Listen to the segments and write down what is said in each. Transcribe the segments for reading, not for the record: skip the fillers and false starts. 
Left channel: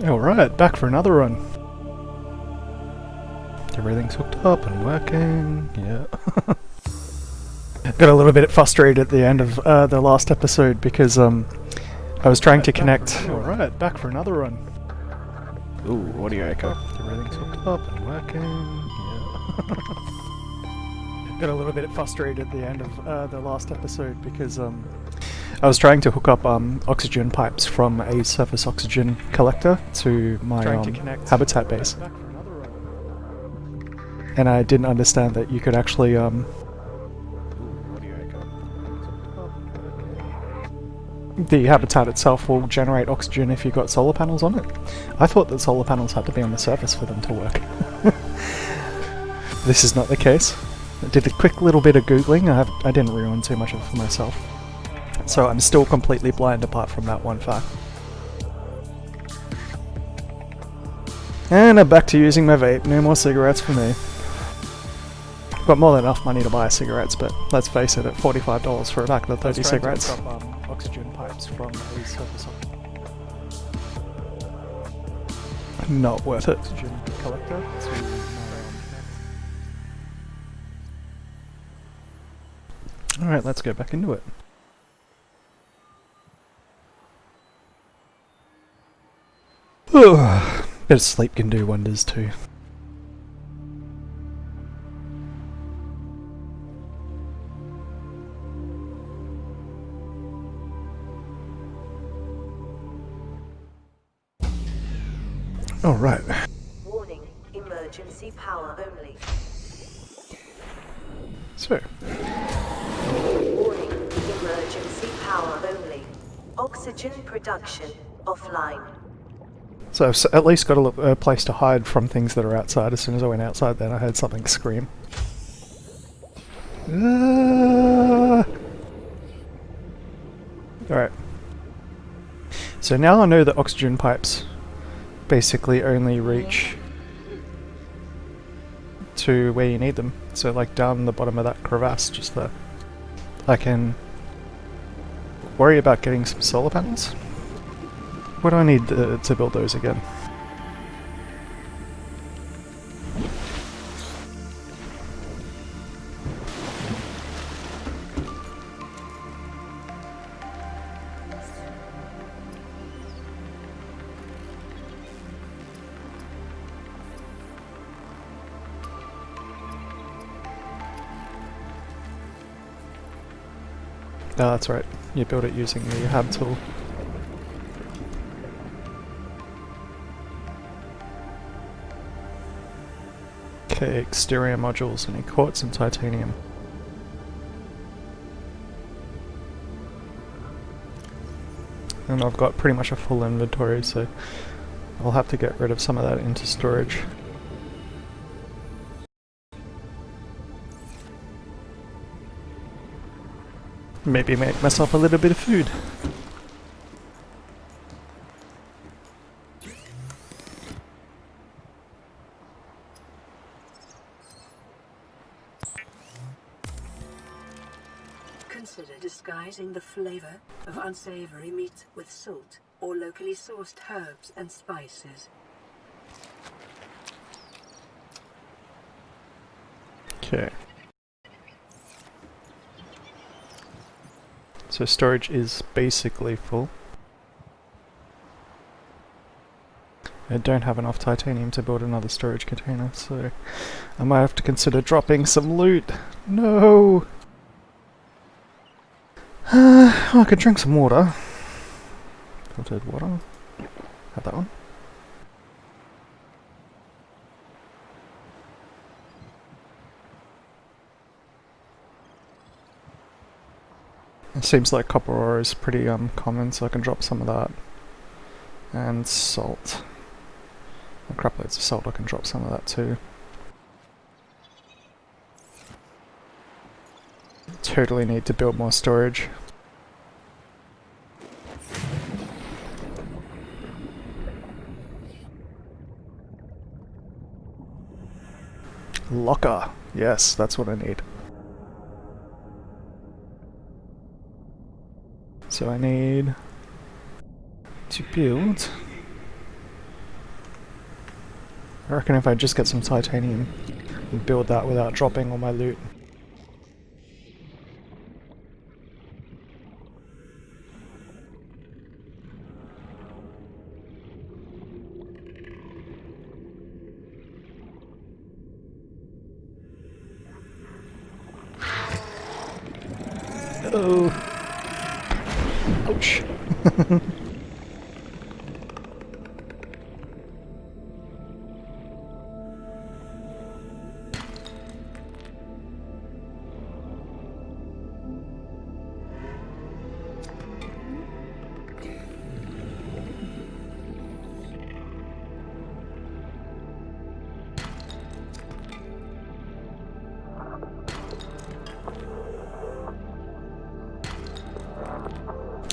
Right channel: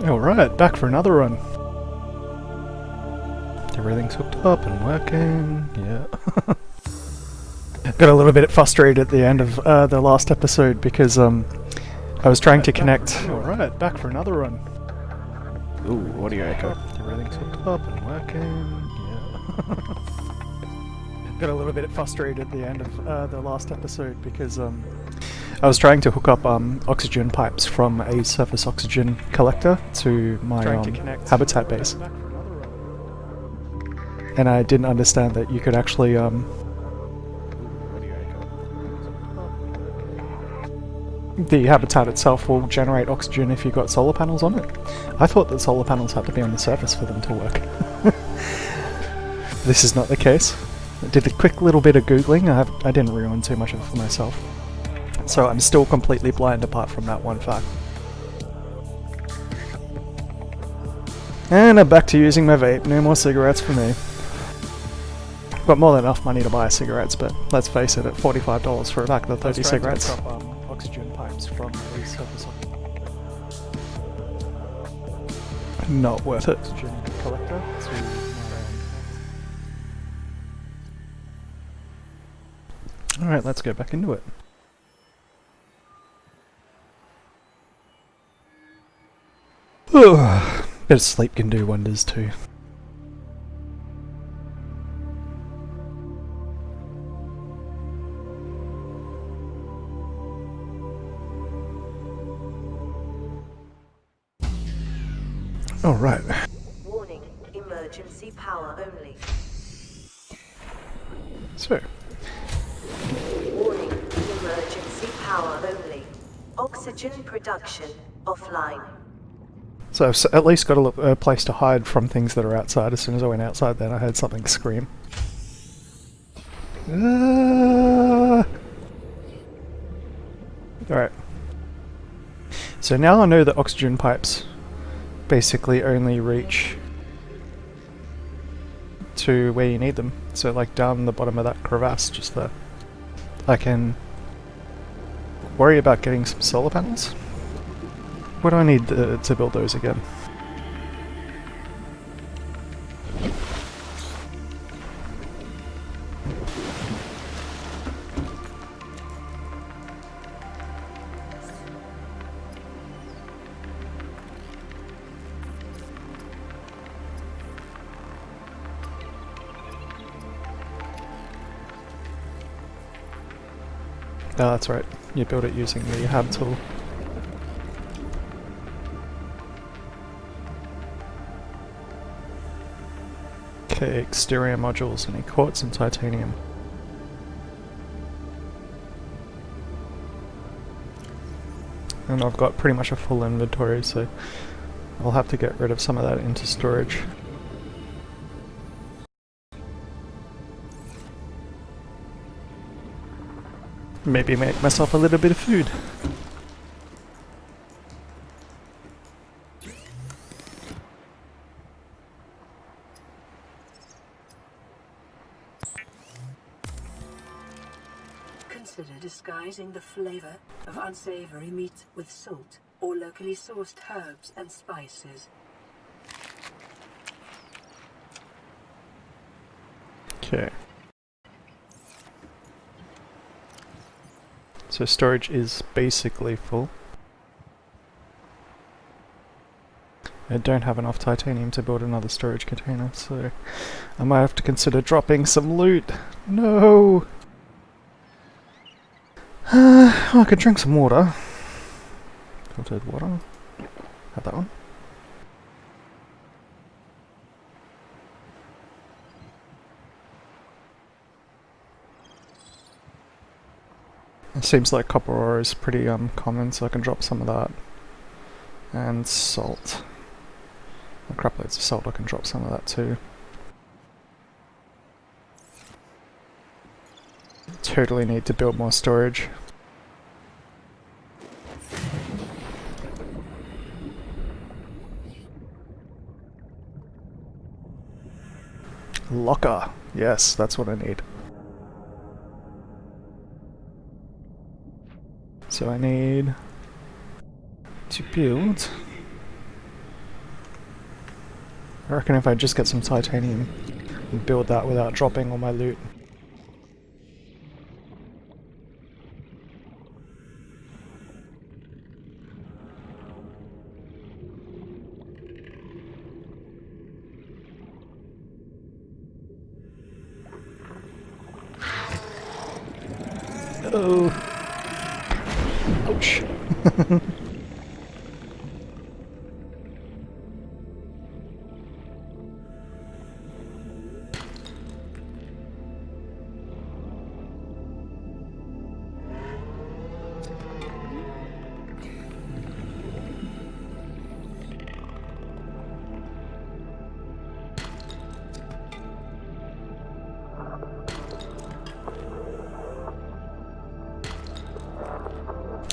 Alright, back for another run. Everything's hooked up and working, yeah. Got a little bit frustrated at the end of the last episode because I was trying to connect... Alright, back for another run. Ooh, audio echo. Everything's hooked up and working, yeah. Got a little bit frustrated at the end of the last episode because I was trying to hook up oxygen pipes from a surface oxygen collector to my habitat base. And I didn't understand that you could actually the habitat itself will generate oxygen if you've got solar panels on it. I thought that solar panels had to be on the surface for them to work. This is not the case. I did a quick little bit of googling. I didn't ruin too much of it for myself. So I'm still completely blind apart from that one fact. And I'm back to using my vape. No more cigarettes for me. Got more than enough money to buy cigarettes, but let's face it, at $45 for a pack of 30 cigarettes. To hook up, oxygen pipes from a surface not worth it. Oxygen collector to my Alright, let's go back into it. Bit of sleep can do wonders too. Alright. Warning, emergency power only. So. Warning, emergency power only. Oxygen production offline. So I've at least got a place to hide from things that are outside. As soon as I went outside then I heard something scream. Alright. So now I know that oxygen pipes basically only reach to where you need them. So like down the bottom of that crevasse just there. I can worry about getting some solar panels. What do I need to build those again? Oh, that's right. You build it using the hab tool. Okay, exterior modules, any quartz and titanium. And I've got pretty much a full inventory, so I'll have to get rid of some of that into storage. Maybe make myself a little bit of food. Consider disguising the flavor of unsavory meats with salt or locally sourced herbs and spices. Okay. So storage is basically full. I don't have enough titanium to build another storage container, so I might have to consider dropping some loot. No! I could drink some water. Filtered water. Have that one. It seems like copper ore is pretty common, so I can drop some of that. And salt. Crap loads of salt, I can drop some of that too. Totally need to build more storage. Locker. Yes, that's what I need. So I need to build I reckon if I just get some titanium and build that without dropping all my loot. Oh, ouch.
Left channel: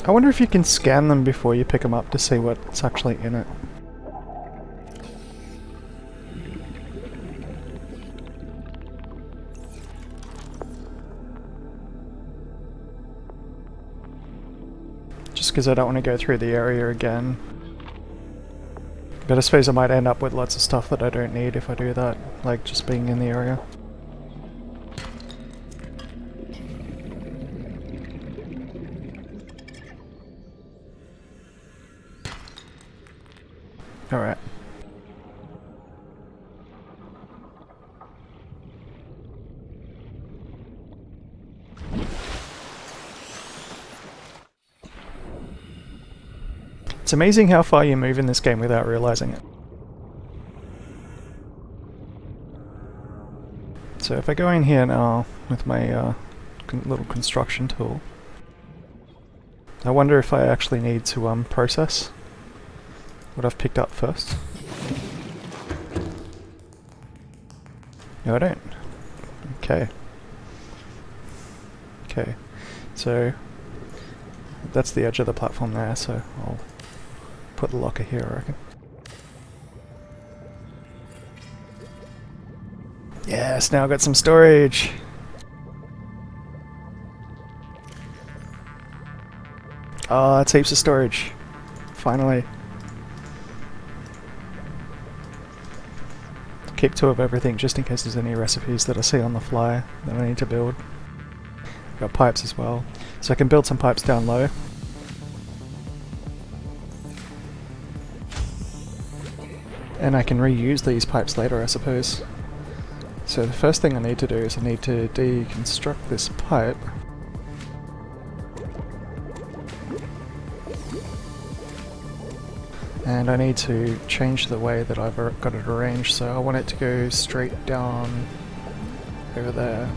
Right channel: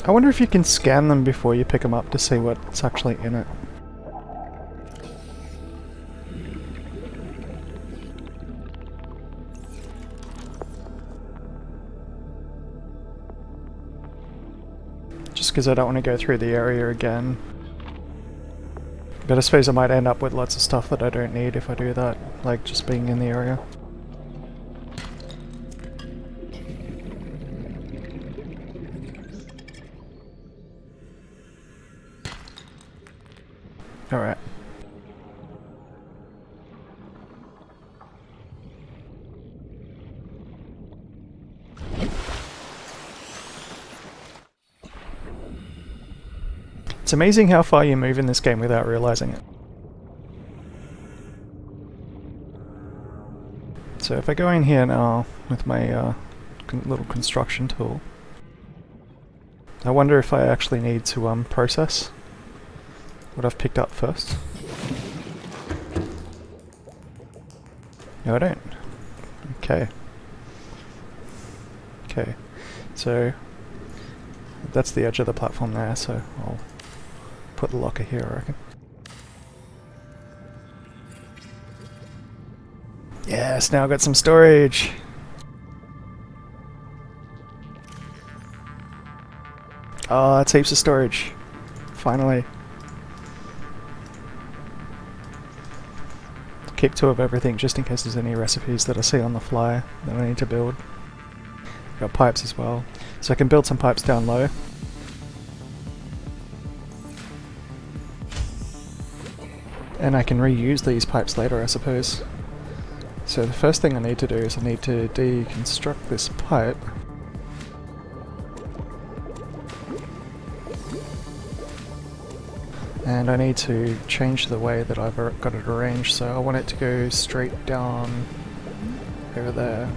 I wonder if you can scan them before you pick them up to see what's actually in it. Just because I don't want to go through the area again. But I suppose I might end up with lots of stuff that I don't need if I do that, like just being in the area. Alright. It's amazing how far you move in this game without realizing it. So if I go in here now with my little construction tool, I wonder if I actually need to process what I've picked up first. No, I don't. Okay. Okay. So that's the edge of the platform there, so I'll put the locker here, I reckon. Yes, now I've got some storage! Oh, that's heaps of storage. Finally. Keep 2 of everything just in case there's any recipes that I see on the fly that I need to build. Got pipes as well. So I can build some pipes down low. And I can reuse these pipes later, I suppose. So the first thing I need to do is I need to deconstruct this pipe. And I need to change the way that I've got it arranged, so I want it to go straight down over there.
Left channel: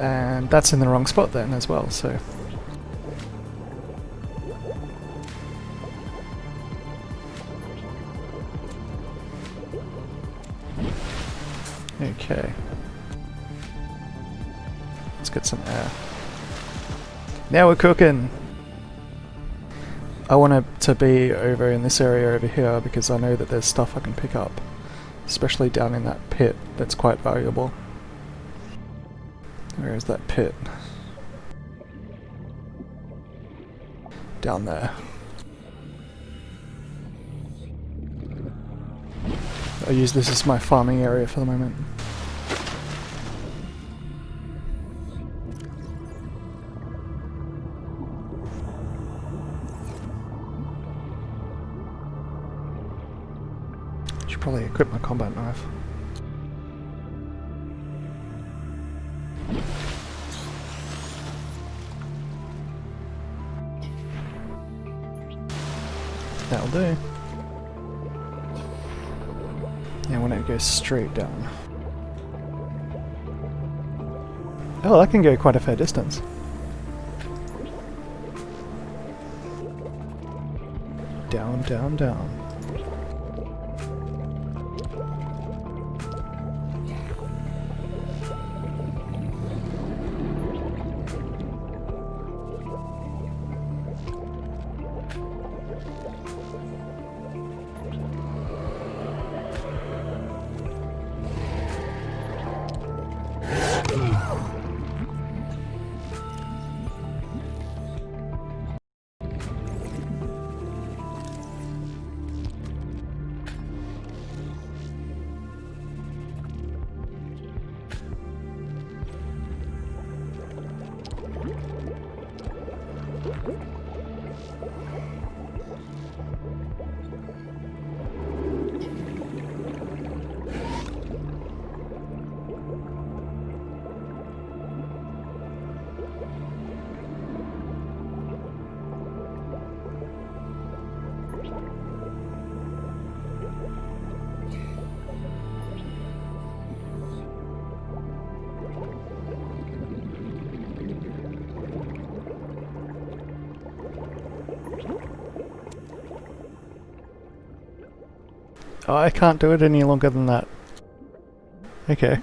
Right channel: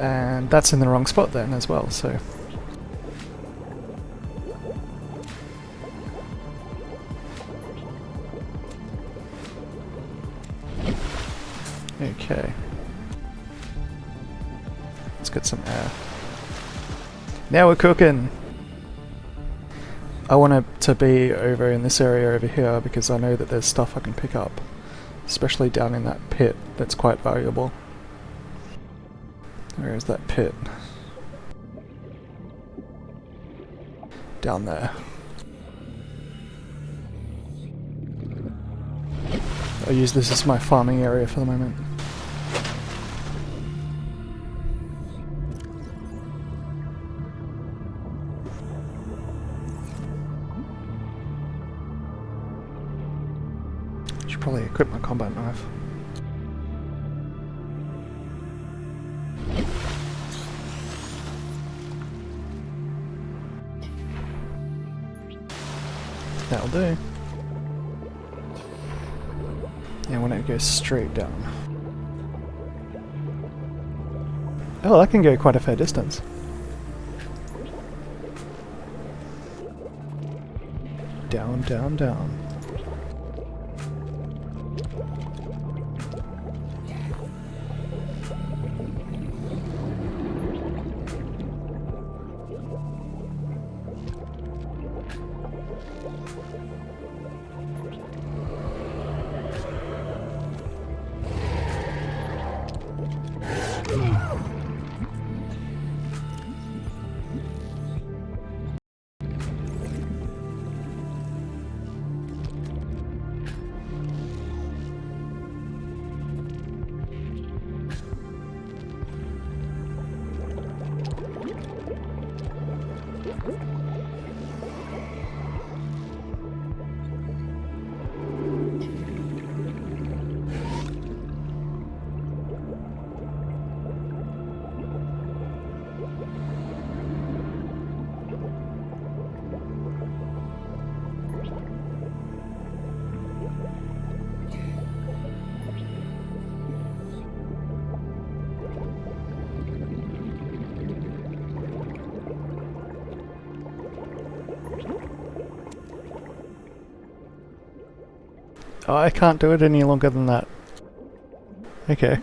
And that's in the wrong spot then as well, so... Okay. Let's get some air. Now we're cooking! I want it to be over in this area over here because I know that there's stuff I can pick up. Especially down in that pit that's quite valuable. Where is that pit? Down there. I'll use this as my farming area for the moment. Should probably equip my combat knife. That'll do. Yeah, I want it to go straight down. Oh, that can go quite a fair distance. Down, down, down. Oh, I can't do it any longer than that. Okay.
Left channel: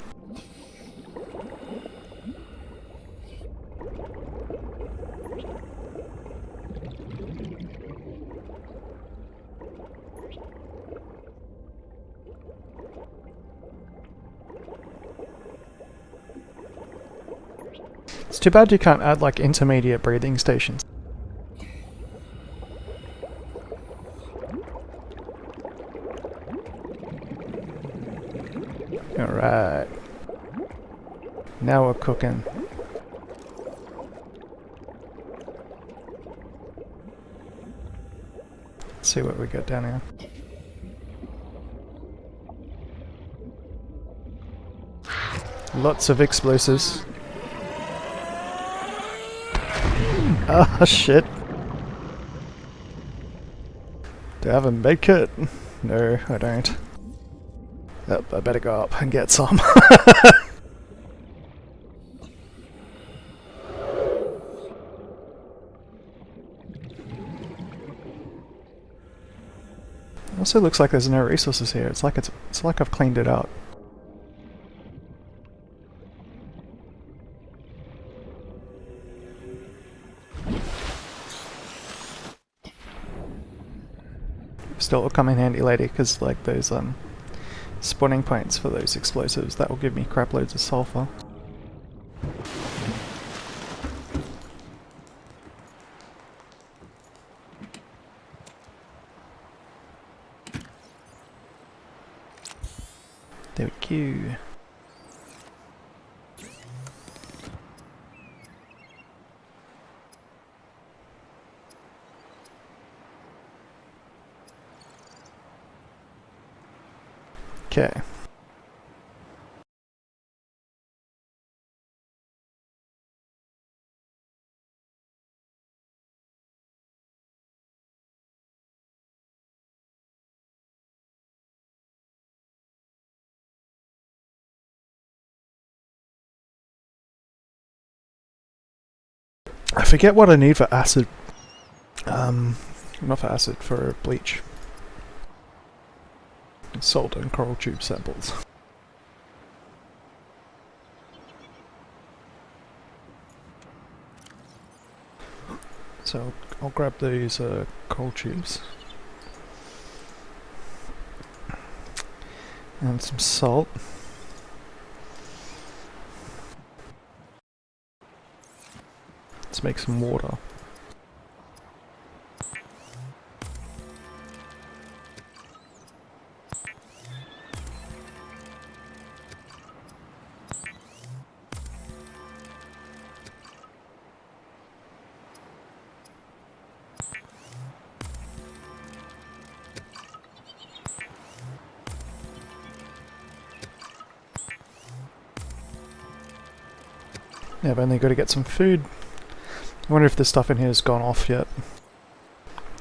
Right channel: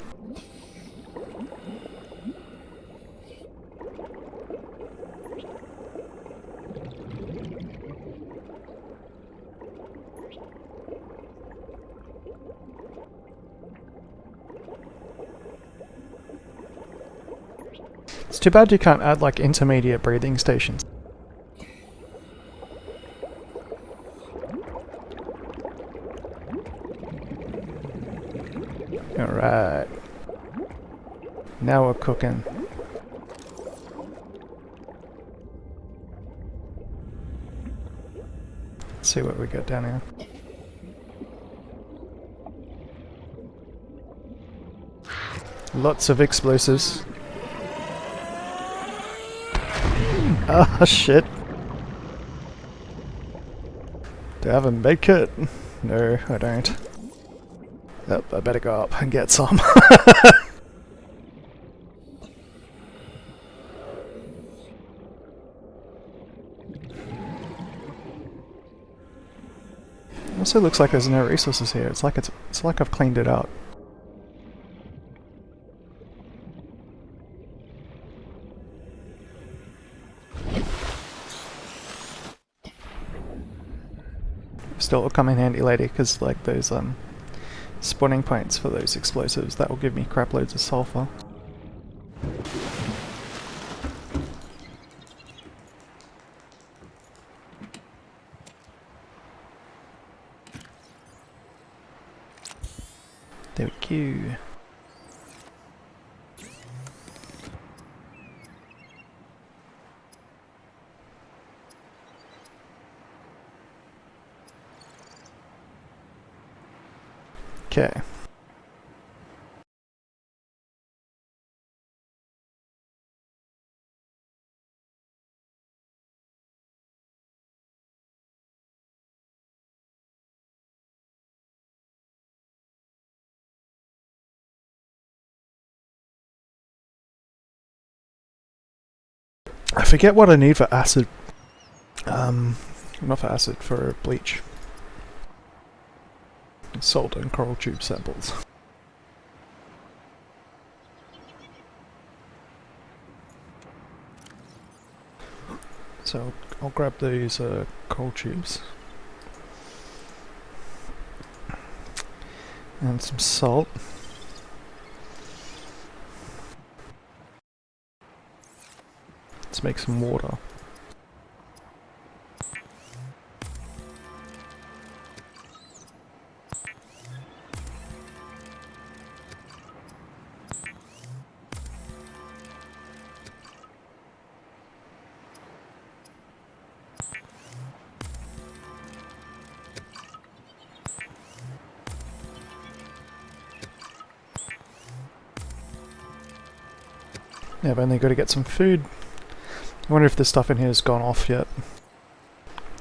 It's too bad you can't add like intermediate breathing stations. Alright. Now we're cooking. Let's see what we got down here. Lots of explosives. Oh shit. Do I have a med kit? No, I don't. Oh, I better go up and get some. Also looks like there's no resources here. It's like I've cleaned it out. Still will come in handy later because like those spawning points for those explosives, that will give me crap loads of sulfur. There we go. Okay. I forget what I need for acid. Not for acid, for bleach. Salt and coral tube samples. So I'll grab these coral tubes. And some salt. Let's make some water. Yeah, I've only got to get some food. I wonder if the stuff in here has gone off yet.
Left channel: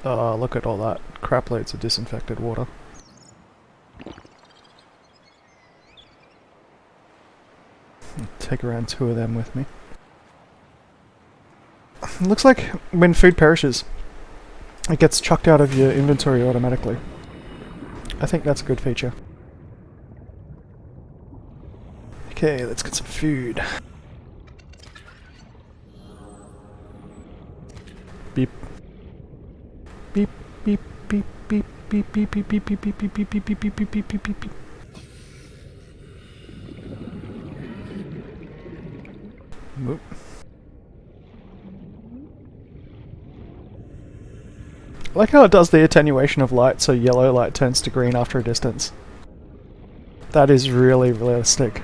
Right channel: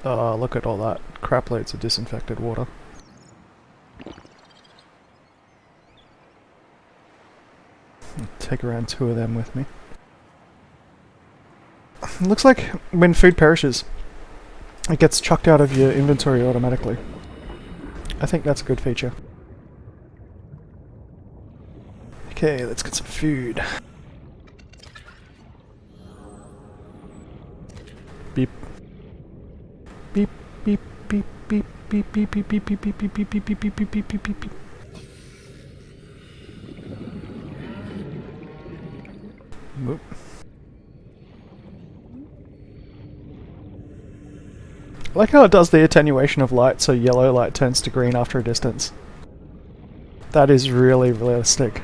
Oh, look at all that. Crap loads of disinfected water. I'll take around 2 of them with me. Looks like when food perishes, it gets chucked out of your inventory automatically. I think that's a good feature. Okay, let's get some food. Beep. Beep, beep, beep, beep, beep, beep, beep, beep, beep, beep, beep, beep, beep, beep, beep, beep, beep, beep, beep, beep. Whoop. I like how it does the attenuation of light, so yellow light turns to green after a distance. That is really realistic.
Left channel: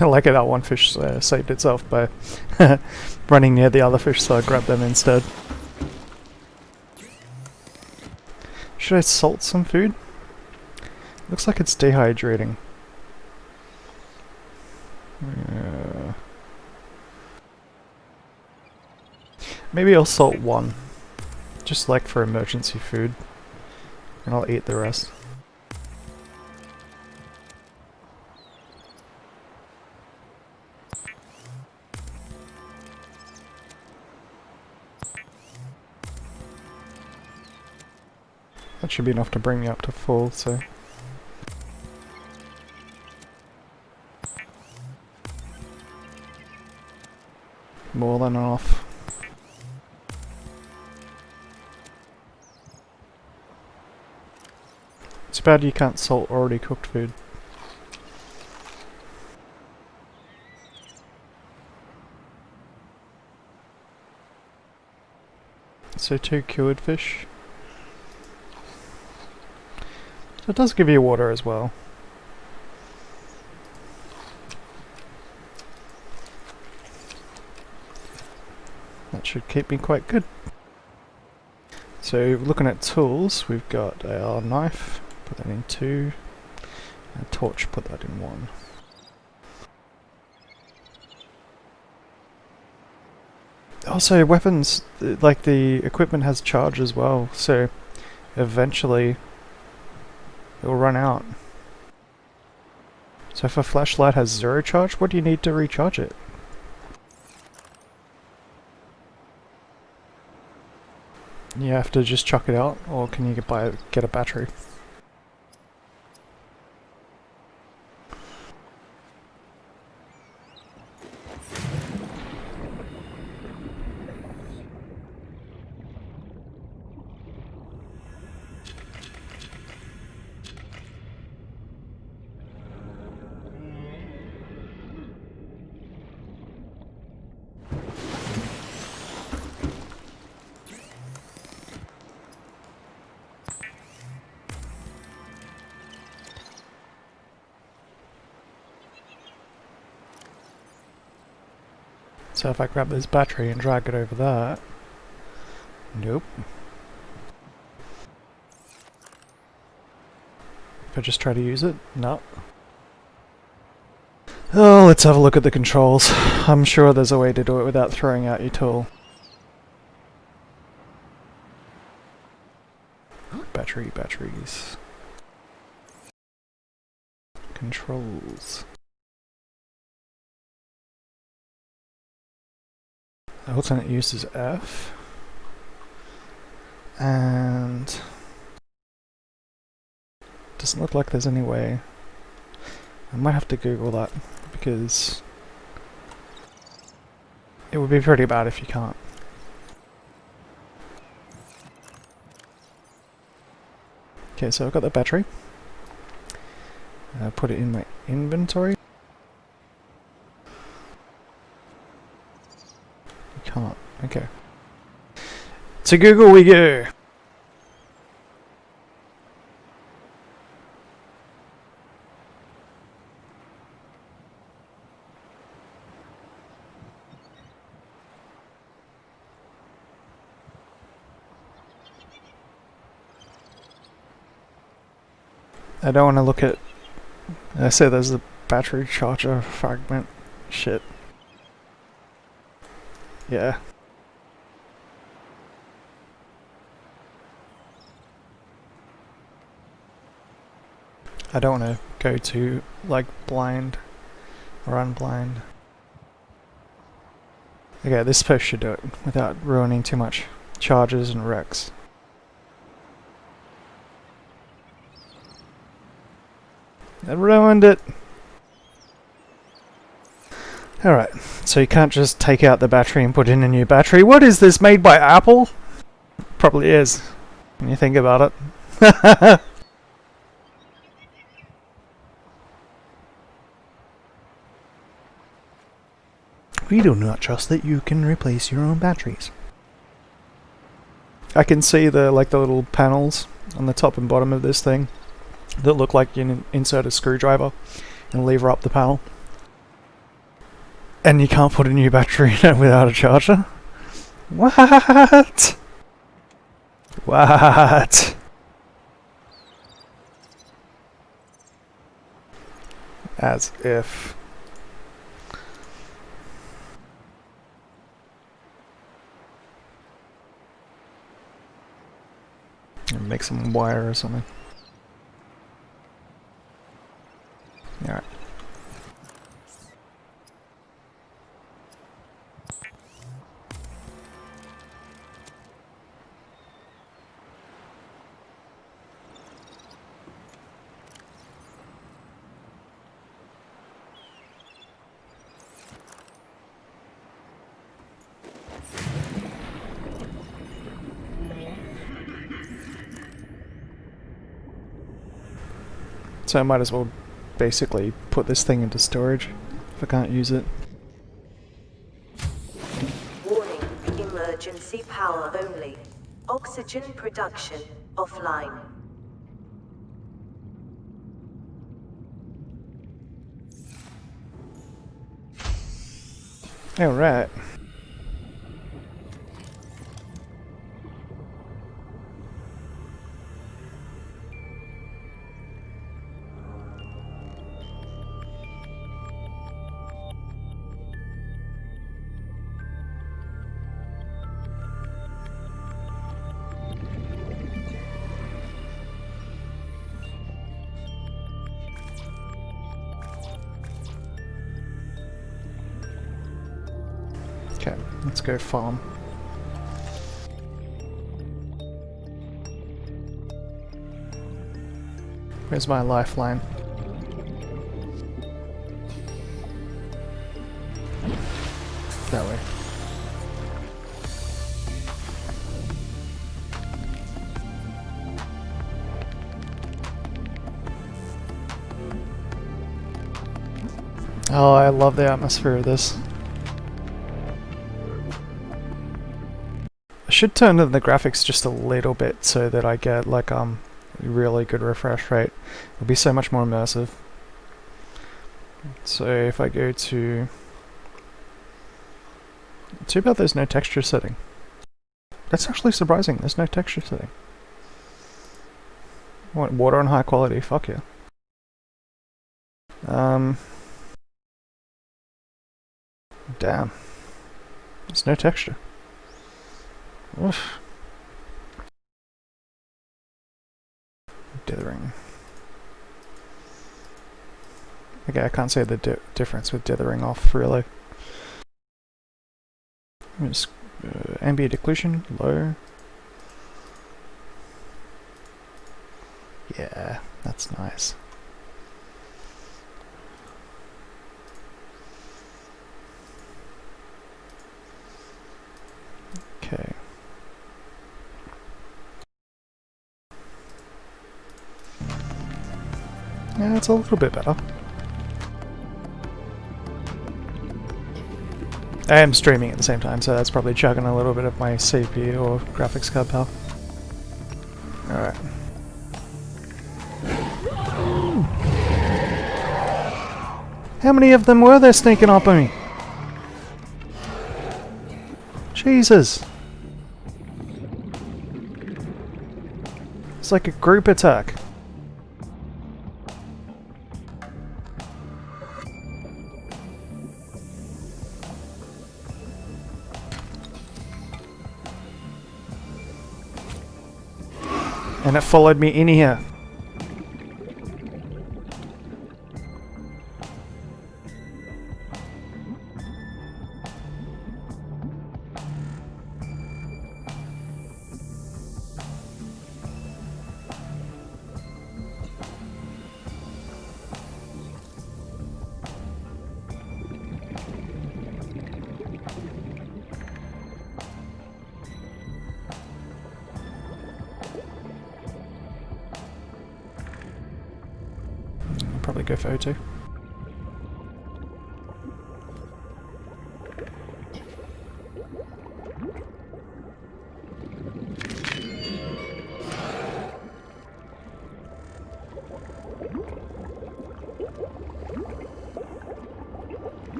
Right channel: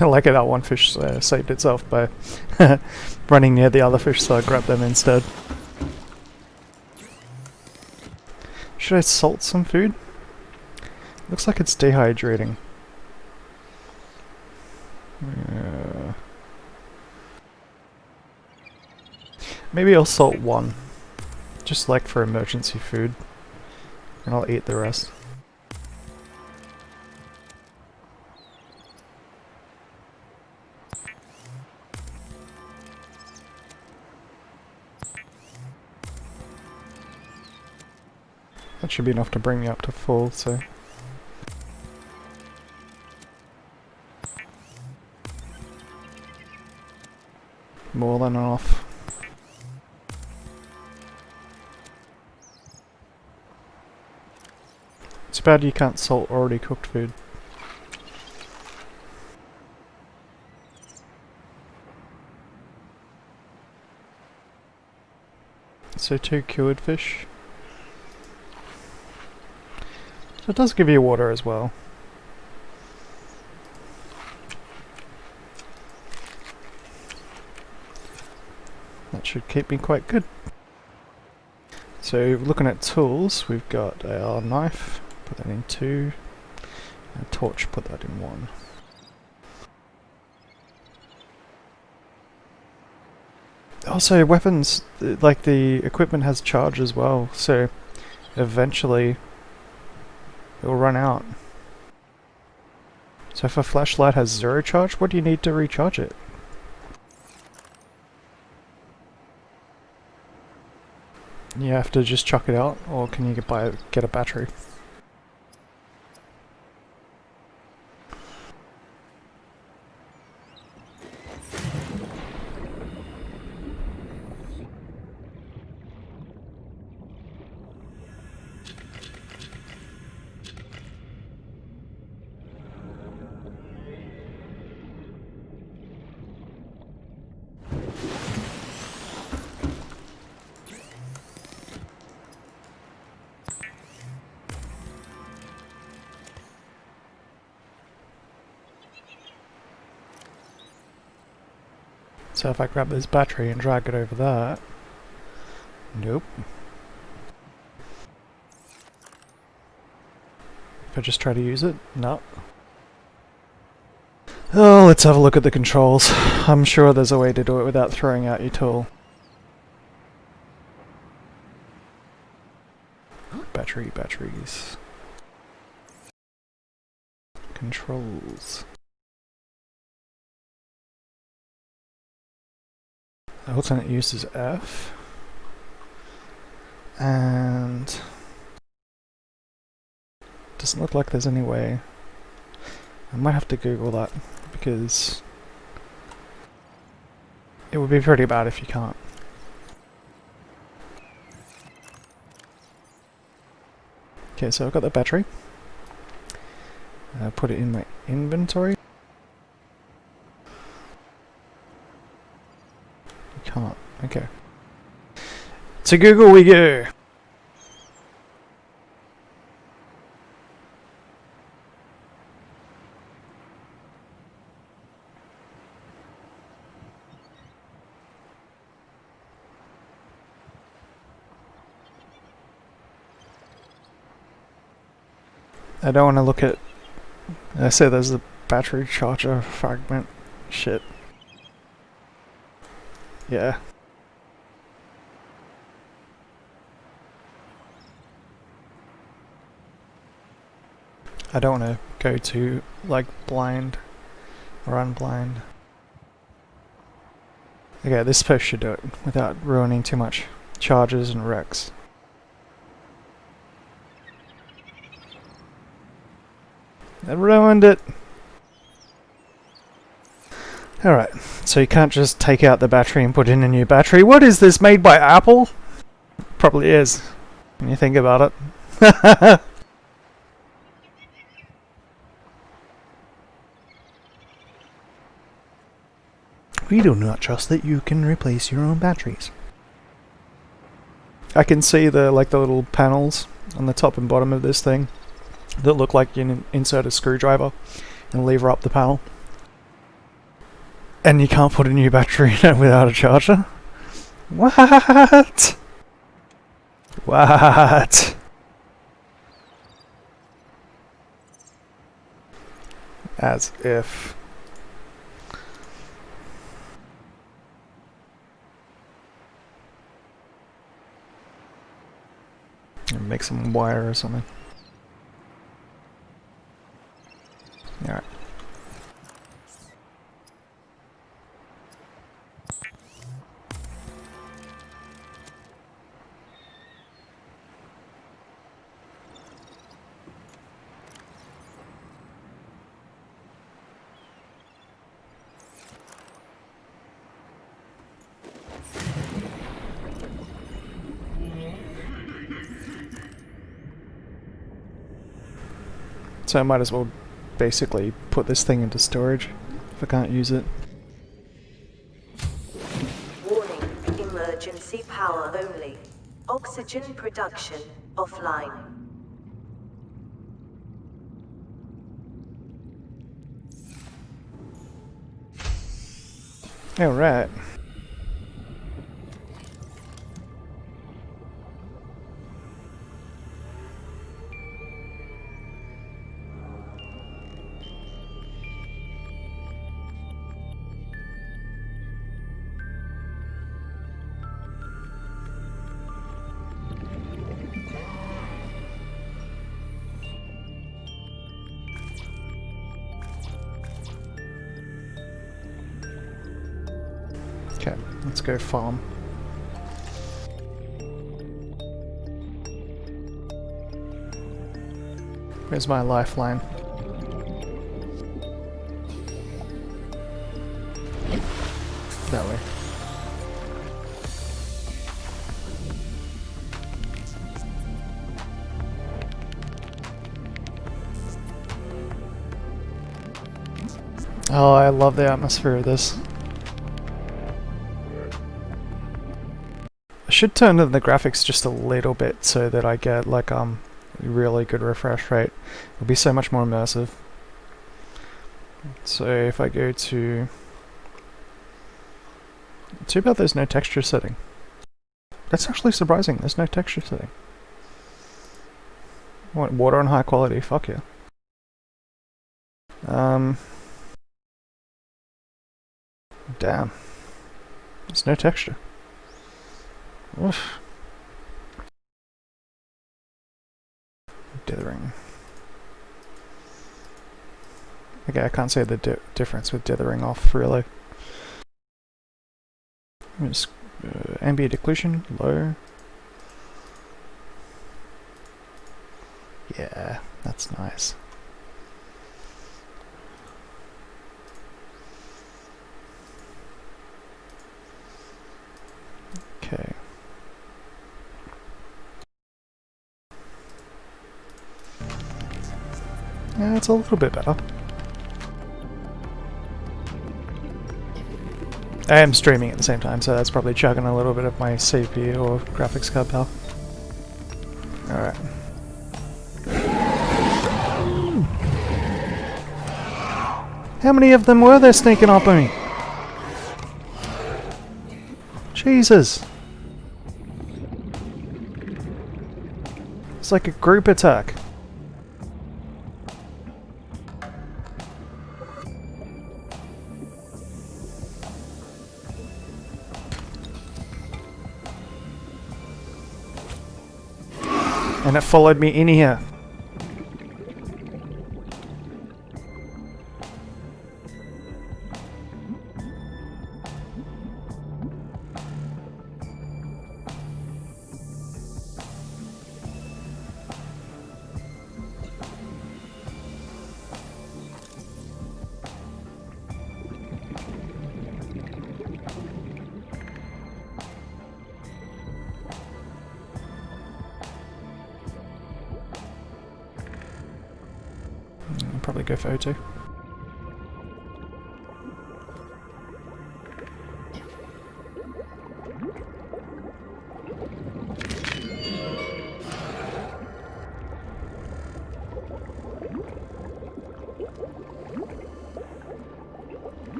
I like it that one fish saved itself by running near the other fish, so I grabbed them instead. Should I salt some food? Looks like it's dehydrating. Maybe I'll salt one, just like for emergency food, and I'll eat the rest. That should be enough to bring me up to full, so... more than enough. It's bad you can't salt already cooked food. So 2 cured fish. So it does give you water as well. That should keep me quite good. So looking at tools, we've got our knife, put that in 2, and a torch, put that in 1. Also weapons, like the equipment has charge as well, so eventually it will run out. So if a flashlight has 0 charge, what do you need to recharge it? You have to just chuck it out, or can you get a battery? So if I grab this battery and drag it over that... Nope. If I just try to use it? No. Oh, let's have a look at the controls. I'm sure there's a way to do it without throwing out your tool. Batteries. Controls. Alternate use is F. And... doesn't look like there's any way. I might have to Google that, because it would be pretty bad if you can't. Okay, so I've got the battery. Put it in my inventory. You can't. Okay. To Google we go! I don't want to look at... I say there's the battery charger fragment shit. Yeah. I don't want to go too, like, blind or unblind. Okay, this post should do it without ruining too much charges and wrecks. It ruined it! Alright, so you can't just take out the battery and put in a new battery. What is this, made by Apple? Probably is, when you think about it. We do not trust that you can replace your own batteries. I can see the little panels on the top and bottom of this thing that look like you insert a screwdriver and lever up the panel. And you can't put a new battery in it without a charger? What? What? As if. Make some wire or something. Alright. So I might as well basically put this thing into storage if I can't use it. Warning, emergency power only. Oxygen production offline. Alright. Okay, let's go farm. Where's my lifeline? That way. Oh, I love the atmosphere of this. I should turn the graphics just a little bit so that I get like really good refresh rate. It'll be so much more immersive. So if I go to... Too bad there's no texture setting. That's actually surprising, there's no texture setting. What, water on high quality, fuck yeah. Damn. There's no texture. Oof. Dithering. Okay, I can't say the difference with dithering off, really. Just, ambient occlusion, low. Yeah, that's nice. Okay. Yeah, it's a little bit better. I am streaming at the same time, so that's probably chugging a little bit of my CPU or graphics card power. Alright. How many of them were there sneaking up on me? Jesus! It's like a group attack. And it followed me in here. I'll probably go for O2.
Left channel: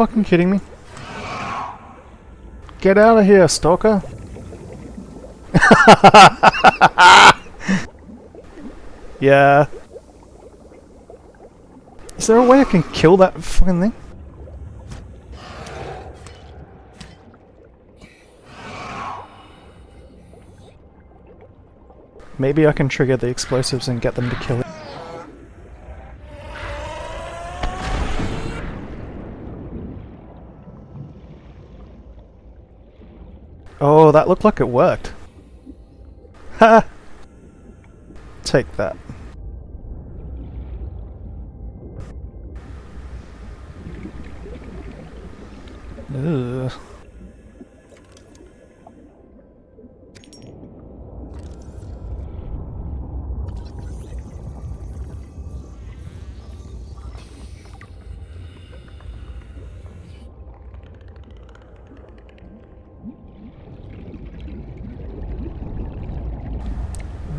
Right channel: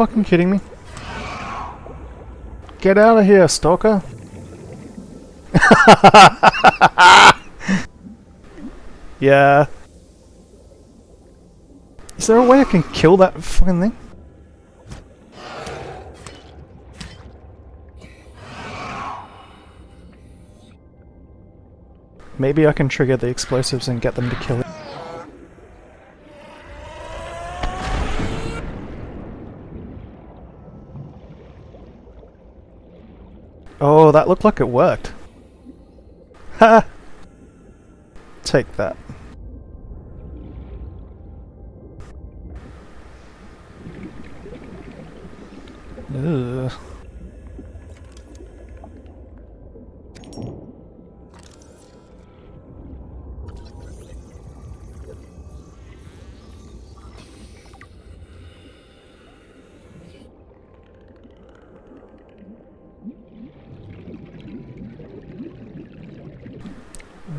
fucking kidding me? Get out of here, stalker! Yeah. Is there a way I can kill that fucking thing? Maybe I can trigger the explosives and get them to kill it. Oh, that looked like it worked. Ha! Take that. Ugh.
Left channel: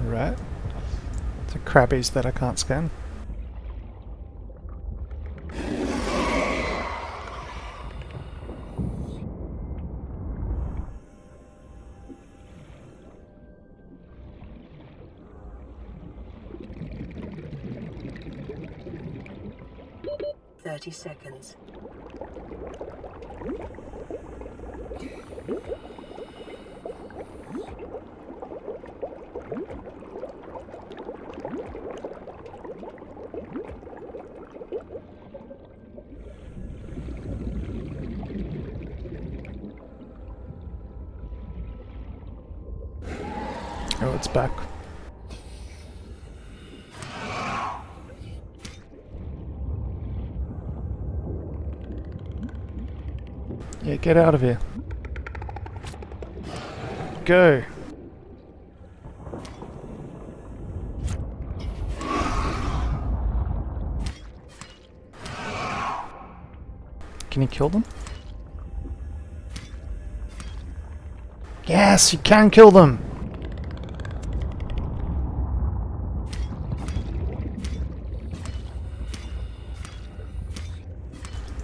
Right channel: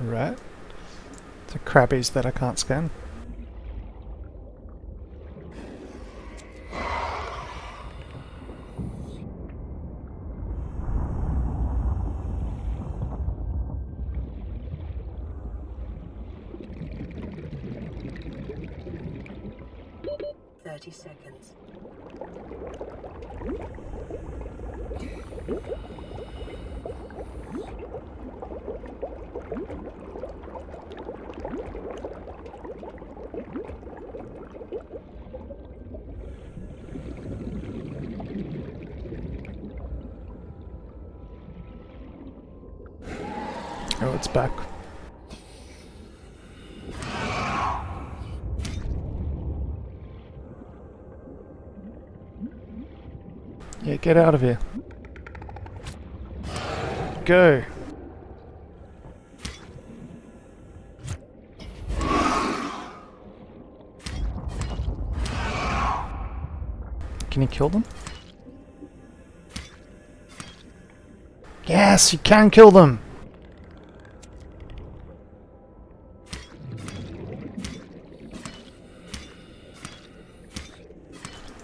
Right. The crabbies that I can't scan. Seconds. Oh, it's back. Yeah, get out of here. Go. Can you kill them? Yes, you can kill them!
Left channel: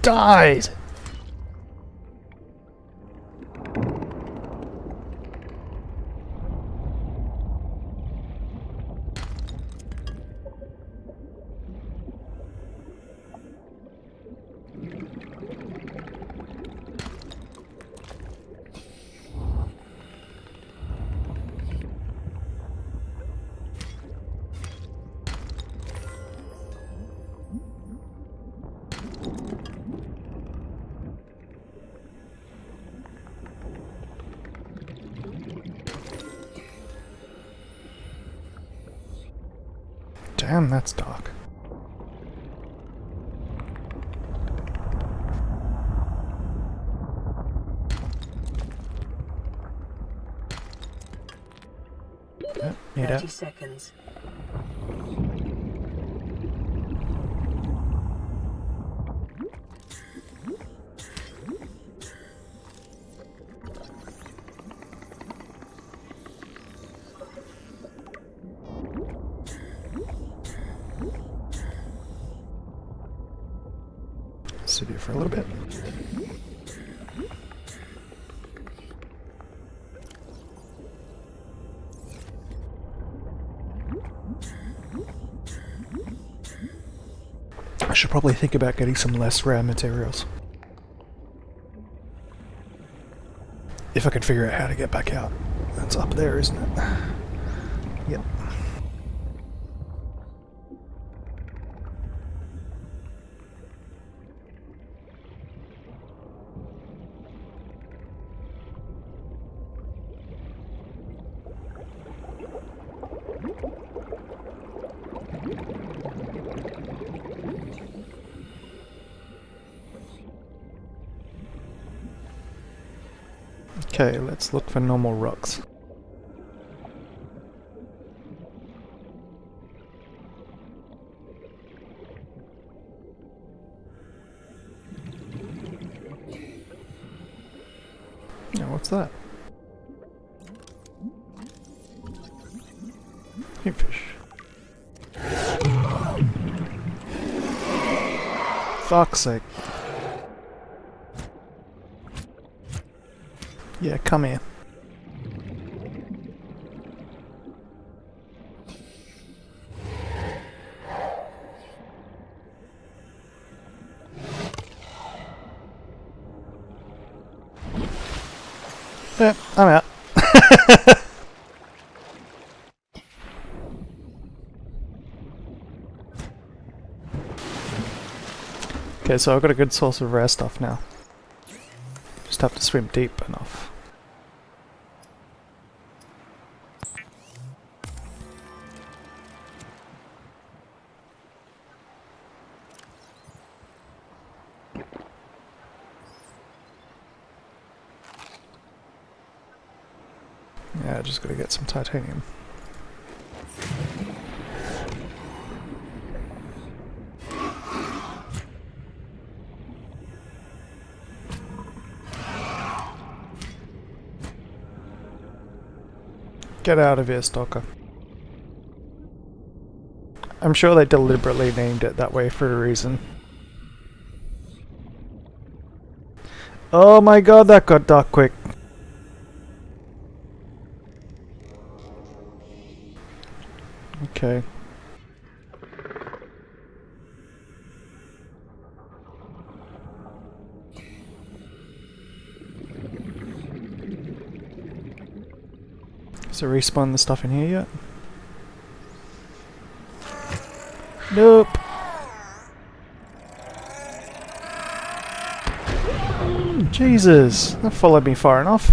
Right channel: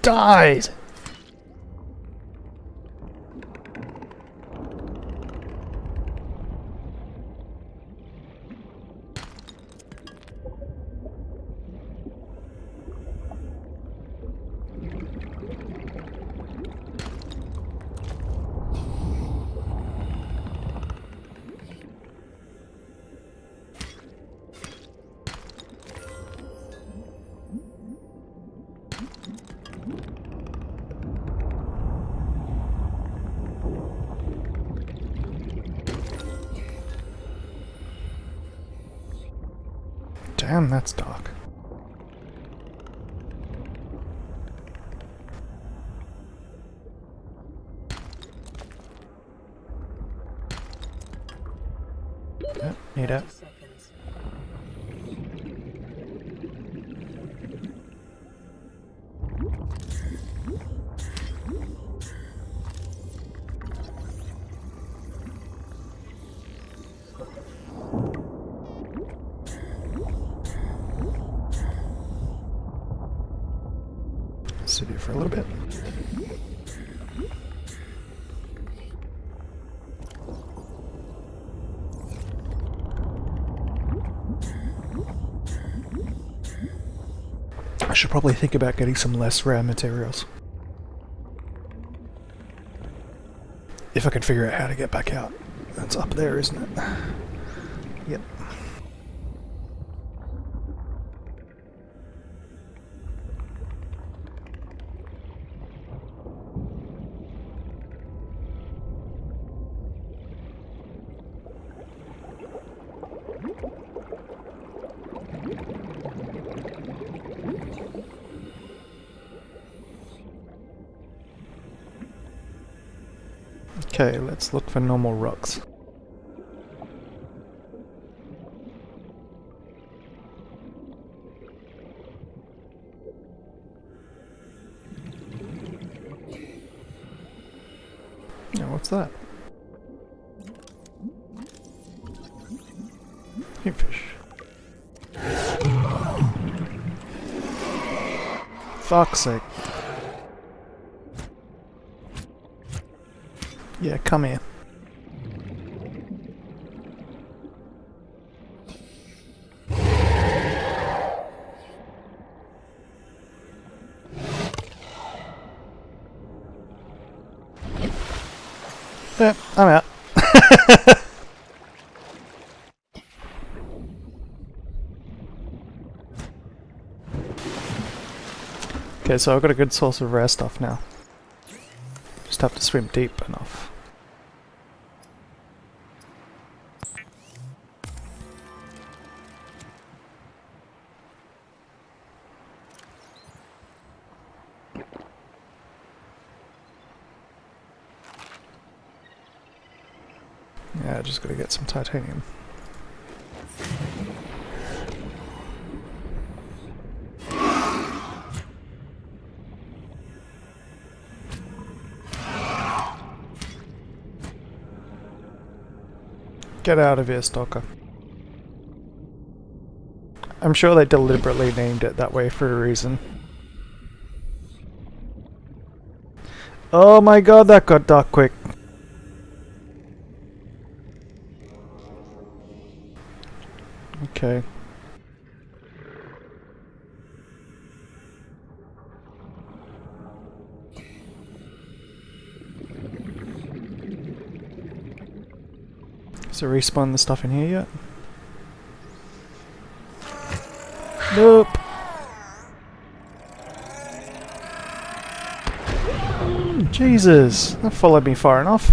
Died! Damn, that's dark. Oh, need 30 it. seconds. Sit here for a little bit. I should probably think about getting some less rare materials. If I can figure out how to get back out. That's up there, isn't it? Yep. Okay, let's look for normal rocks. Now, what's that? Kingfish. Fuck's sake. Yeah, come here. Yeah, I'm out. Okay, so I've got a good source of rare stuff now. Just have to swim deep enough. Yeah, just gotta get some titanium. Get out of here, Stalker. I'm sure they deliberately named it that way for a reason. Oh my god, that got dark quick. Okay. Is there respawn the stuff in here yet? Nope. Jesus, that followed me far enough.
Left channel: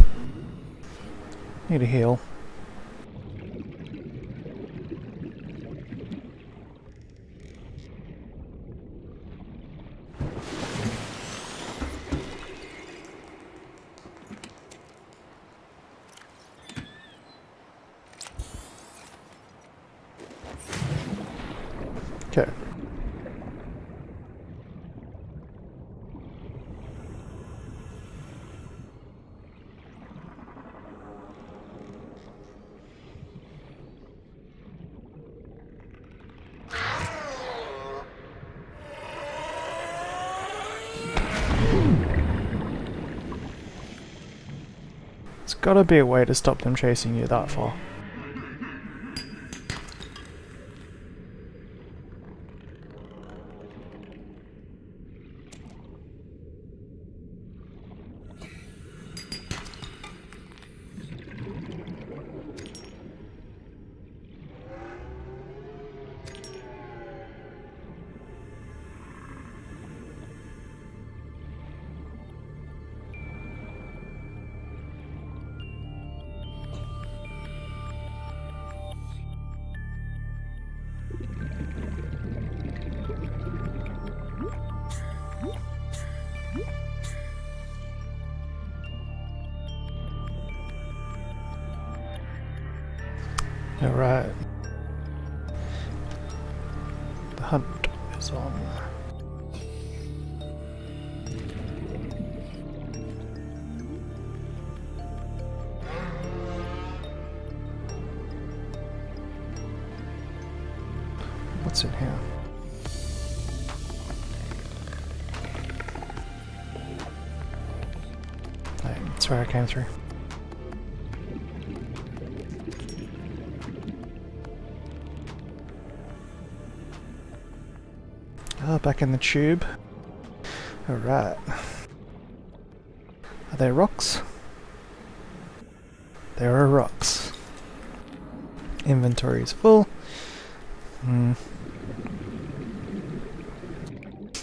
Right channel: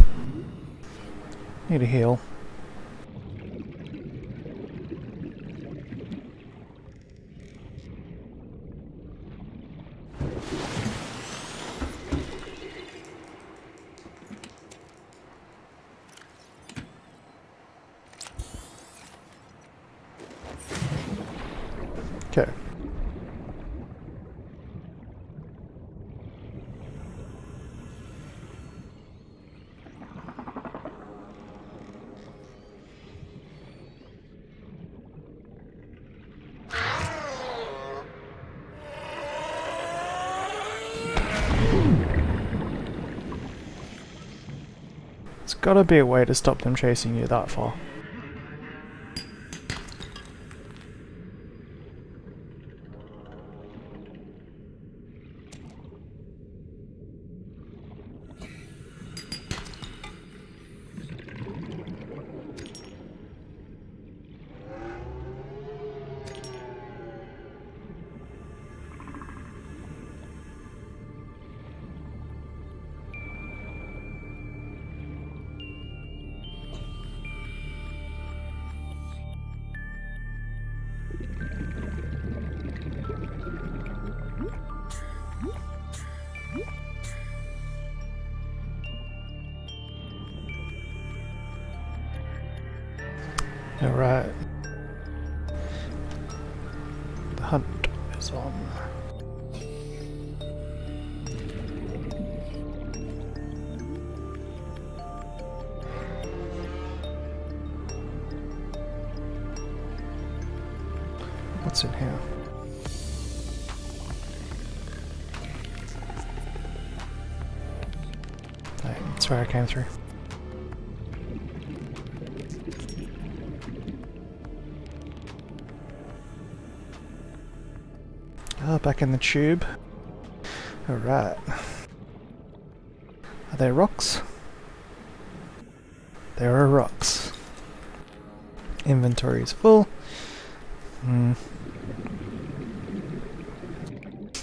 Need a heal. Okay. There's gotta be a way to stop them chasing you that far. Alright. The hunt is on. What's in here? Hey, that's where I came through. Ah, back in the tube. Alright. Are they rocks? There are rocks. Inventory is full.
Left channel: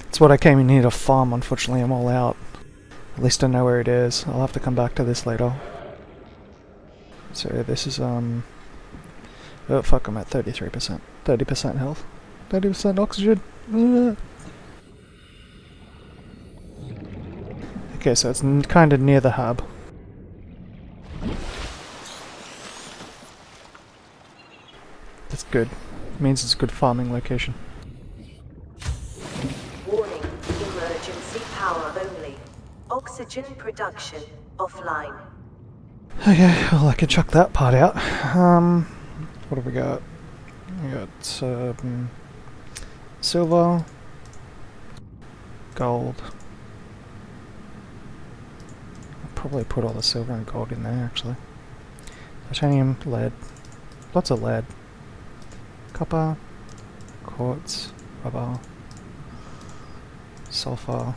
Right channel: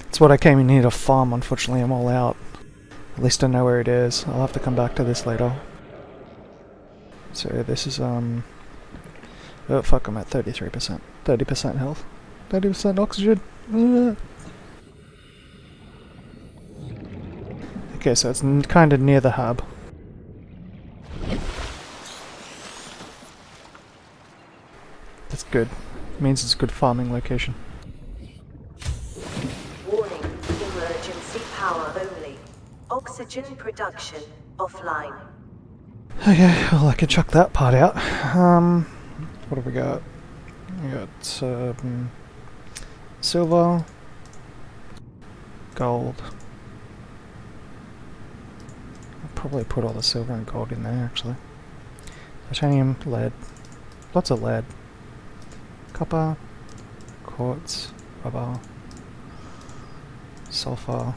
It's what I came in here to farm, unfortunately I'm all out. At least I know where it is. I'll have to come back to this later. So this is oh fuck, I'm at 33%. 30% health. 30% oxygen. Okay, so it's kind of near the hub. That's good. Means it's a good farming location. Warning, emergency power only. Oxygen production offline. Okay, well I can chuck that part out. What have we got? We got silver, gold. I'll probably put all the silver and gold in there actually. Titanium, lead, lots of lead, copper, quartz, rubber, sulfur,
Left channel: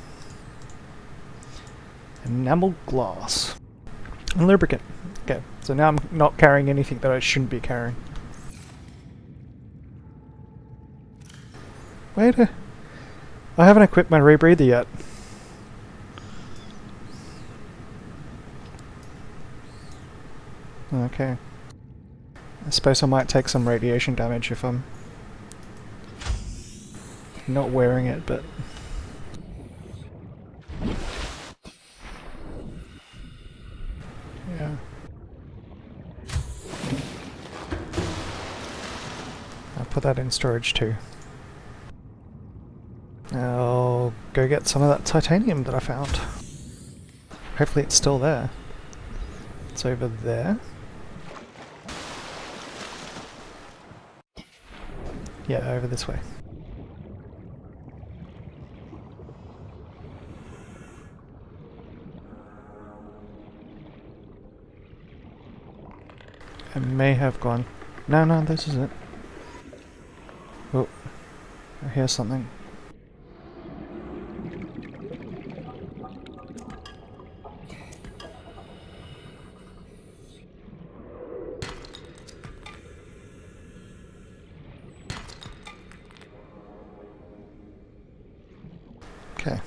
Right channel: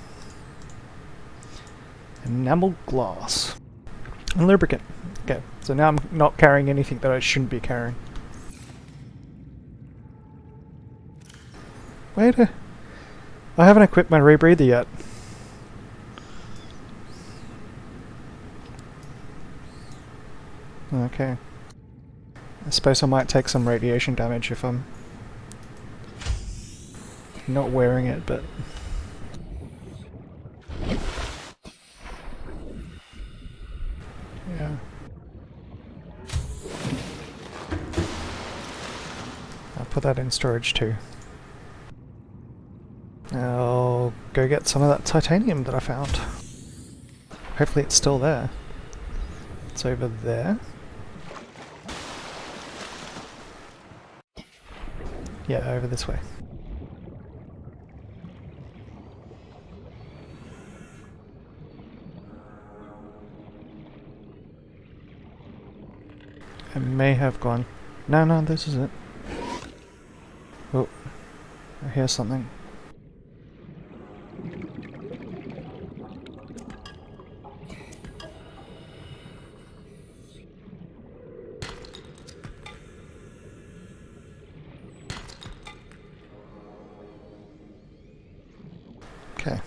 enamel glass, and lubricant. Okay, so now I'm not carrying anything that I shouldn't be carrying. Wait, I haven't equipped my rebreather yet. Okay. I suppose I might take some radiation damage if I'm not wearing it, but... yeah. I'll put that in storage too. I'll go get some of that titanium that I found. Hopefully it's still there. It's over there. Yeah, over this way. I may have gone... No, this is it. Oh, I hear something. Okay.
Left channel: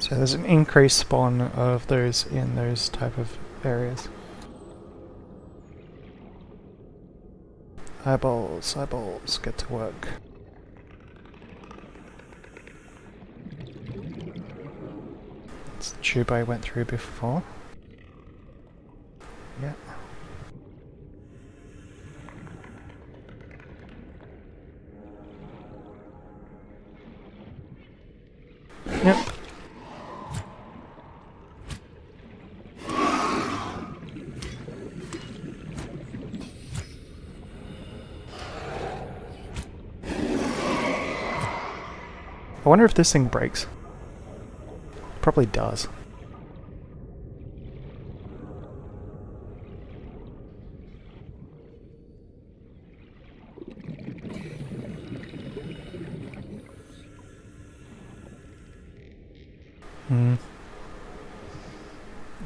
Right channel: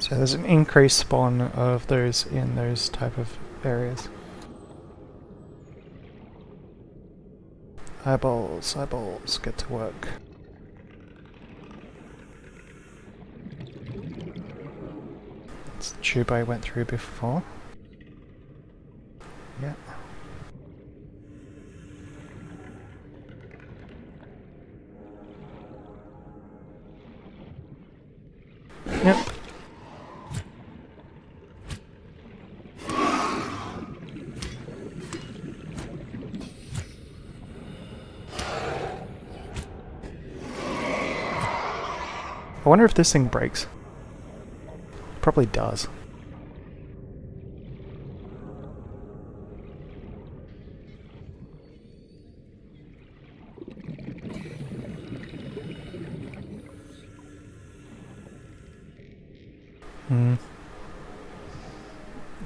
So there's an increased spawn of those in those type of areas. Eyeballs, eyeballs, get to work. It's the tube I went through before. Yeah. Yep. I wonder if this thing breaks. Probably does.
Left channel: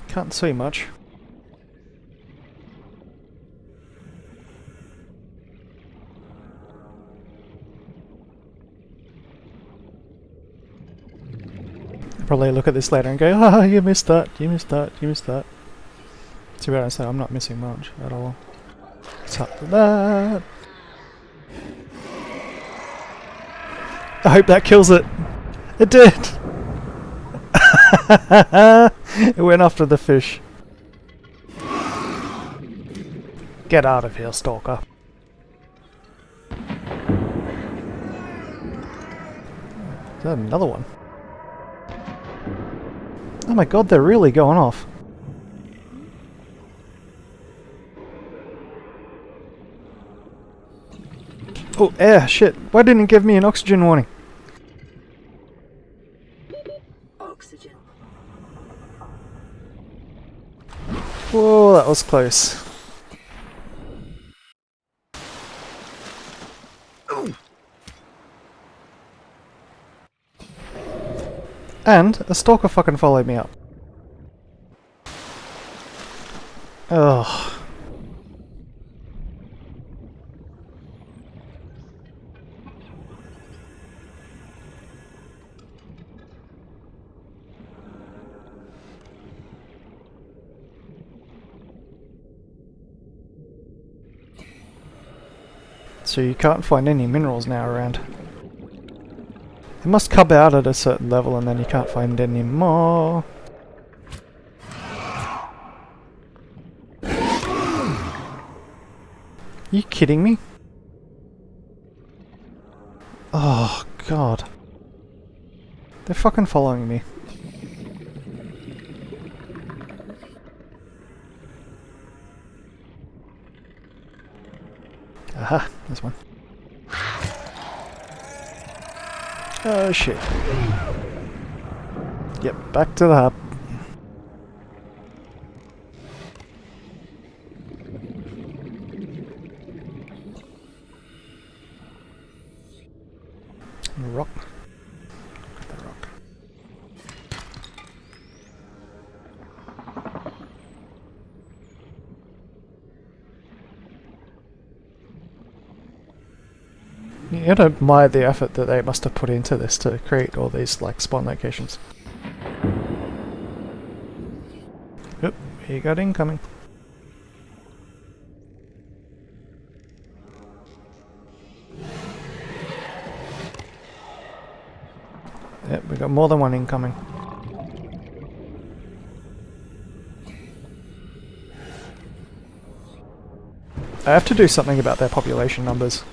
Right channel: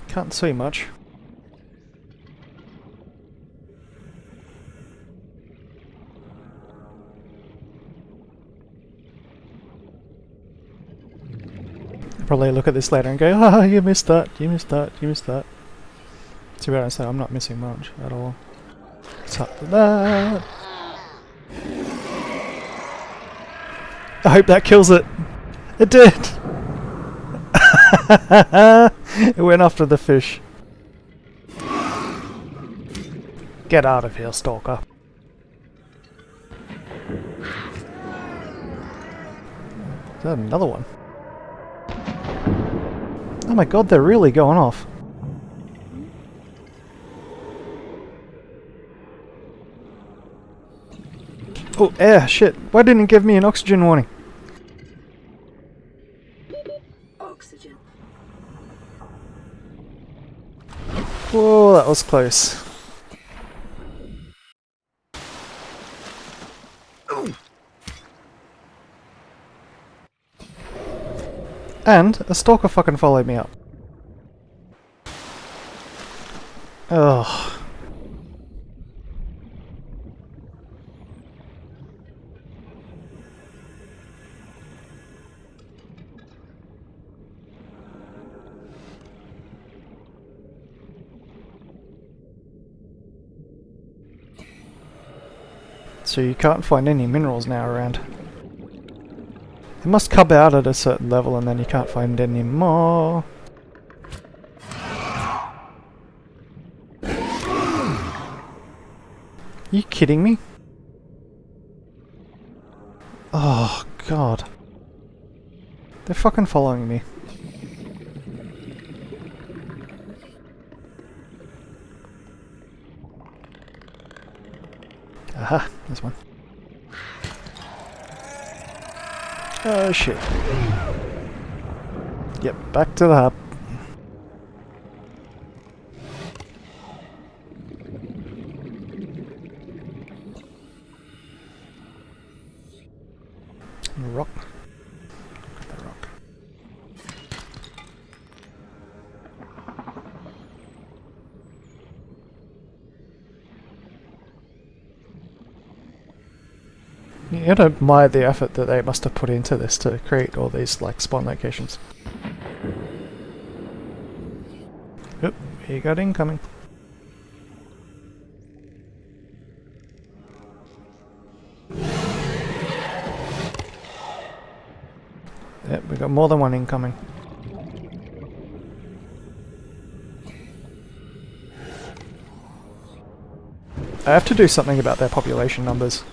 Can't see much. Probably look at this later and go, ah, you missed that, you missed that, you missed that. To be honest, I'm not missing much at all. What's up with that? I hope that kills it. It did! It went after the fish. Get out of here, stalker. Is that another one? Oh my god, they're really going off. Oh, air, shit. Why didn't it give me an oxygen warning? Oxygen. Whoa, that was close. And a stalker fucking followed me up. Ugh. So you can't find any minerals now around. They must cub out at a certain level and then you can't find any more. You kidding me? Oh, God. They're fucking following me. Aha, there's one. Oh, shit. Yep, back to the hub. Rock. Grab that rock. You don't admire the effort that they must have put into this to create all these like spawn locations. Oop, he got incoming. Yep, we got more than one incoming. I have to do something about their population numbers.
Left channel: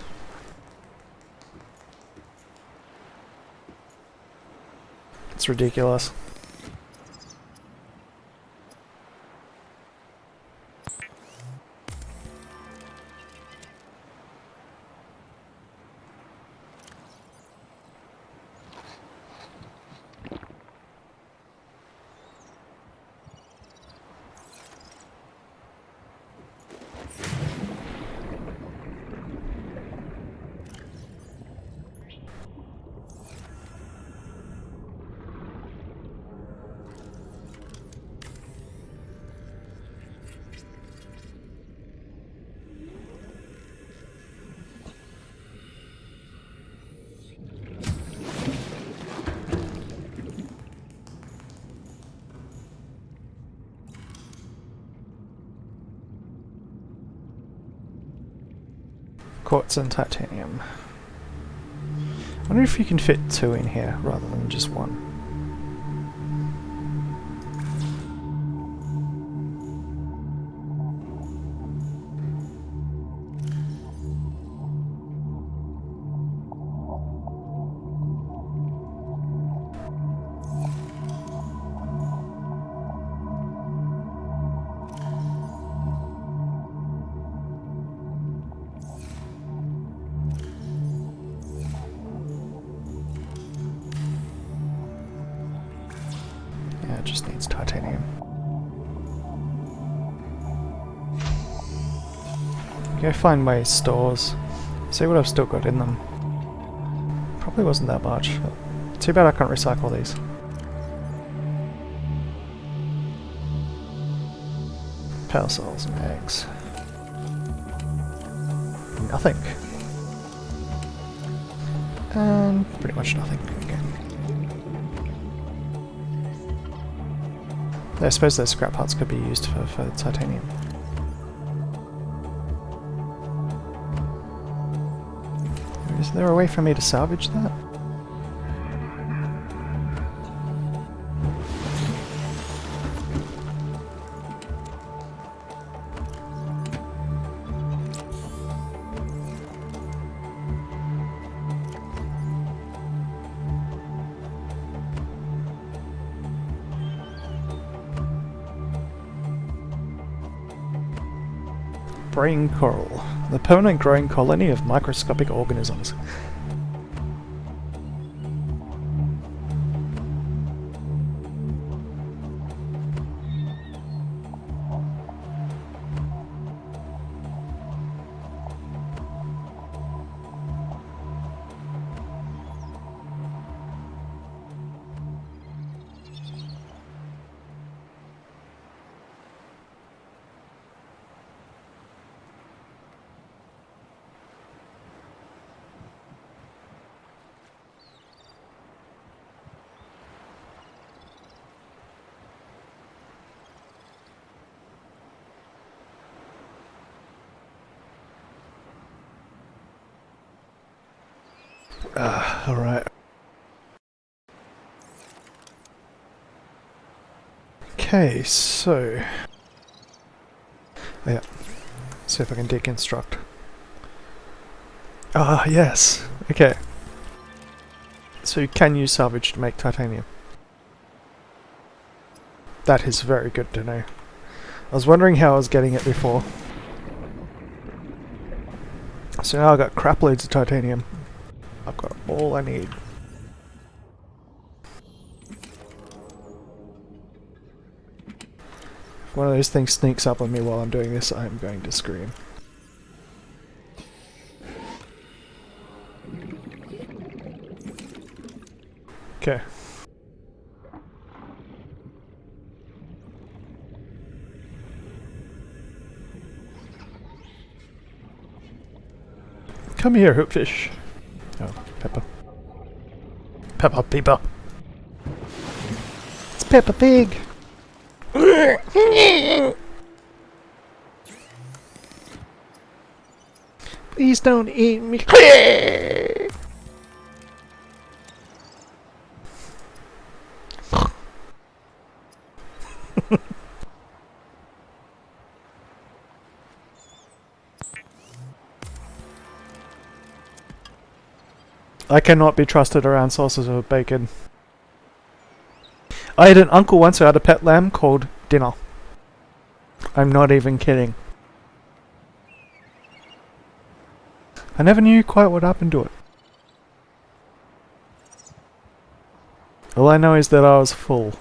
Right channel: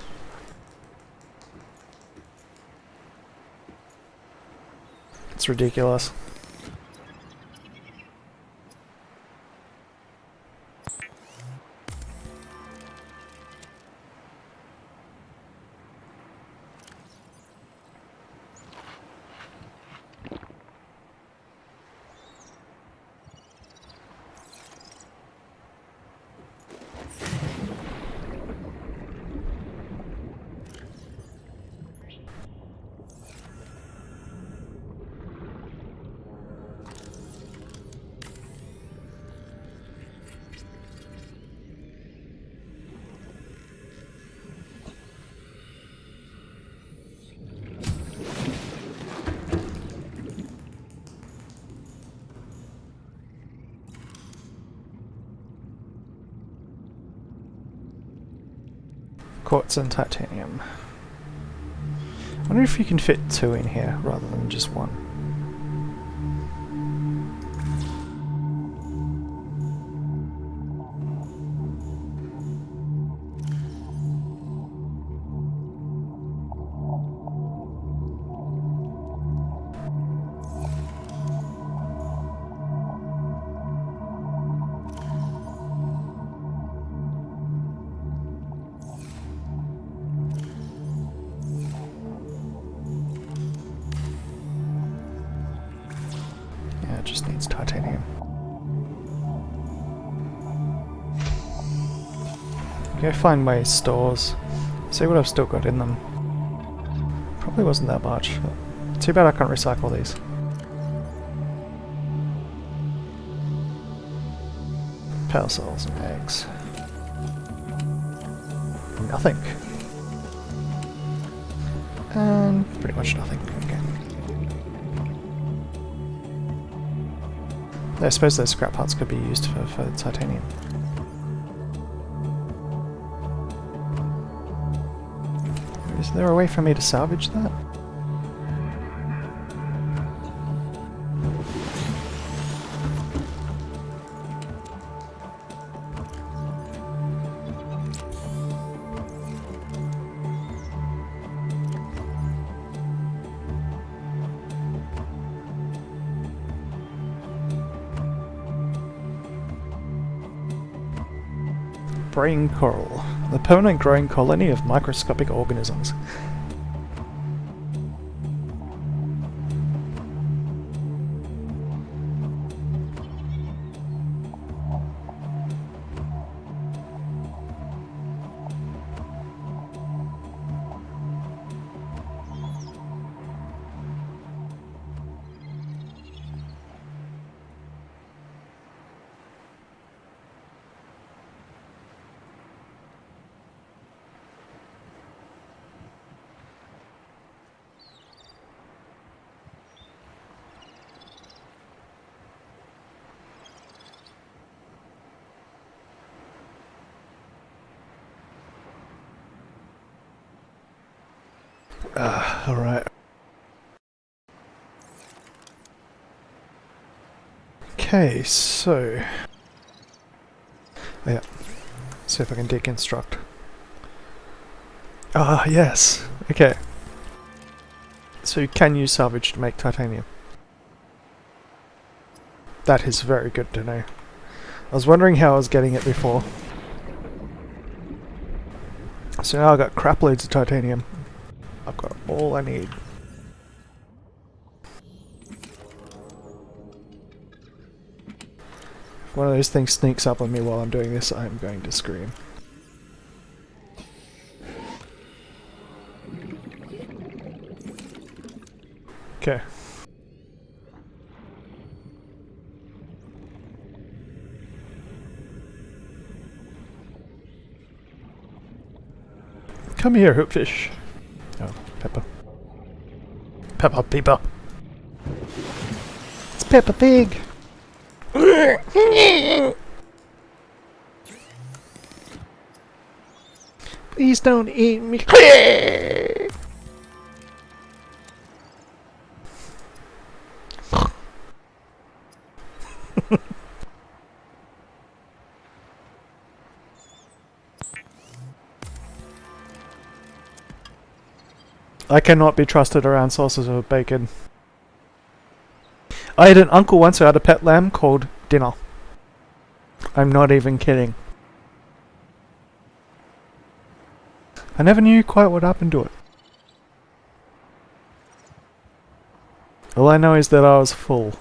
It's ridiculous. Quartz and titanium. I wonder if you can fit 2 in here rather than just 1. Yeah, it just needs titanium. Go find my stores, see what I've still got in them. Probably wasn't that much. Too bad I can't recycle these. Power cells and eggs. Nothing. And pretty much nothing. Okay. I suppose those scrap parts could be used for titanium. Is there a way for me to salvage that? Brain coral, the permanent growing colony of microscopic organisms. Alright. Okay, so... yeah. See if I can deconstruct. Ah, yes! Okay. So you can use salvage to make titanium. That is very good to know. I was wondering how I was getting it before. So now I've got crap loads of titanium. I've got all I need. If one of those things sneaks up on me while I'm doing this, I'm going to scream. Okay. Come here, hoopfish. Oh, Peppa. Peppa Peppa. It's Peppa Pig. Please don't eat me. I cannot be trusted around sauces of bacon. I had an uncle once who had a pet lamb called Dinner. I'm not even kidding. I never knew quite what happened to it. All I know is that I was full.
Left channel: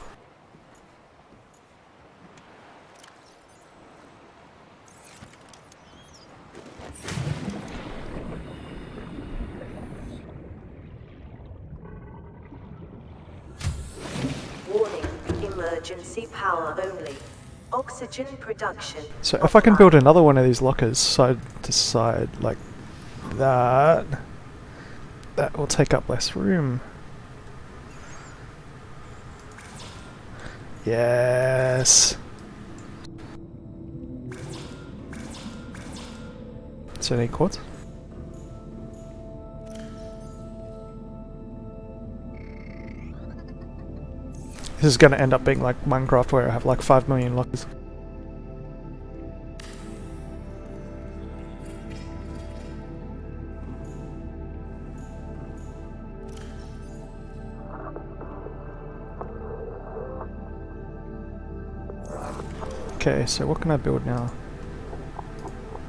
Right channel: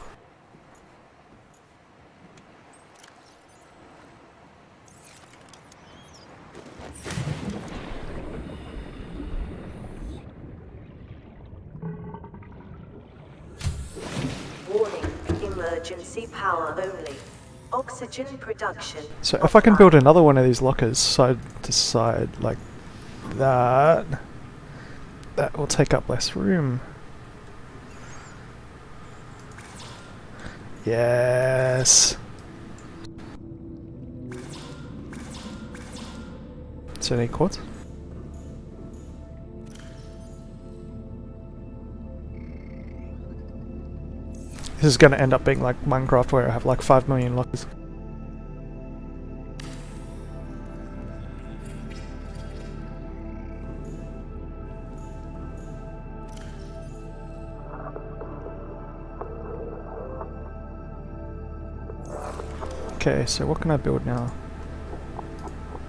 Warning, emergency power only. Oxygen production. So if I can build another one of these lockers side to side like that, that will take up less room. Yes. So any quartz? This is going to end up being like Minecraft where I have like 5 million lockers. Okay, so what can I build now?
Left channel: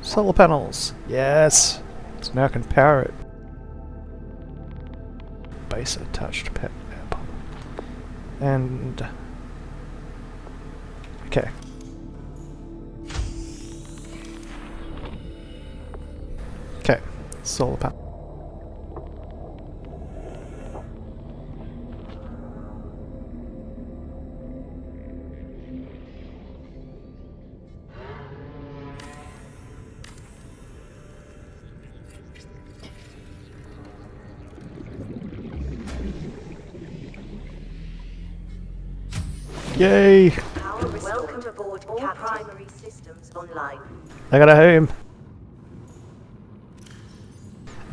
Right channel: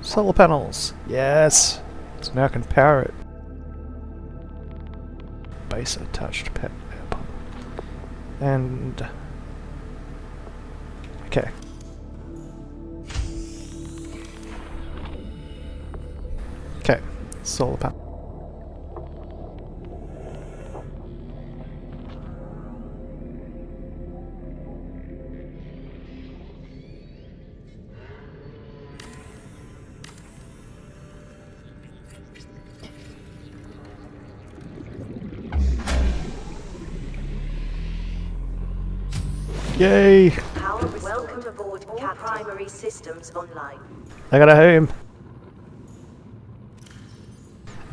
Solar panels! Yes! So now I can power it. Base attached pet air pump. And... okay. Okay, solar panel. Yay! Power restored. Welcome aboard. All primary systems online. I got a home!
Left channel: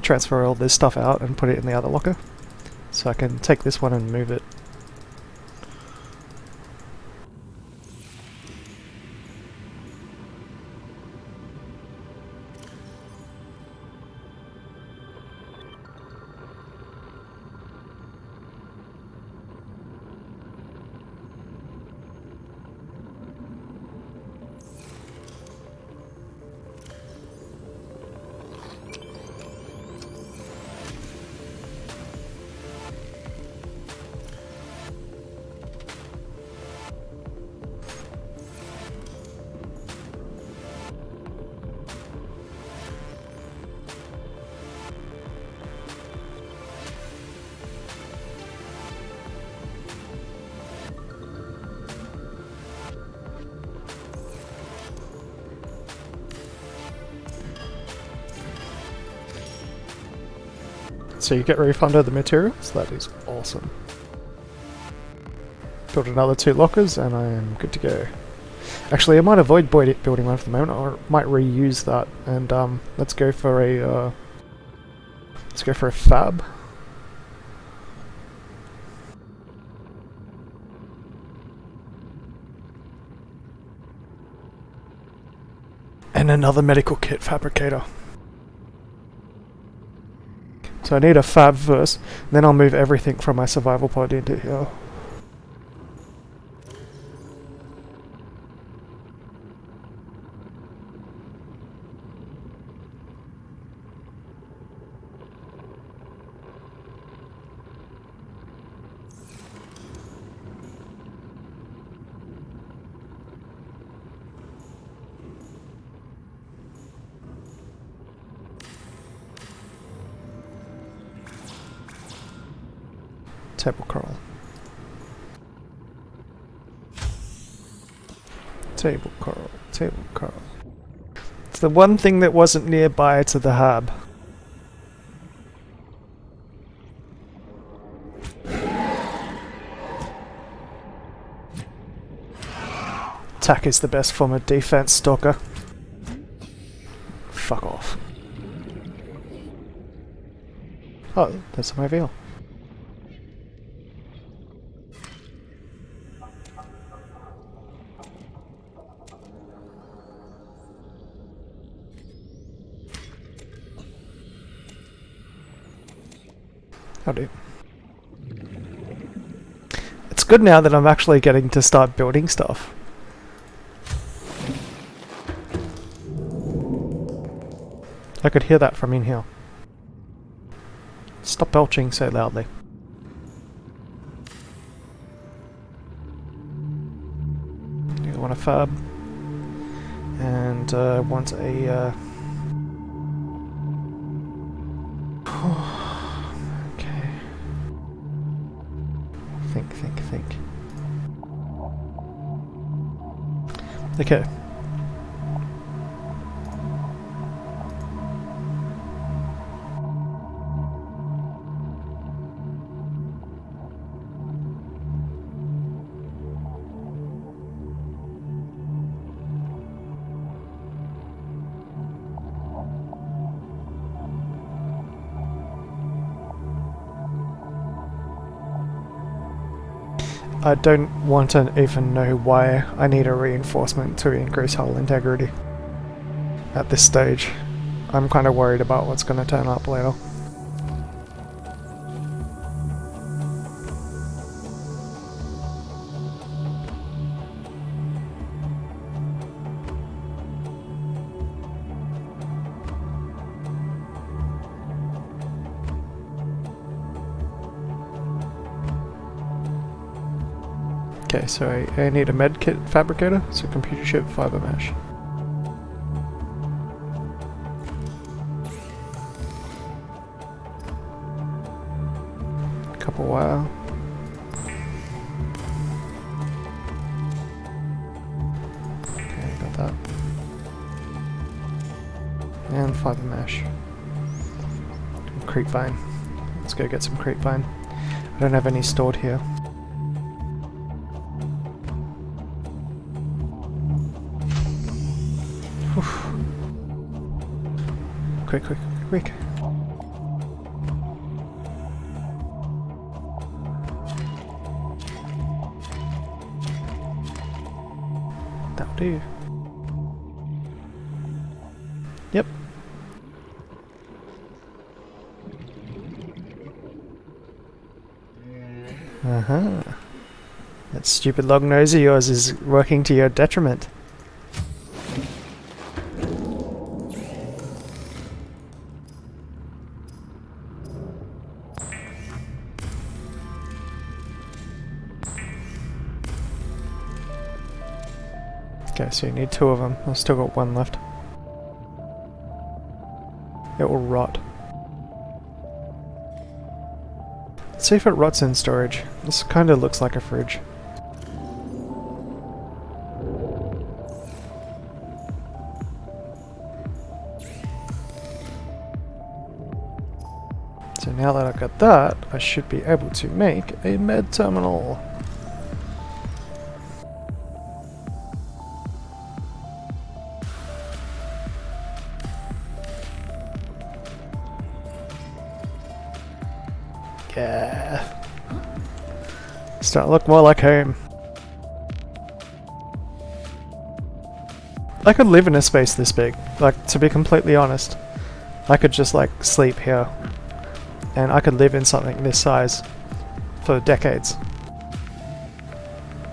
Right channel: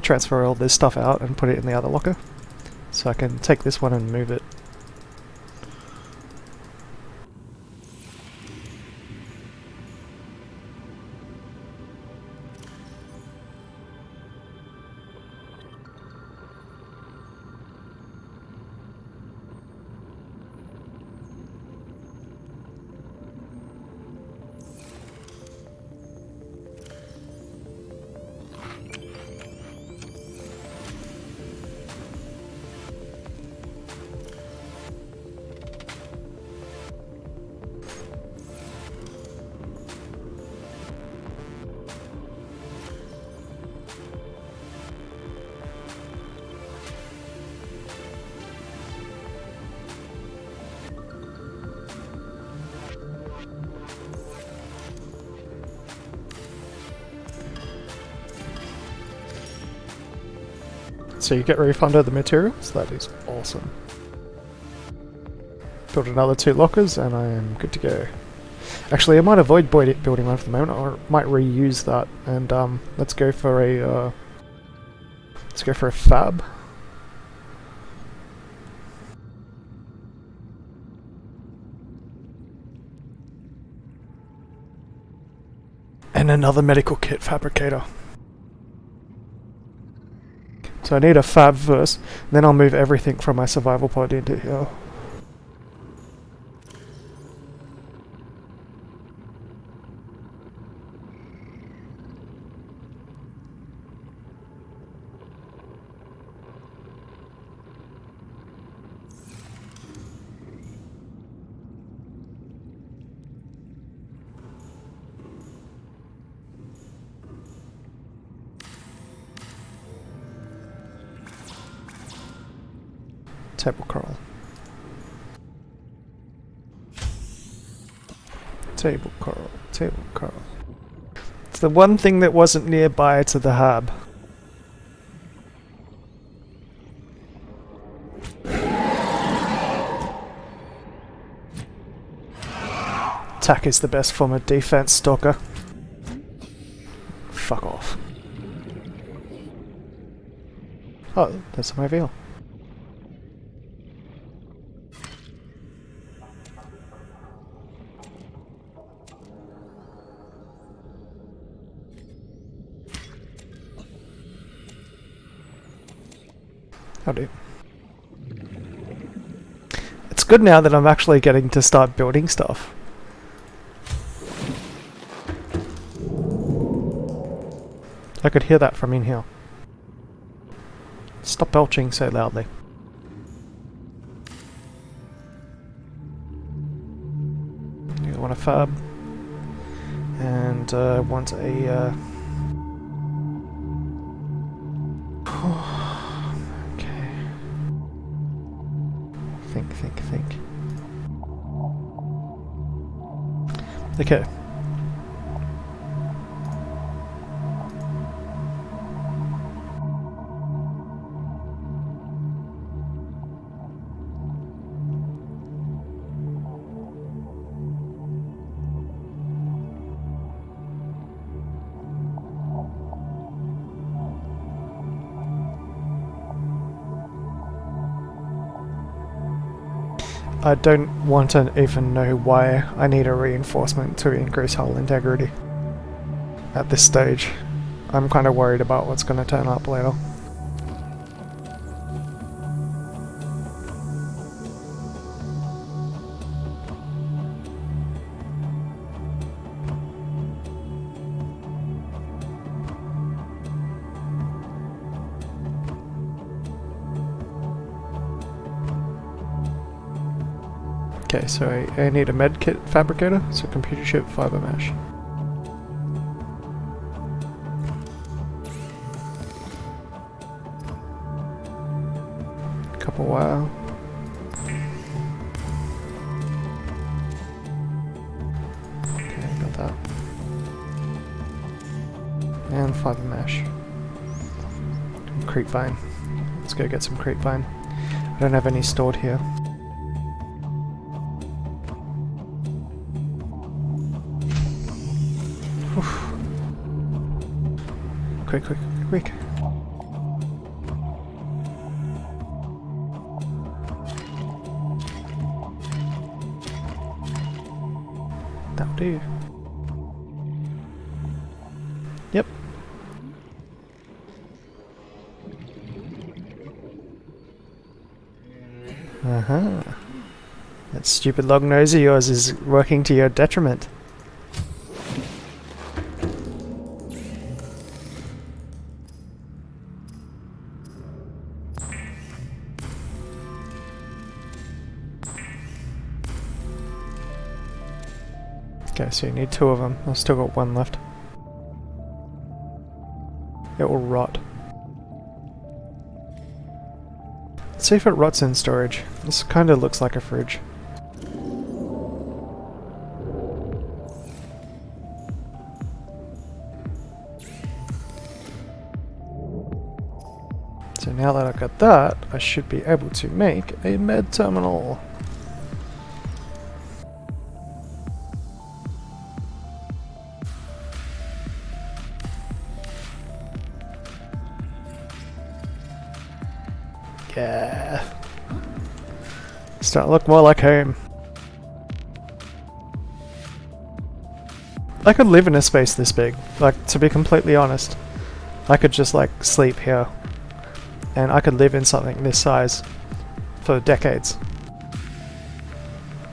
Transfer all this stuff out and put it in the other locker. So I can take this one and move it. So you get refunded the materials? That is awesome. Build another 2 lockers and I am good to go. Actually, I might avoid building one for the moment, or might reuse that. And let's go for a fab. And another medical kit fabricator. So So I need a fab first, then I'll move everything from my survival pod into here. Table coral. Table coral, table coral. It's the one thing that wasn't nearby to the hub. Attack is the best form of defense, Stalker. Fuck off. Oh, there's my veal. Howdy. It's good now that I'm actually getting to start building stuff. I could hear that from in here. Stop belching so loudly. You want a fab. And want a... okay. Think. Okay. I don't want to even know why I need a reinforcement to increase hull integrity at this stage. I'm kind of worried about what's going to turn up later. Okay, so I need a medkit fabricator, so computer chip, fiber mesh. Couple wire. Okay, got that. And fiber mesh. Creepvine. Let's go get some creepvine. I don't have any stored here. Quick. That'll do. Yep. That stupid long nose of yours is working to your detriment. Okay, so you need 2 of them. I've still got 1 left. It will rot. Let's see if it rots in storage. This kind of looks like a fridge. So now that I've got that, I should be able to make a med terminal. Yeah. Start to look more like home. I could live in a space this big. Like, to be completely honest. I could just, like, sleep here. and I could live in something this size for decades.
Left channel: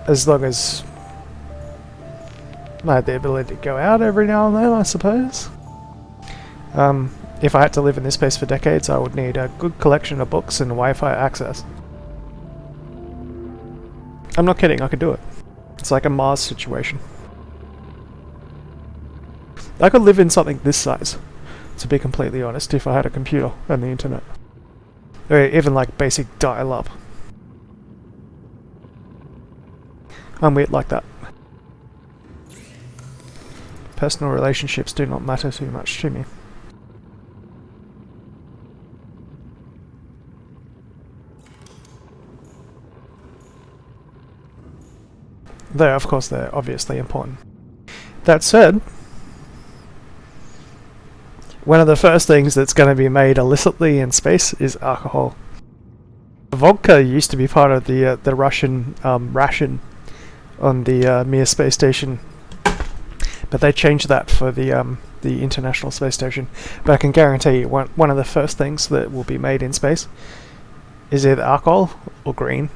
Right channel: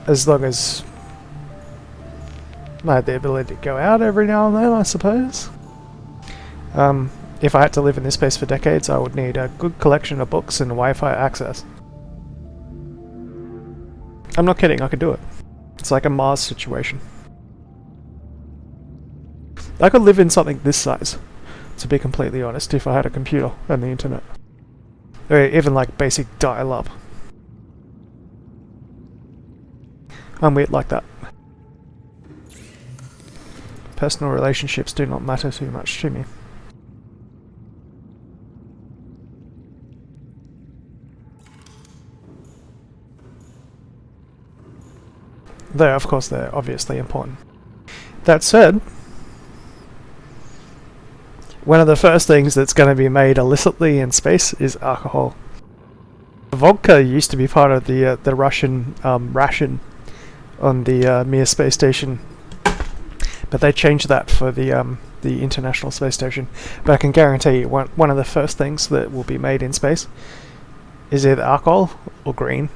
As long as I had the ability to go out every now and then, I suppose. If I had to live in this space for decades, I would need a good collection of books and Wi-Fi access. I'm not kidding, I could do it. It's like a Mars situation. I could live in something this size, to be completely honest, if I had a computer and the internet. Or even like basic dial-up. I'm weird like that. Personal relationships do not matter too much to me. Though, of course, they're obviously important. That said, one of the first things that's going to be made illicitly in space is alcohol. Vodka used to be part of the Russian ration on the Mir space station, but they changed that for the International Space Station. But I can guarantee you, one of the first things that will be made in space is either alcohol or green.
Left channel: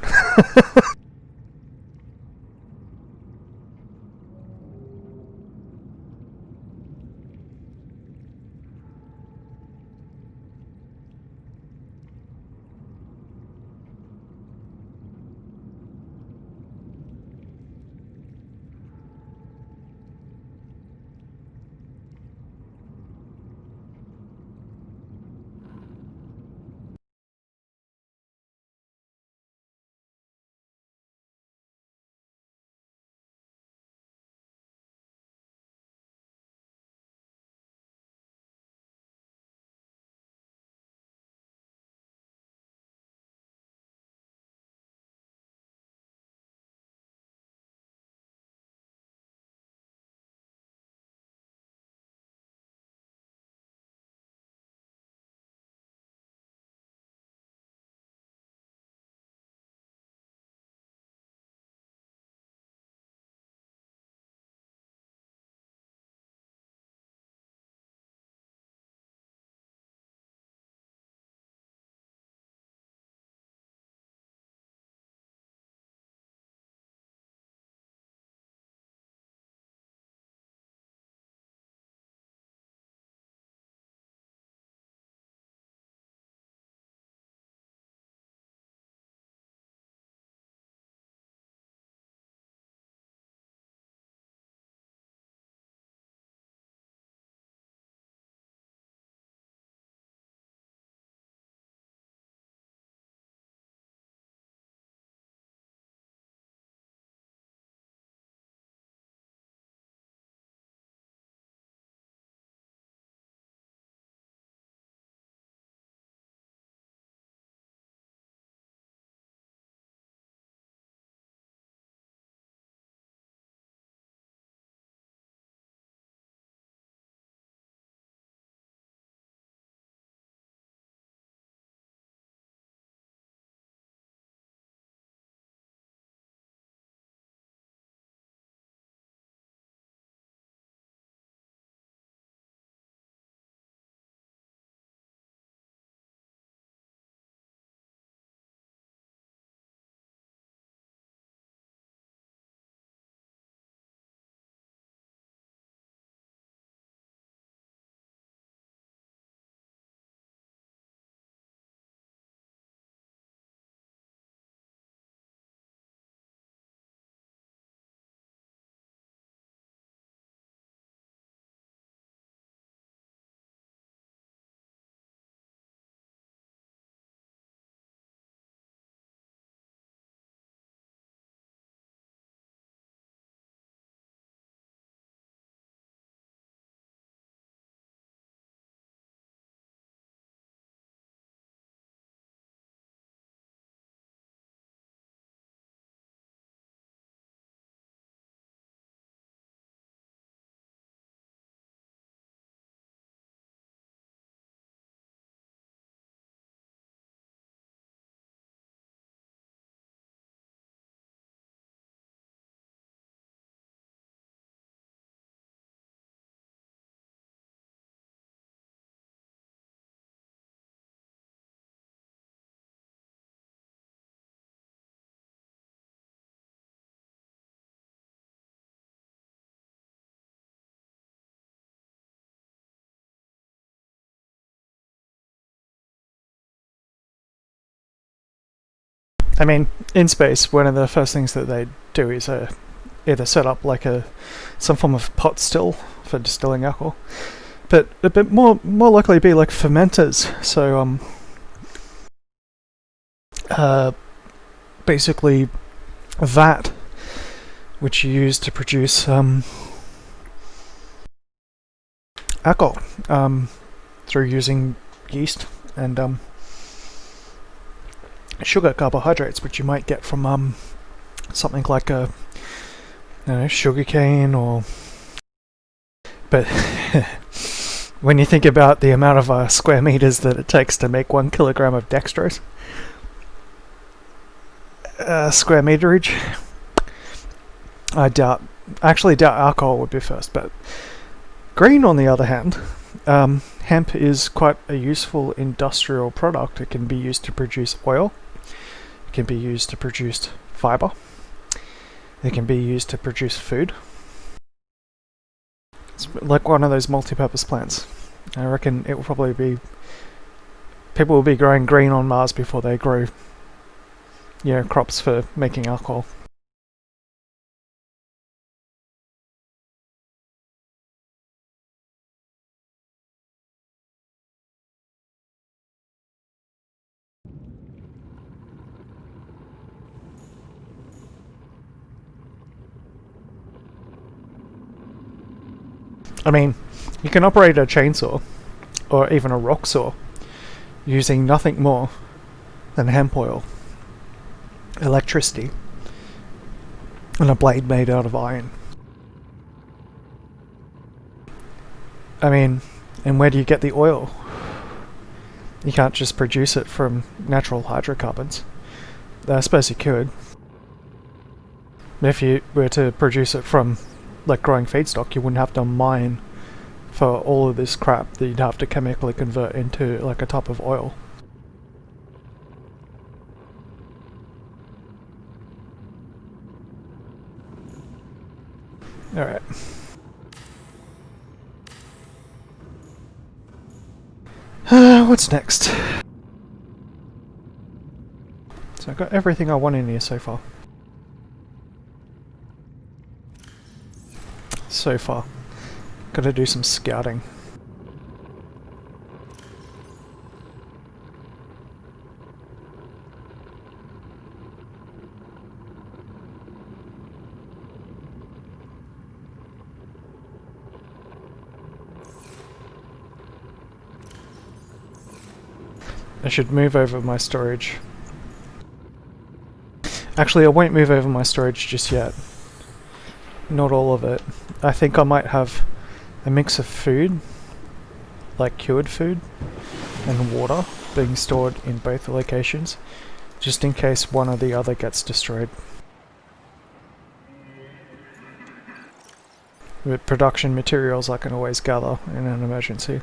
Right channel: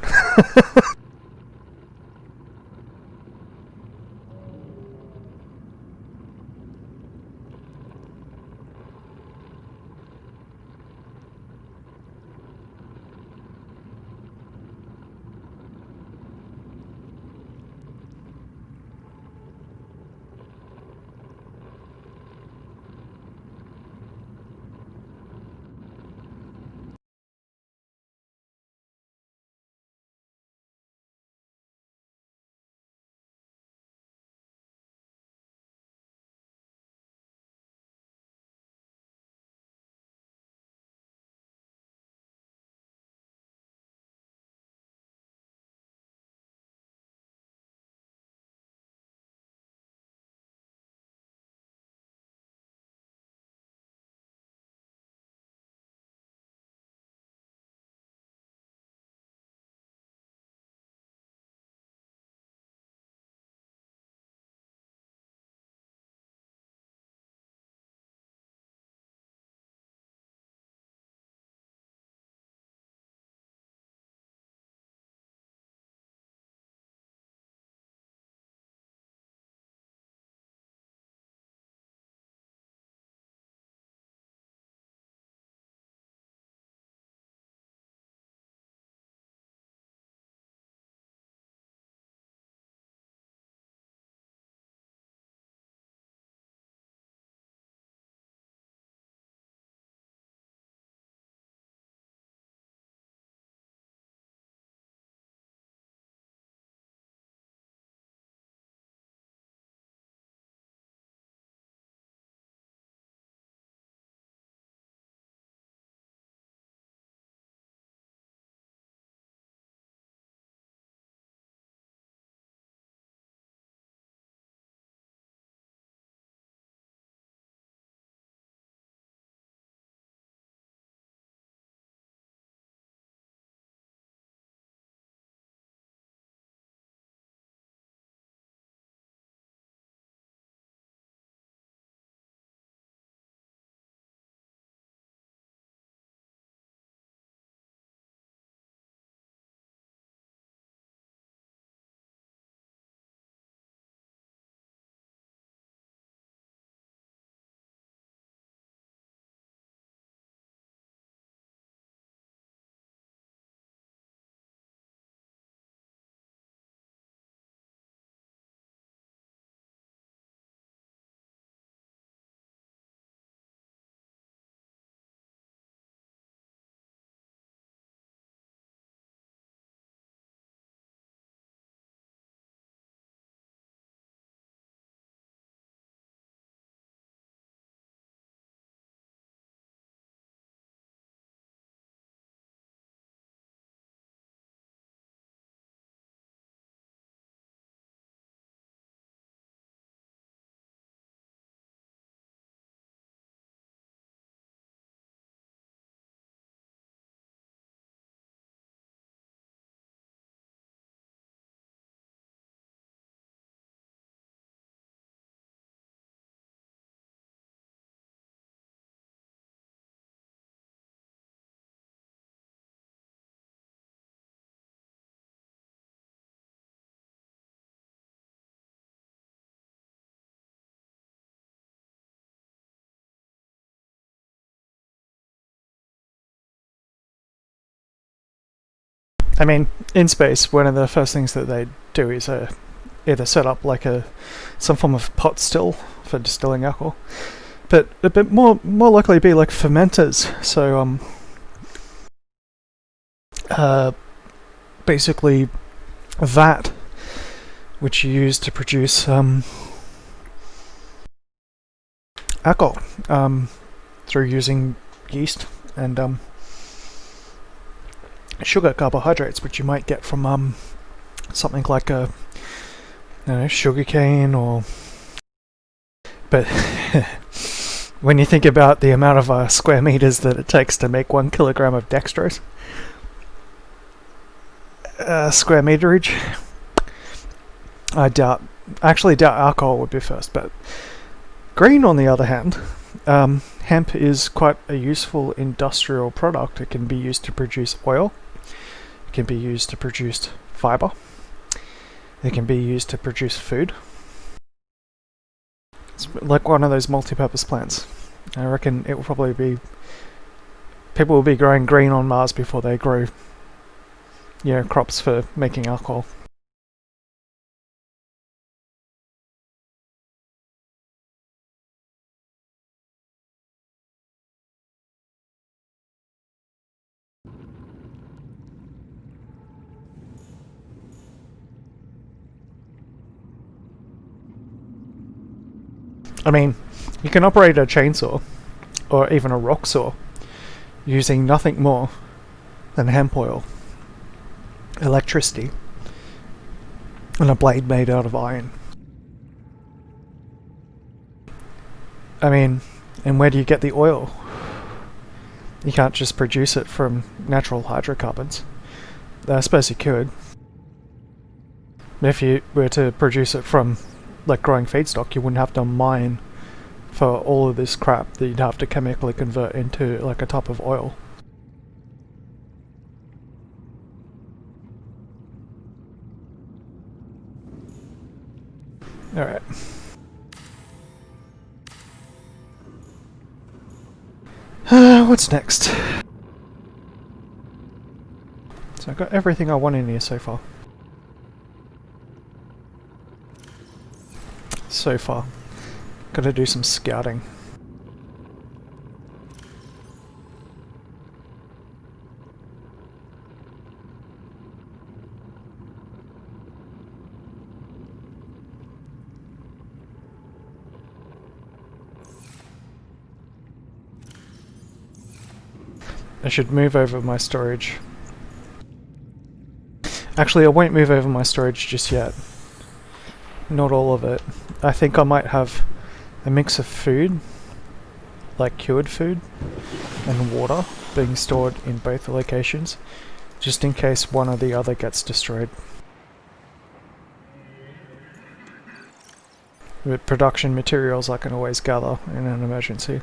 I mean, in space, one of the first things that they do is either set up like some form of pot still for distilling alcohol, but a bit more likely be like fermenters. So basically a vat which you use to produce alcohol through using yeast and sugar carbohydrates, which you might get from something like sugar cane but when you think about the amount of square meters that it takes to make 1 kilogram of dextrose, square meterage, I actually doubt alcohol would be first, but green on the other hand, hemp is quite a useful industrial product. It can be used to produce oil, it can be used to produce fiber, it can be used to produce food. It's like one of those multi-purpose plants. I reckon it will probably be... people will be growing green on Mars before they grow, crops for making alcohol. I mean, you can operate a chainsaw, or even a rock saw, using nothing more than hemp oil, electricity, and a blade made out of iron. I mean, and where do you get the oil? You can't just produce it from natural hydrocarbons. I suppose you could. If you were to produce it from like growing feedstock, you wouldn't have to mine for all of this crap that you'd have to chemically convert into like a type of oil. Alright. What's next? So I've got everything I want in here so far. Gotta do some scouting. I should move over my storage. Actually, I won't move over my storage just yet. Not all of it. I think I might have a mix of food, like cured food, and water being stored in both locations, just in case one or the other gets destroyed. With production materials I can always gather in an emergency.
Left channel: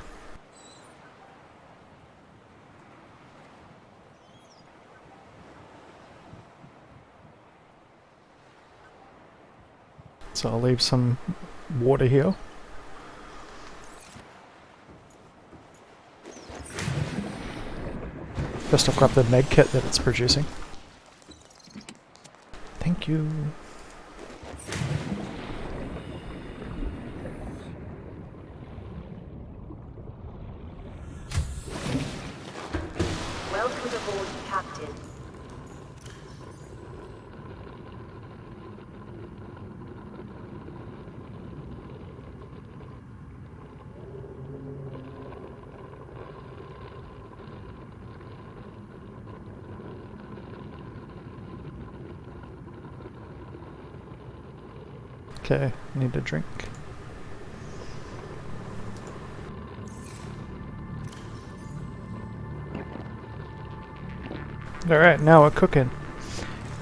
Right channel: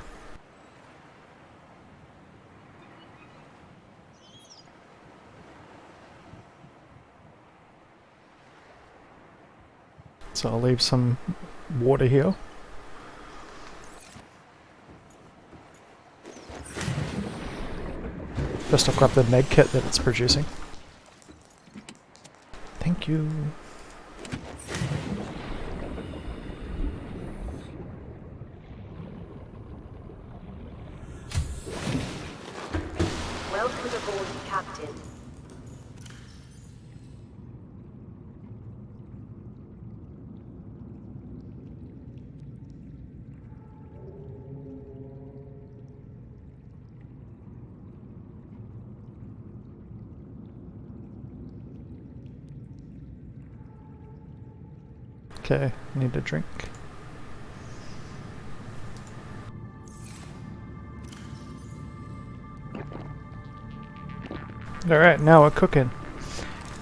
So I'll leave some water here. First I'll grab the med kit that it's producing. Thank you. Welcome aboard, Captain. Okay, need a drink. Alright, now we're cooking.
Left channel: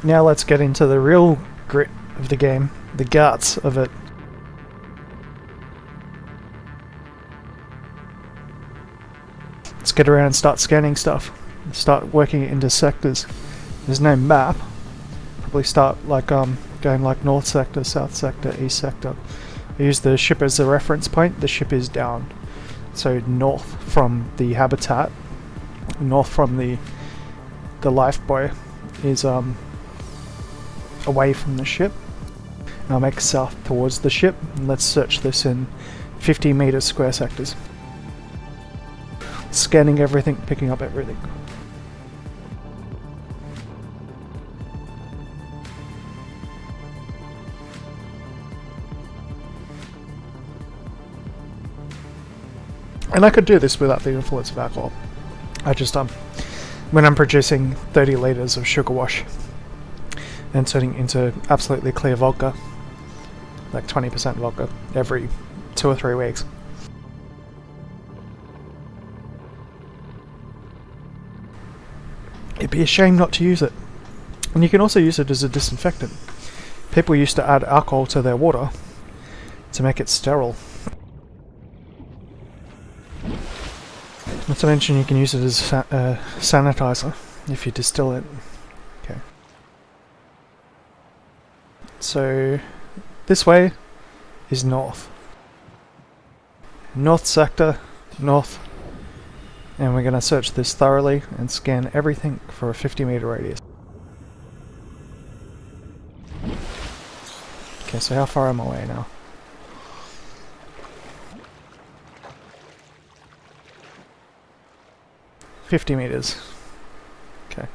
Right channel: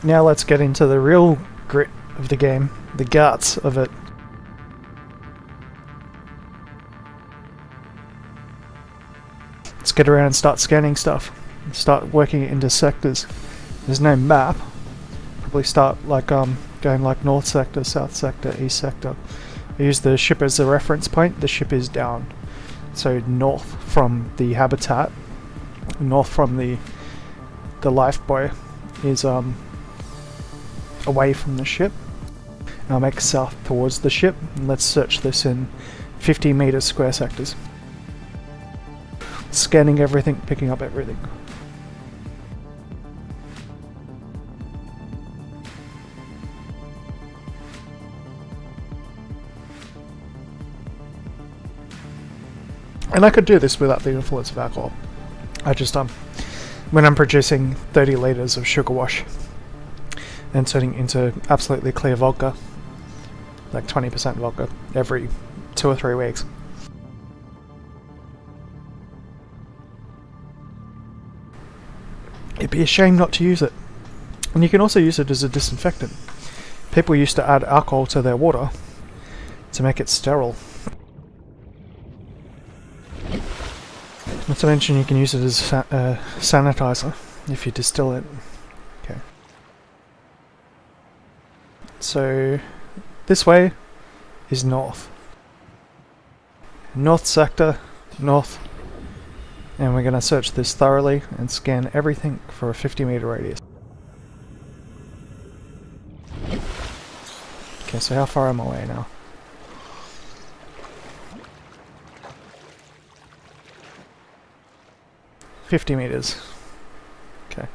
Now let's get into the real grit of the game, the guts of it. Let's get around and start scanning stuff. Start working it into sectors. There's no map. Probably start like going like north sector, south sector, east sector. I use the ship as a reference point. The ship is down, so north from the habitat, north from the life buoy, is away from the ship. And I'll make south towards the ship, and let's search this in 50 meter square sectors. Scanning everything, picking up everything. And I could do this without the influence of alcohol. I just when I'm producing 30 liters of sugar wash and turning into absolutely clear vodka, like 20% vodka, every 2 or 3 weeks. It'd be a shame not to use it. And you can also use it as a disinfectant. People used to add alcohol to their water to make it sterile. Not to mention you can use it as a sanitizer if you distill it. Okay. So this way is north. North sector, north. And we're going to search this thoroughly and scan everything for a 50 meter radius. Okay, so how far am I away now? $50 meters. Okay.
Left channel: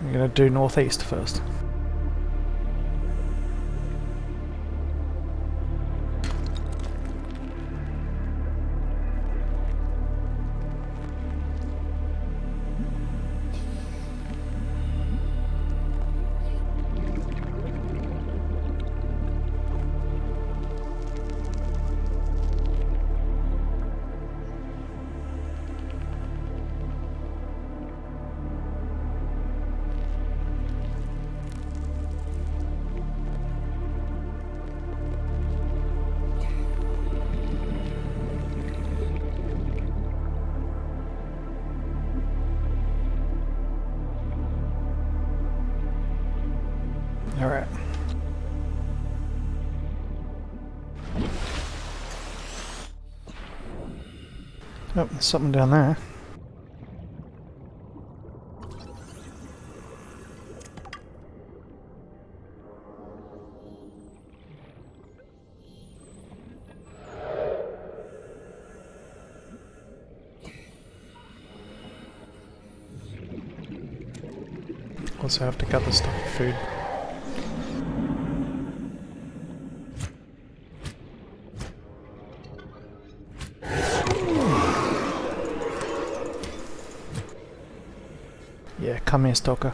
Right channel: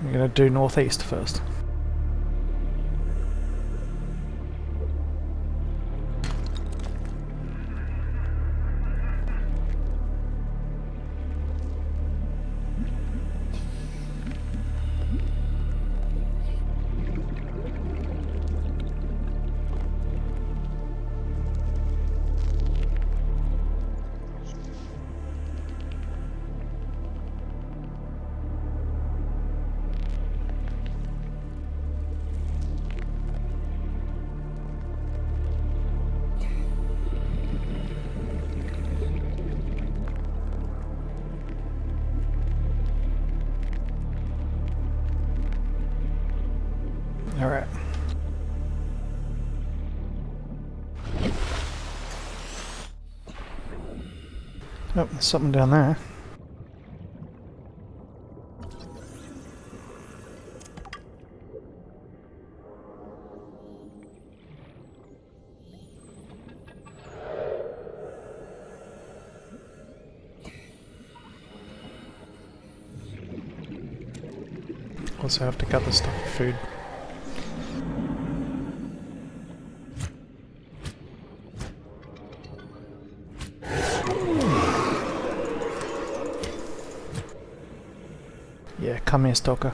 I'm going to do northeast first. Alright. Oh, there's something down there. Also have to cut the stuff for food. Yeah, come here, stalker.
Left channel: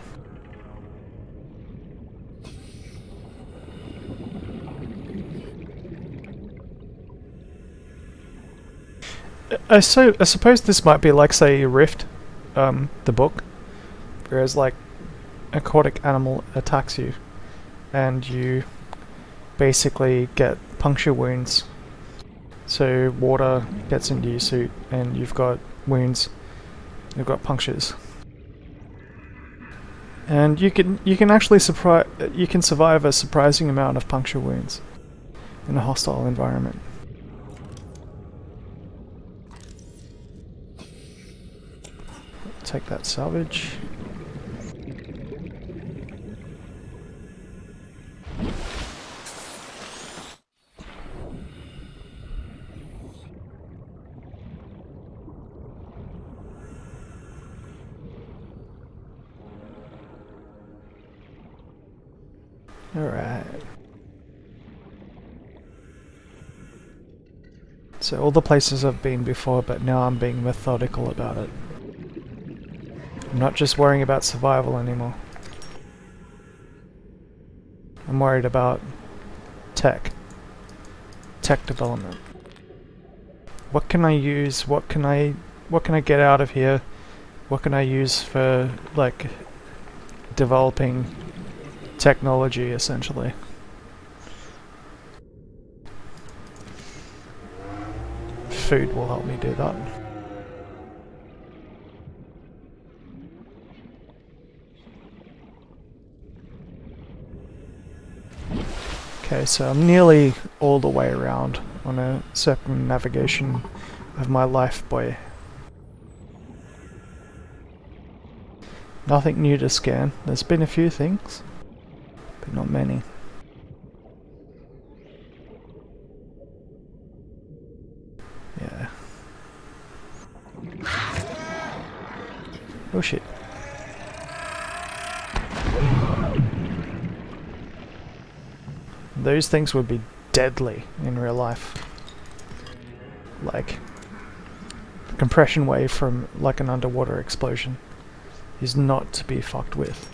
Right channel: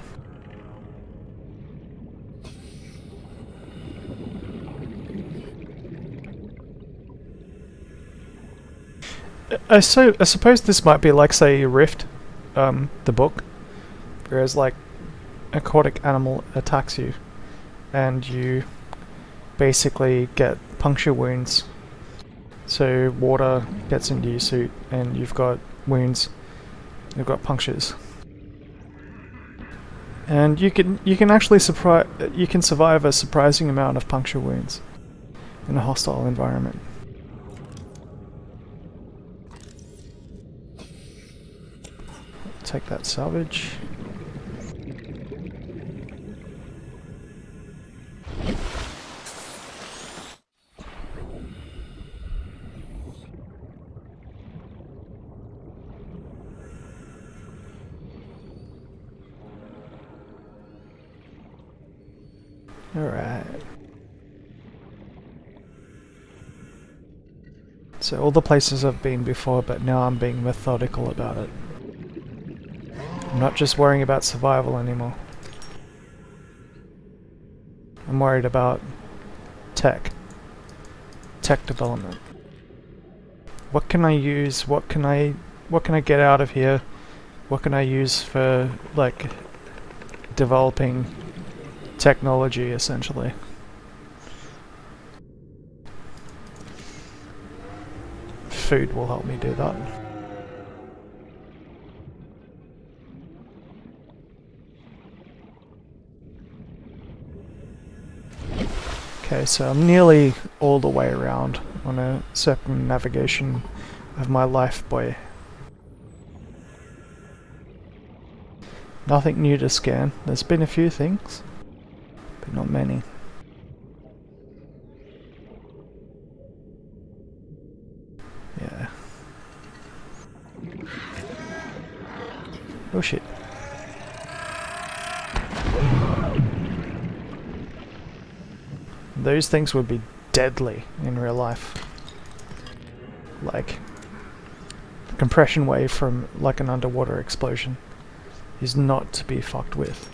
I suppose this might be like, say, Rift, the book, whereas like aquatic animal attacks you, and you basically get puncture wounds. So water gets into your suit, and you've got wounds. You've got punctures. And you can actually survive a surprising amount of puncture wounds in a hostile environment. Take that salvage. Alright. So all the places I've been before, but now I'm being methodical about it. I'm not just worrying about survival anymore. I'm worried about tech development. What can I use? What can I get out of here? What can I use for like developing technology, essentially? Food will help me do that. Okay, so I'm nearly all the way around on a circumnavigation of my life buoy. Nothing new to scan. There's been a few things, but not many. Yeah. Oh shit. Those things would be deadly in real life. Like, the compression wave from like an underwater explosion is not to be fucked with.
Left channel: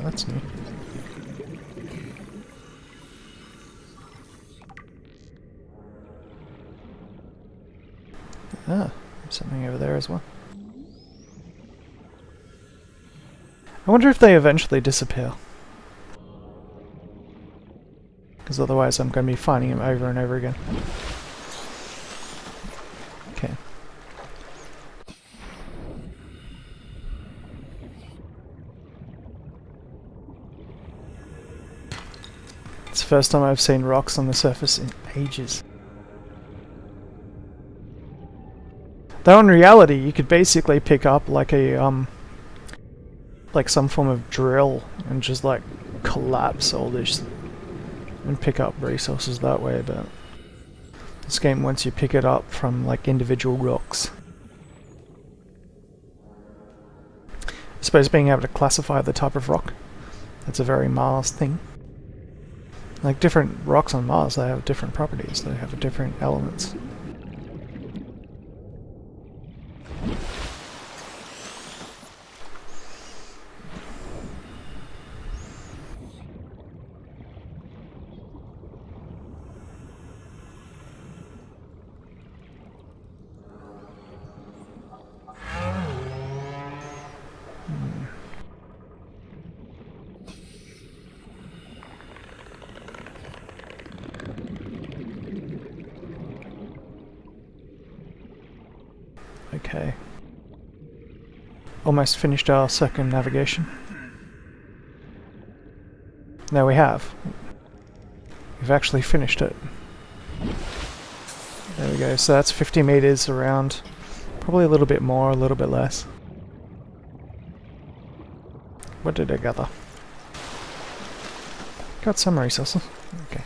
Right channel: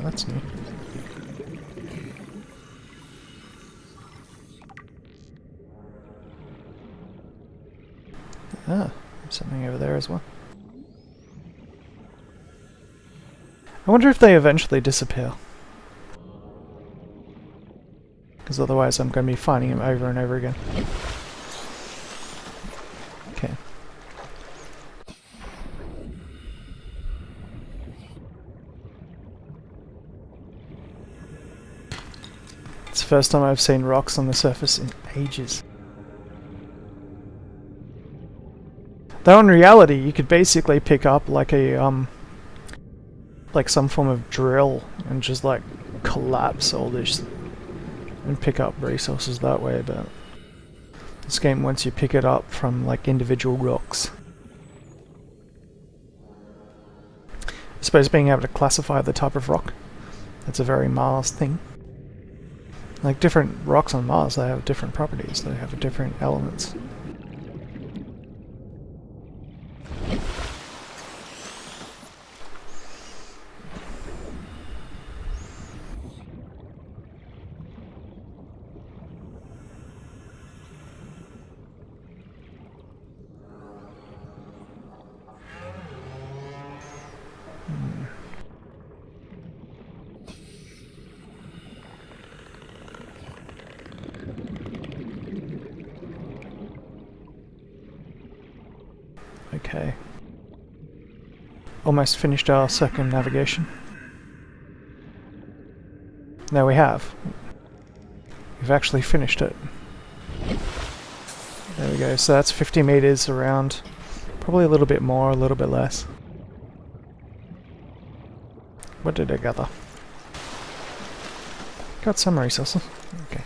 That's new. Ah, there's something over there as well. I wonder if they eventually disappear. Because otherwise I'm going to be finding them over and over again. Okay. It's the first time I've seen rocks on the surface in ages. Though in reality, you could basically pick up like a like some form of drill and just like collapse all this and pick up resources that way. But this game wants you pick it up from like individual rocks. I suppose being able to classify the type of rock, that's a very Mars thing. Like different rocks on Mars, they have different properties, they have different elements. Okay. Almost finished our circumnavigation. No, we have. We've actually finished it. There we go. So that's 50 meters around. Probably a little bit more, a little bit less. What did I gather? Got some resources. Okay.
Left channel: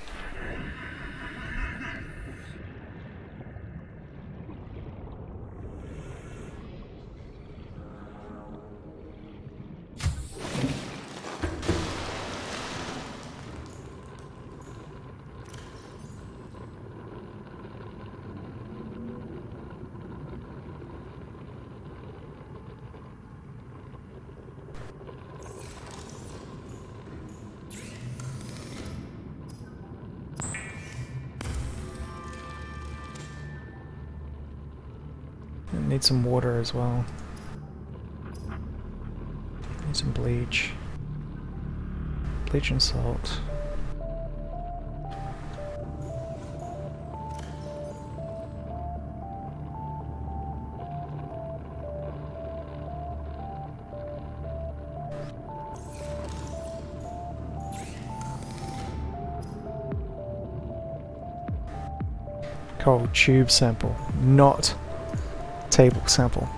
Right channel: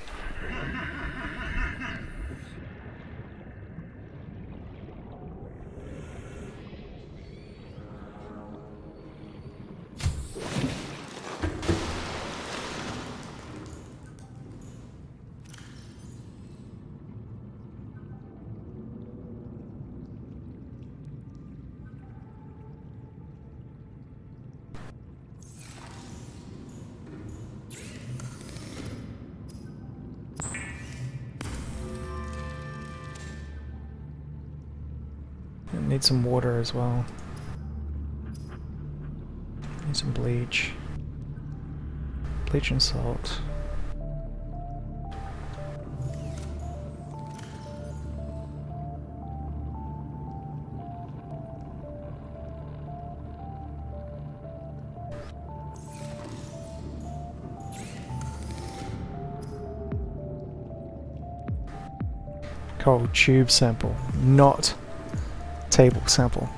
Need some water as well. Need some bleach. Bleach and salt. Cold tube sample, not table sample.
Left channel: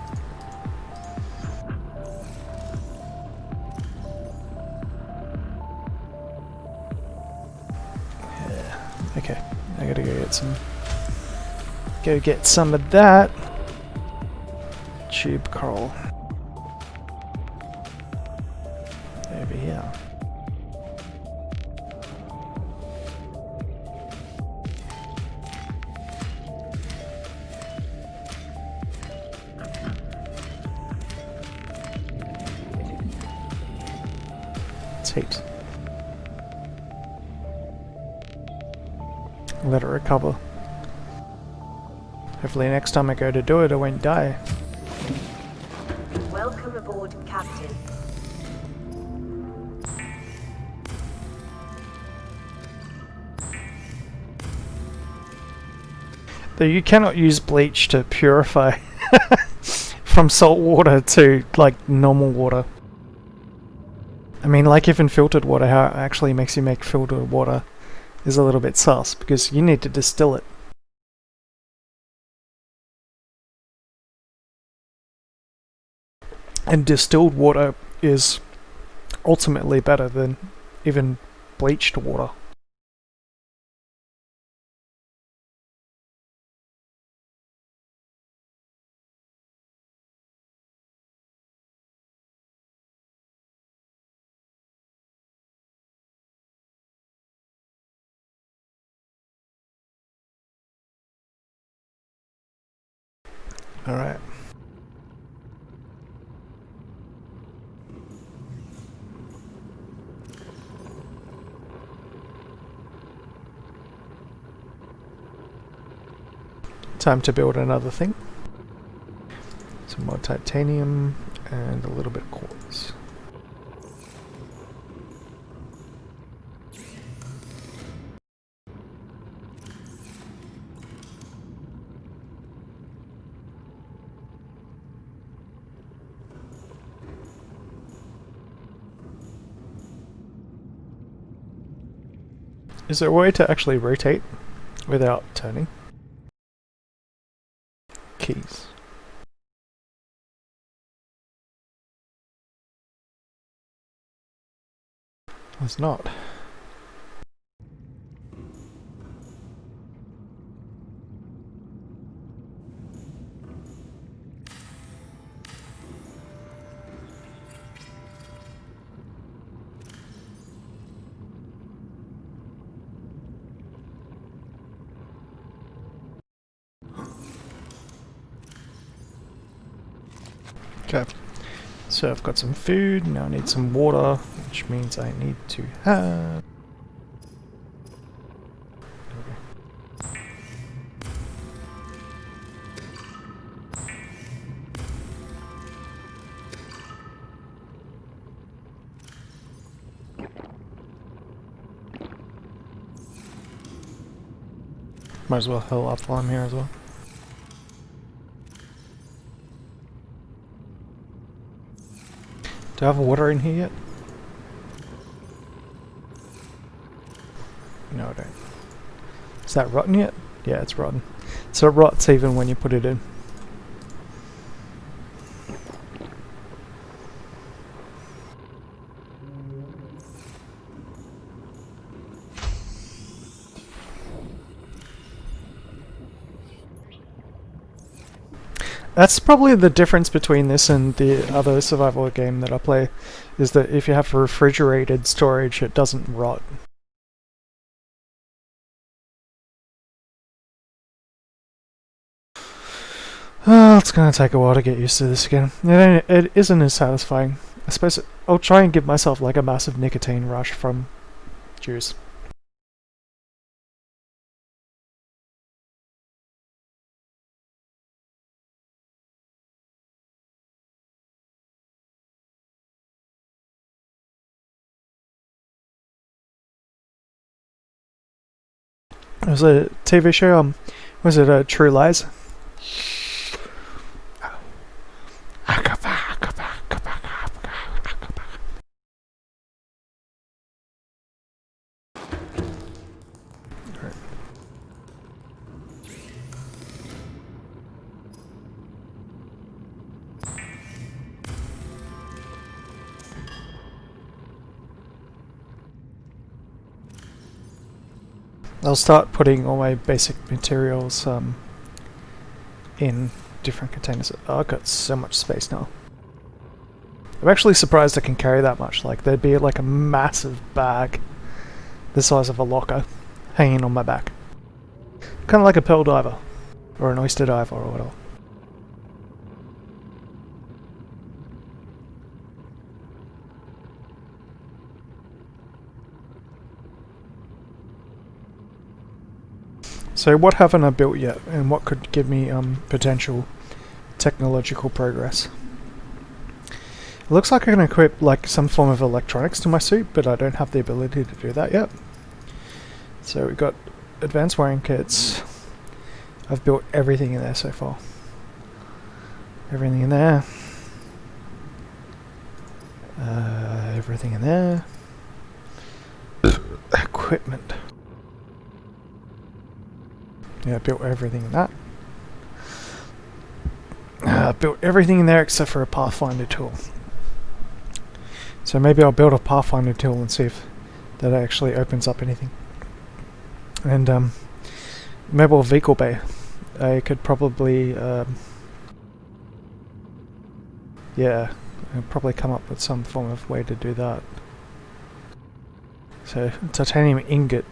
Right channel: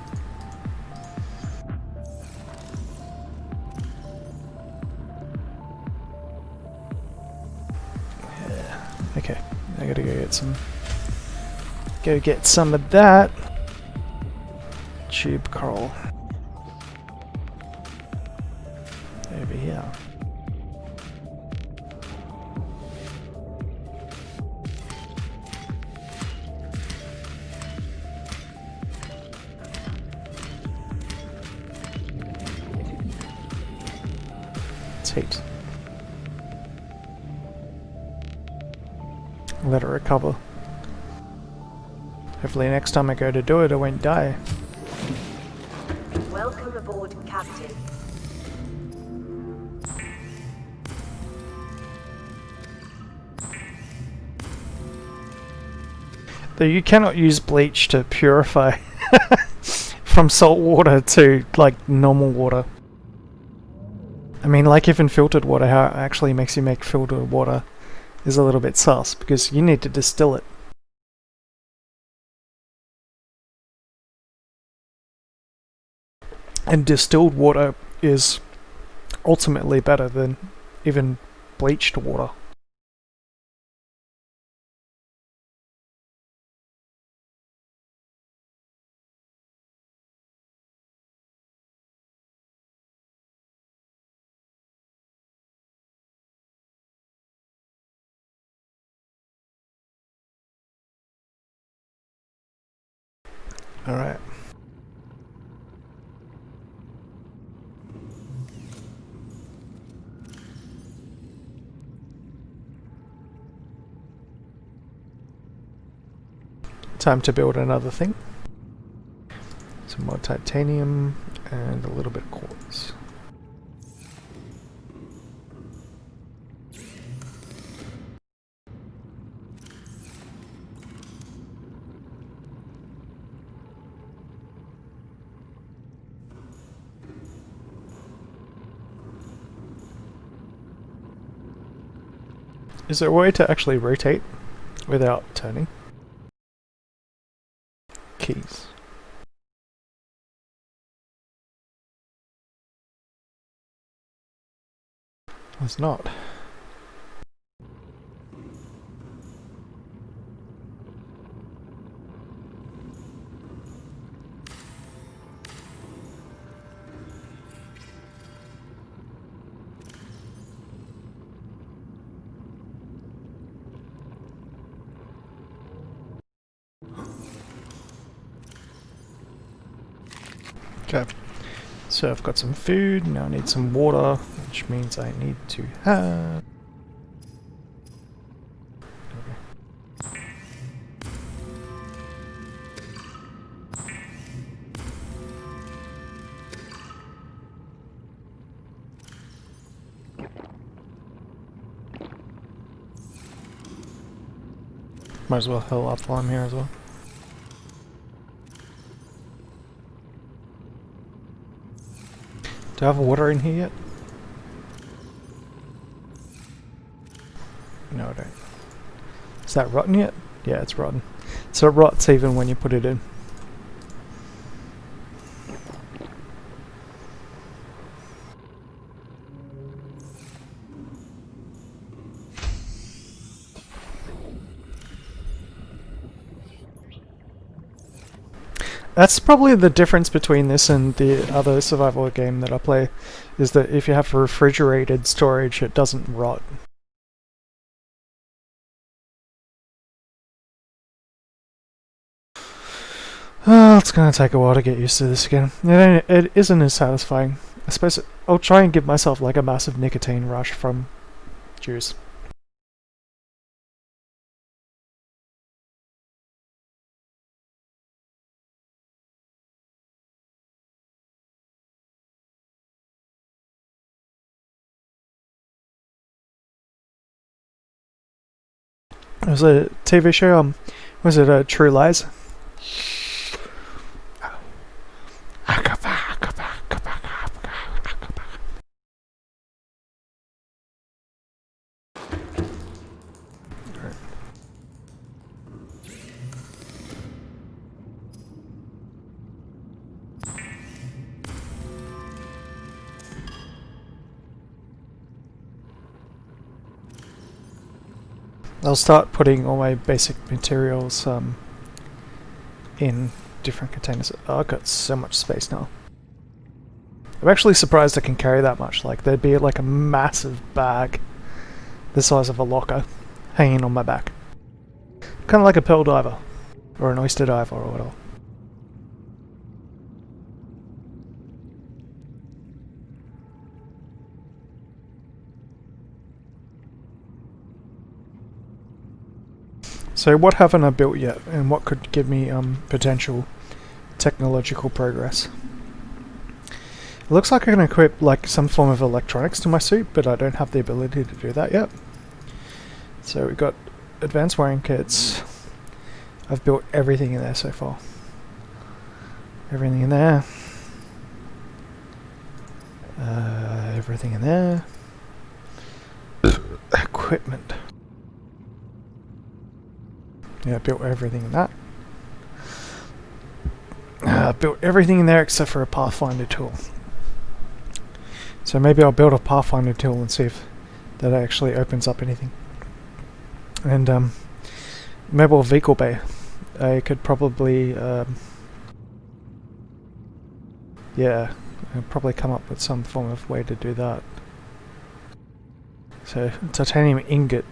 Yeah. Okay, I gotta go get some of that tube coral over here. Heat. Let it recover. Hopefully next time I go to do it, I won't die. Welcome aboard, Captain. Though you cannot use bleach to purify from salt water to like normal water. I mean, like even filtered water, how it actually makes you make filtered water is a little bit sus, because you need to distill it. And distilled water is ultimately better than even bleached water. Alright. Time to build another thing. Some more titanium and a little bit of quartz. Is there a way to actually rotate without turning? Keys. There's not. Okay, so I've got some food, now I need some water, which means I need to have... Okay. Might as well heal up while I'm here as well. Do I have water in here yet? No, I don't. Is that rotten yet? Yeah, it's rotten. So it rots even when you put it in. That's probably the difference between this and the other survival game that I play, is that if you have refrigerated storage, it doesn't rot. Oh, it's gonna take a while to get used to this again. It isn't as satisfying. I suppose I'll try and give myself like a massive nicotine rush from juice. There was a TV show, was it True Lies? I'll start putting all my basic materials in different containers. Oh, I've got so much space now. I'm actually surprised I can carry that much. Like, there'd be like a massive bag the size of a locker hanging on my back. Kind of like a pearl diver or an oyster diver or whatever. So what haven't I built yet, and what could give me potential technological progress? It looks like I can equip like some form of electronics to my suit, but I don't have the ability to do that yet. So we've got advanced wiring kits, I've built everything in there so far. Everything in there. Everything in there. Equipment. Yeah, I built everything in that. I built everything in there except for a Pathfinder tool. So maybe I'll build a Pathfinder tool and see if that actually opens up anything. And mobile vehicle bay. I could probably yeah, I'll probably come up with some form of way to do that. So titanium ingot.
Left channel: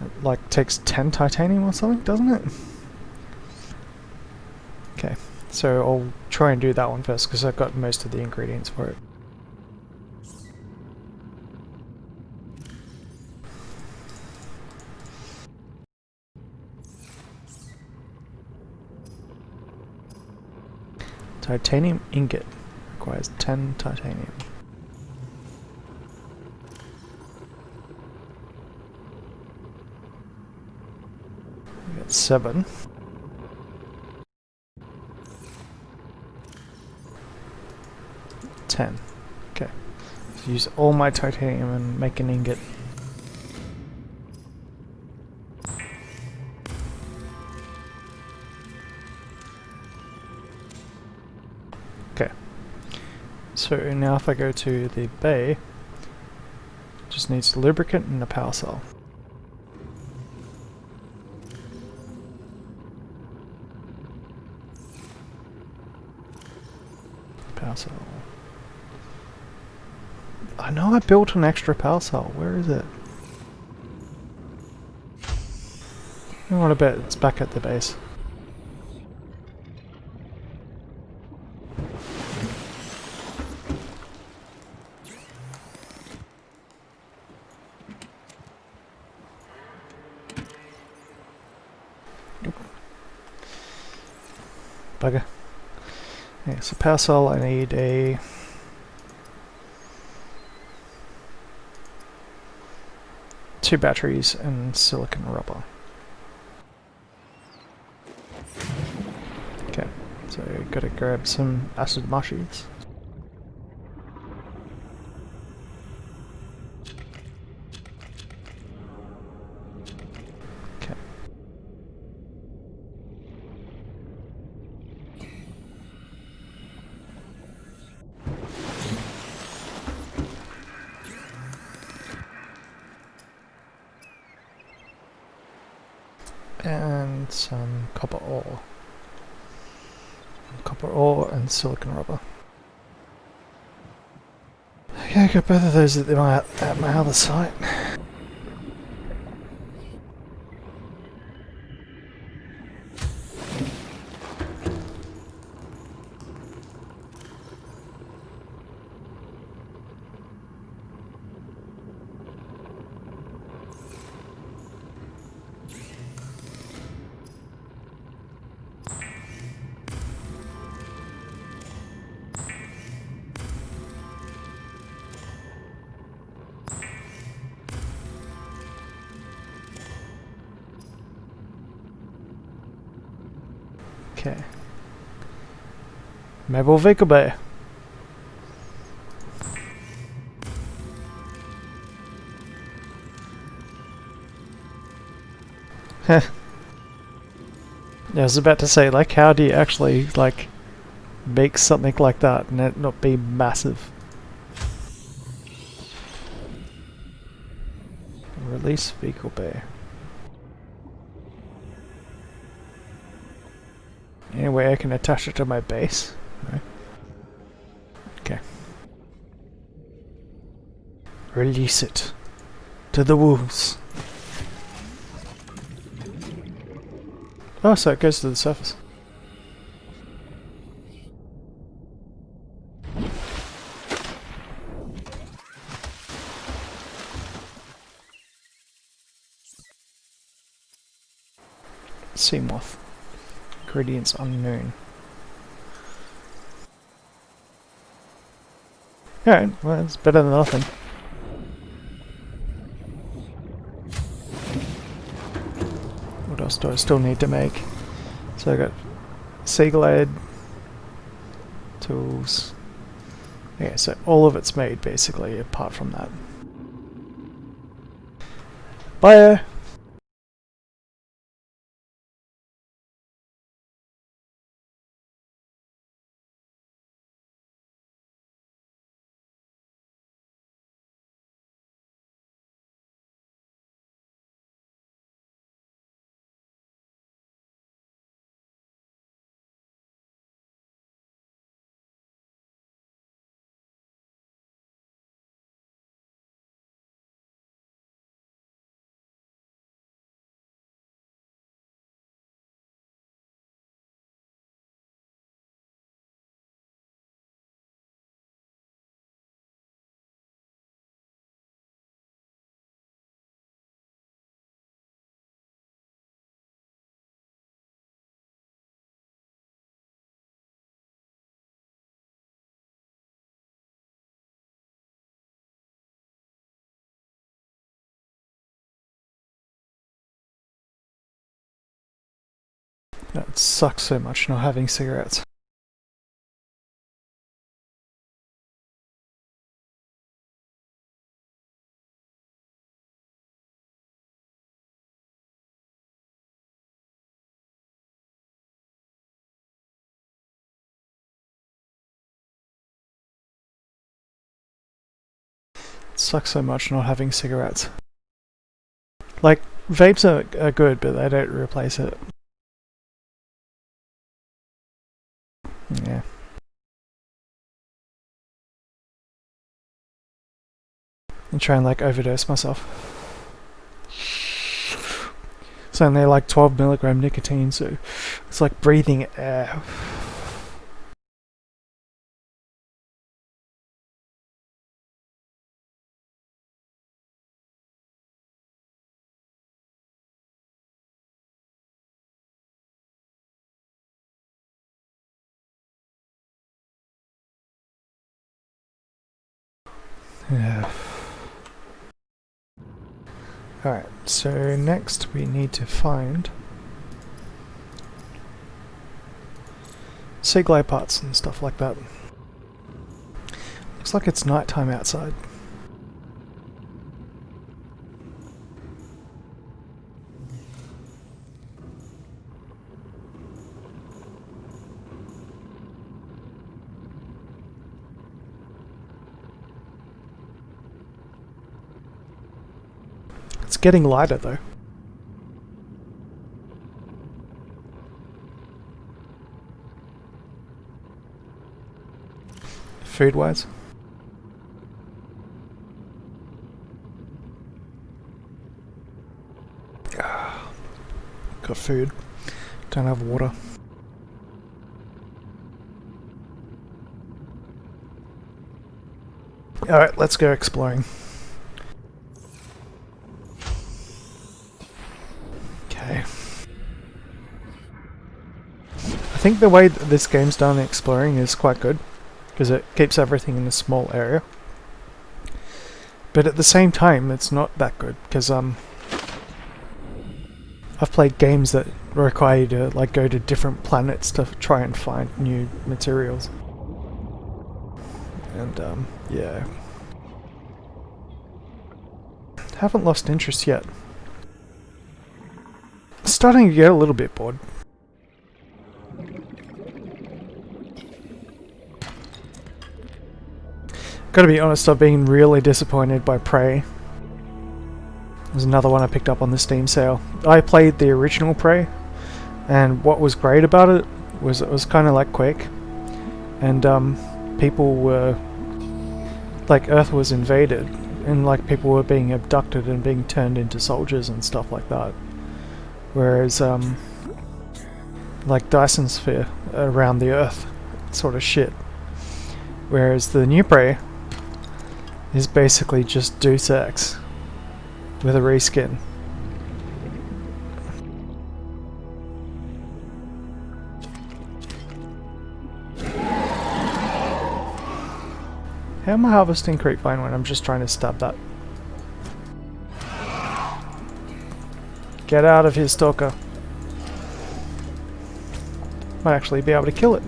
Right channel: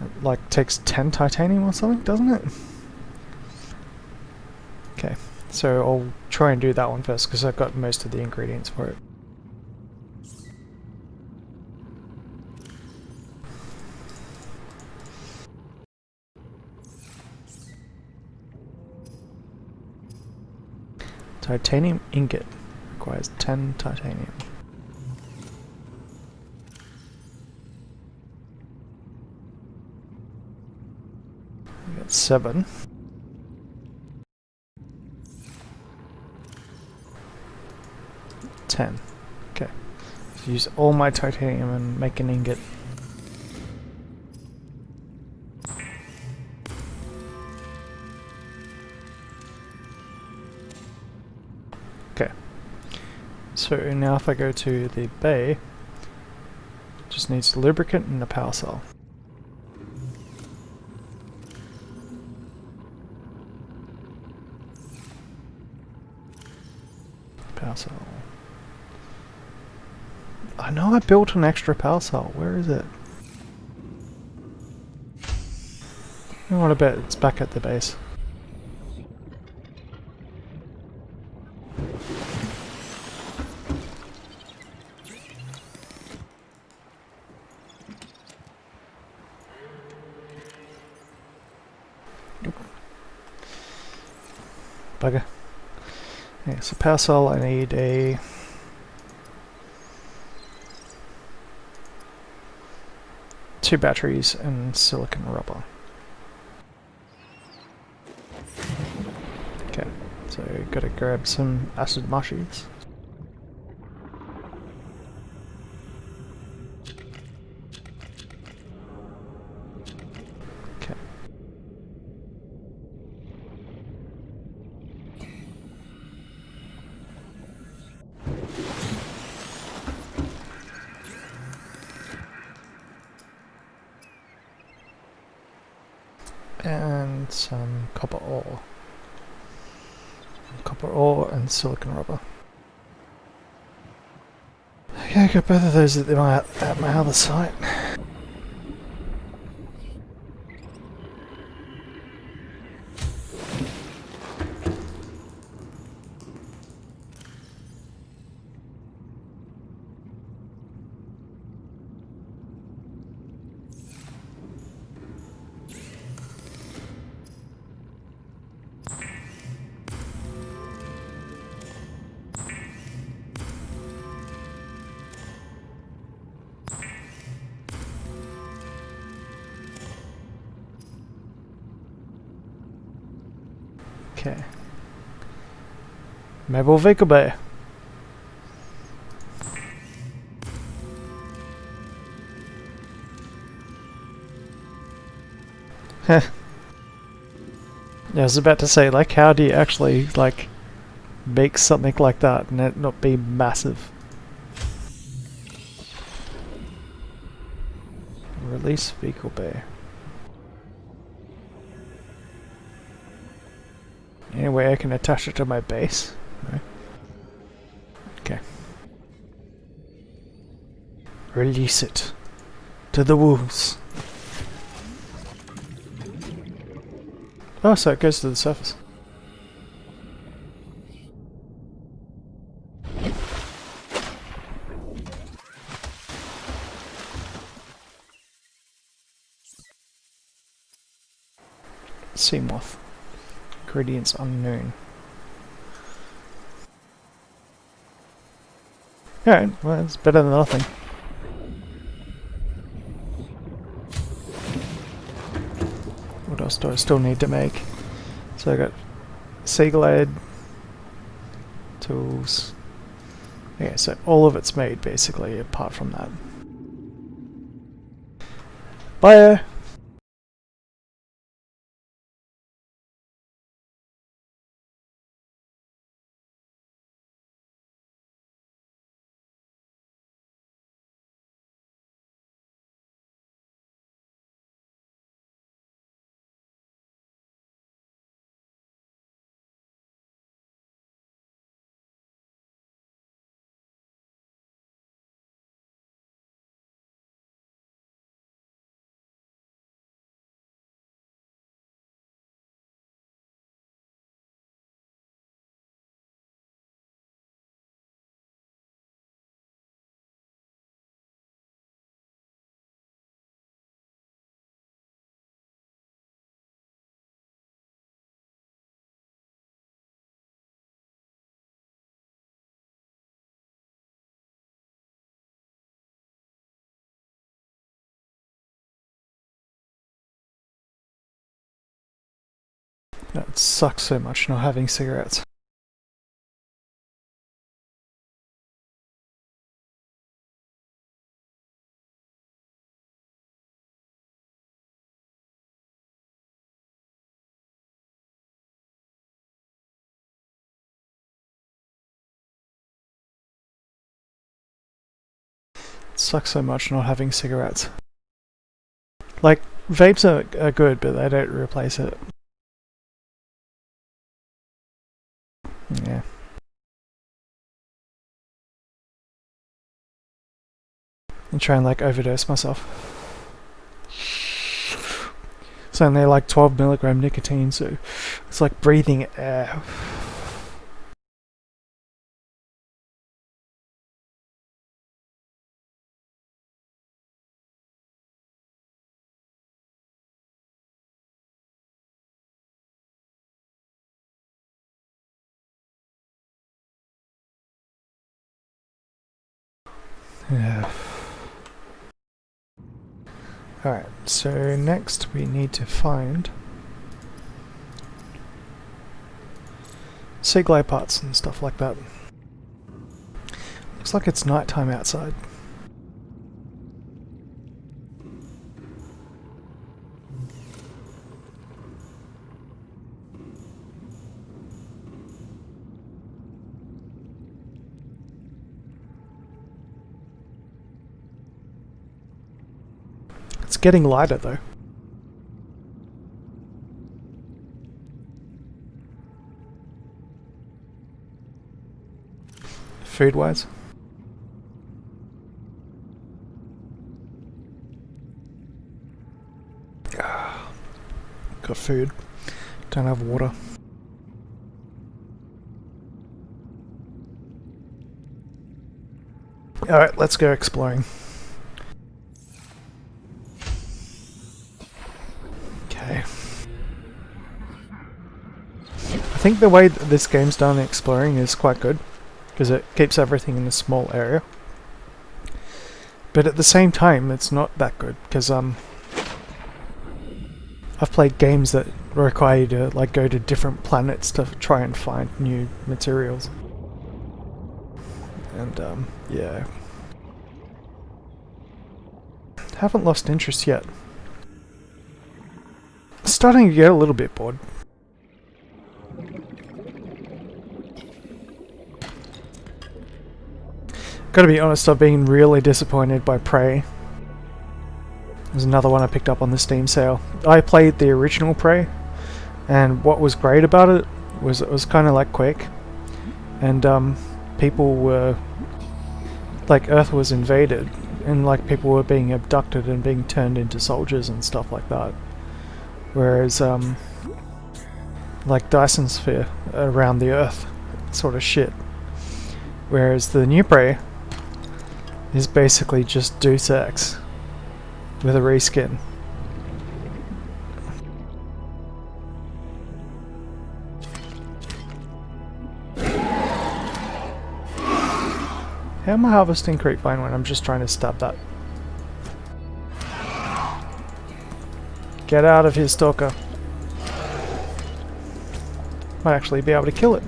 It, like, takes 10 titanium or something, doesn't it? Okay, so I'll try and do that one first because I've got most of the ingredients for it. Titanium ingot requires 10 titanium. We got 7. 10. Okay. So use all my titanium and make an ingot. Okay. So now if I go to the bay, it just needs lubricant and a power cell. Power cell. I know I built an extra power cell. Where is it? You know what, I bet it's back at the base. Bugger. Yeah, so power cell, I need a... two batteries and silicon rubber. Okay, so gotta grab some acid mushies. Okay. And some copper ore. Copper ore and silicon rubber. Okay, I got both of those at my other site. Okay. Mobile vehicle bay. Heh. Yeah, I was about to say, like, how do you actually, like, make something like that and it not be massive? Release vehicle bay. Any way I can attach it to my base? No. Okay. Release it to the wolves. Oh, so it goes to the surface. Sea moth. Ingredients unknown. Alright, well, it's better than nothing. What else do I still need to make? So I got Seaglade, tools. Yeah, so all of it's made basically, apart from that. Bye! That sucks so much not having cigarettes. It sucks so much not having cigarettes. Like, vapes are good, but they don't replace it. Yeah. And try and like overdose myself. It's only like 12 milligram nicotine, so it's like breathing air. Yeah. Alright, so next we need to find sea glide parts and stuff like that. Looks like it's nighttime outside. It's getting lighter though. Food wise. Got food. Don't have water. Alright, let's go exploring. Okay. I think the way that this game's done exploring is quite good, because it keeps everything in a small area. But at the same time, it's not that good, because I've played games that require you to like go to different planets to try and find new materials. And yeah. Haven't lost interest yet. Starting to get a little bit bored. Gotta be honest, I've been really disappointed by Prey. There's another one I picked up on the Steam sale. I played the original Prey, and what was great about it was kind of like quick, and people were like, Earth was invaded, and like people were being abducted and being turned into soldiers and stuff like that. Whereas like Dyson Sphere around the Earth sort of shit. Whereas the new Prey is basically just Deus Ex with a reskin. How am I harvesting creepvine when I'm just trying to stab that? Get out of here, stalker. Might actually be able to kill it.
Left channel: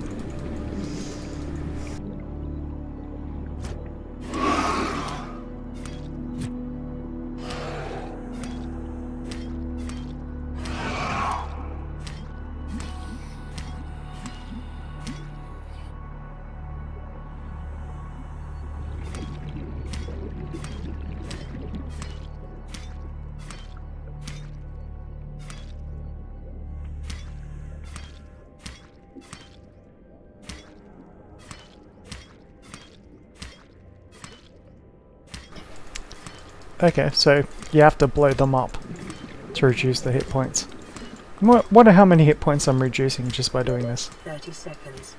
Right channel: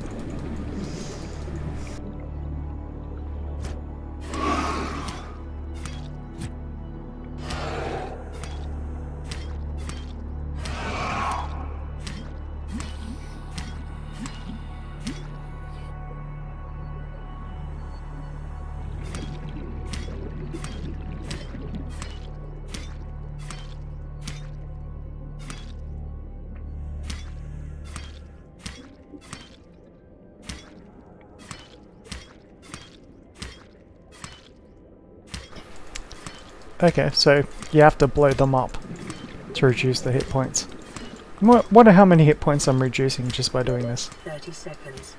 Okay, so you have to blow them up to reduce the hit points. Wonder how many hit points I'm reducing just by doing this. 30 seconds.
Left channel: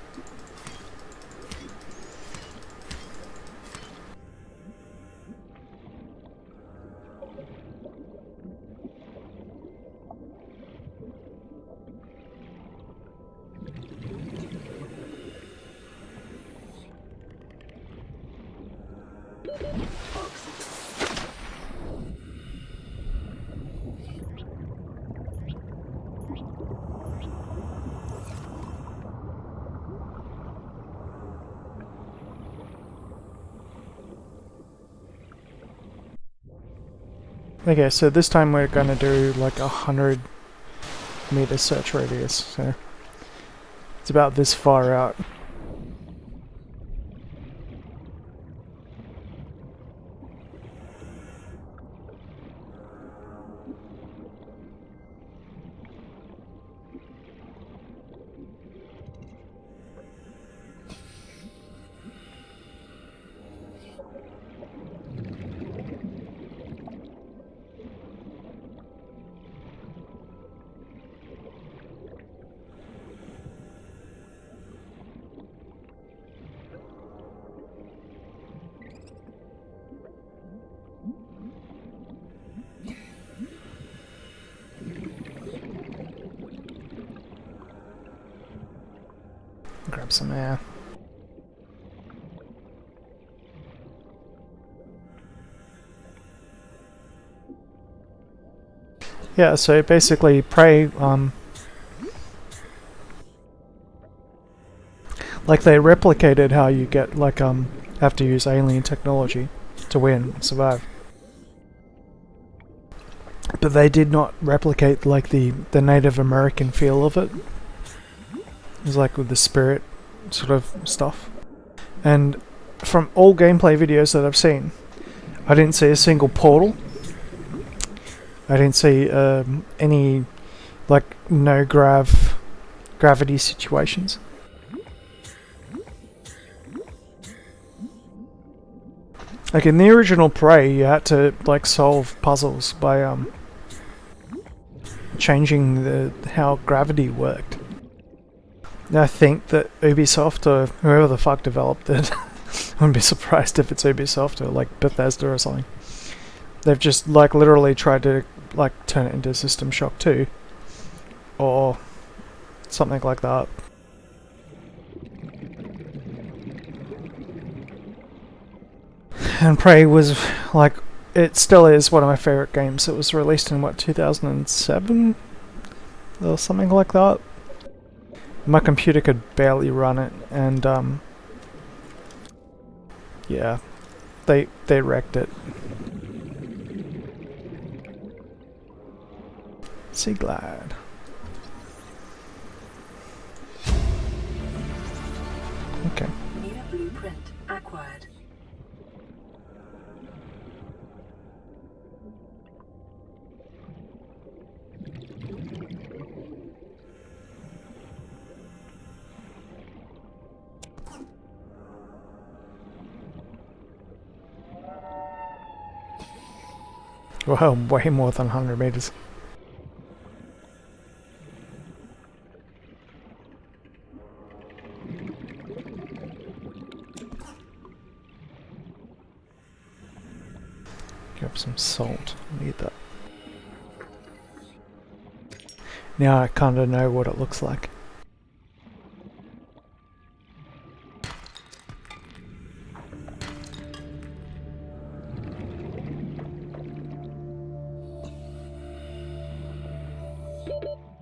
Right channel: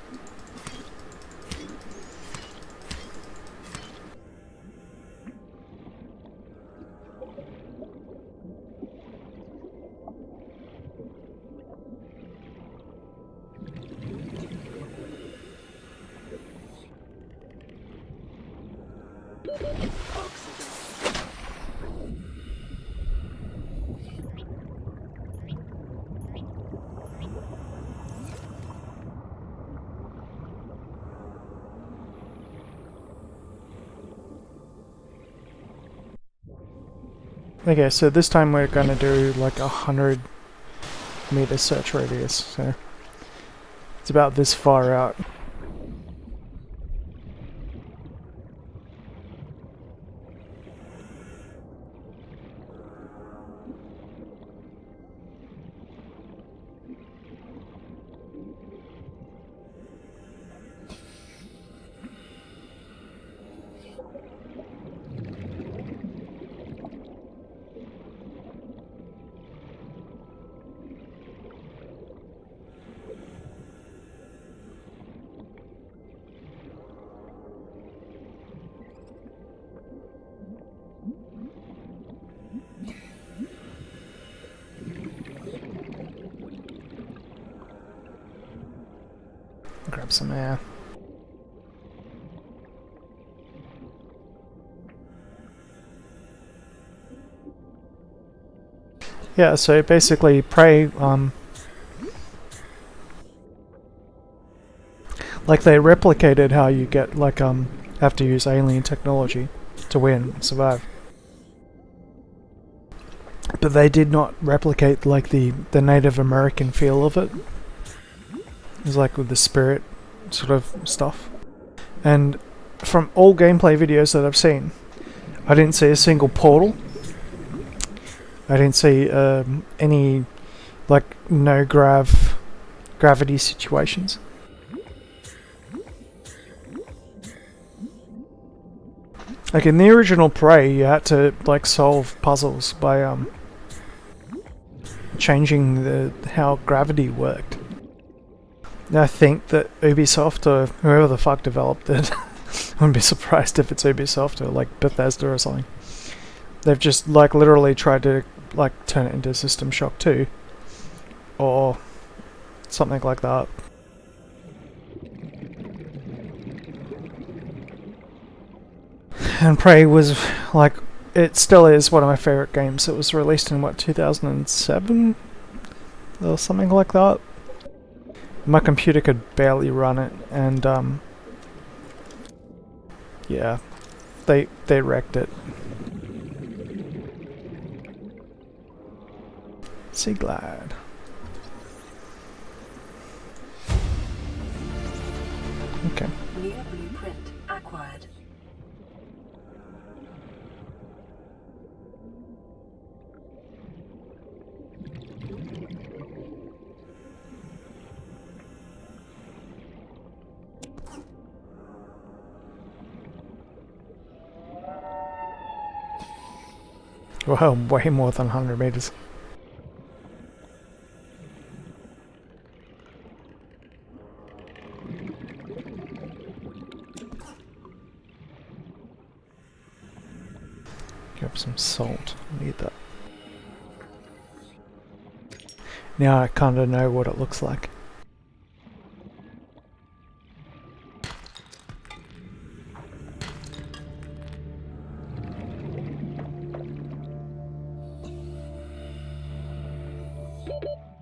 Okay, so this time we're gonna do like 100-meter search radius, so it's about this far out. Grab some air. Yeah, so basically Prey, like they replicated how you get, like, have to use alien technology to win, survive. But they did not replicate, like, the Native American feel of it. It was like with the spirit sort of stuff. And from all gameplay videos that I've seen, I didn't see a single portal. I didn't see any, like, no gravity situations. Like in the original Prey, you had to, like, solve puzzles by changing how gravity worked. I think that Ubisoft, or whoever the fuck developed it, I wouldn't be surprised if it's Ubisoft or like Bethesda or something. They've just, like, literally tried to, like, turn it into System Shock 2 or something like that. And Prey was, like, it still is one of my favorite games. It was released in, what, 2007 or something like that. My computer could barely run it, and yeah, they wrecked it. Sea Glide. Okay. New blueprint acquired. Well, way more than 100 meters. Grab some salt. Need that. Now I kind of know what it looks like.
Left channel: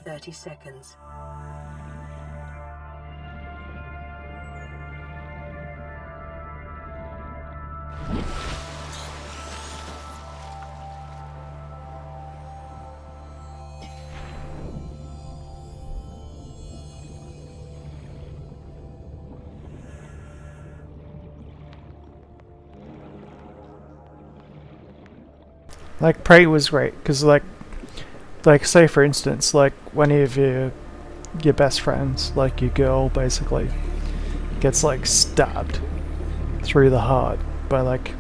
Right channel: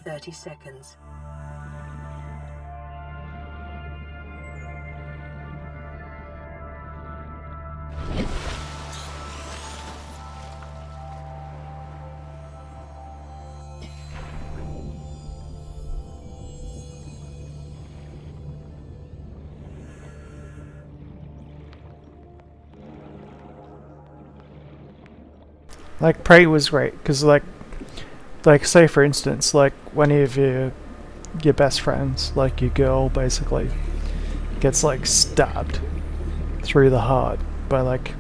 .30 seconds. Like Prey was great because like say for instance, like one of your best friends, like your girl, basically gets like stabbed through the heart by like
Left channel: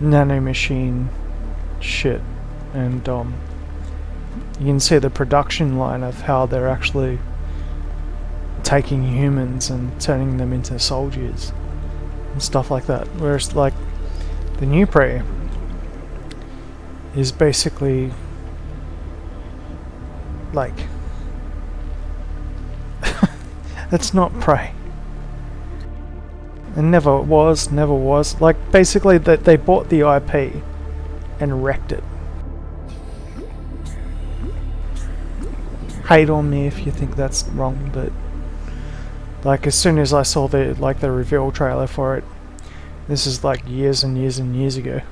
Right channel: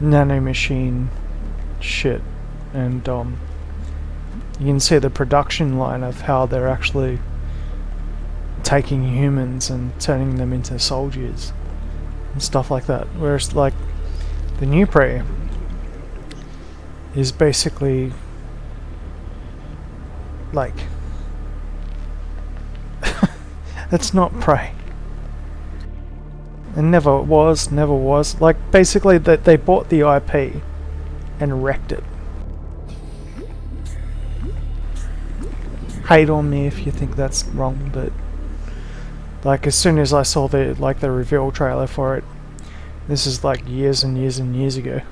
nanomachine shit, and you can see the production line of how they're actually taking humans and turning them into soldiers and stuff like that. Whereas like the new Prey is basically like it's not Prey. It never was. Like basically that they bought the IP and wrecked it. Hate on me if you think that's wrong, but like as soon as I saw the reveal trailer for it, this is like years and years and years ago,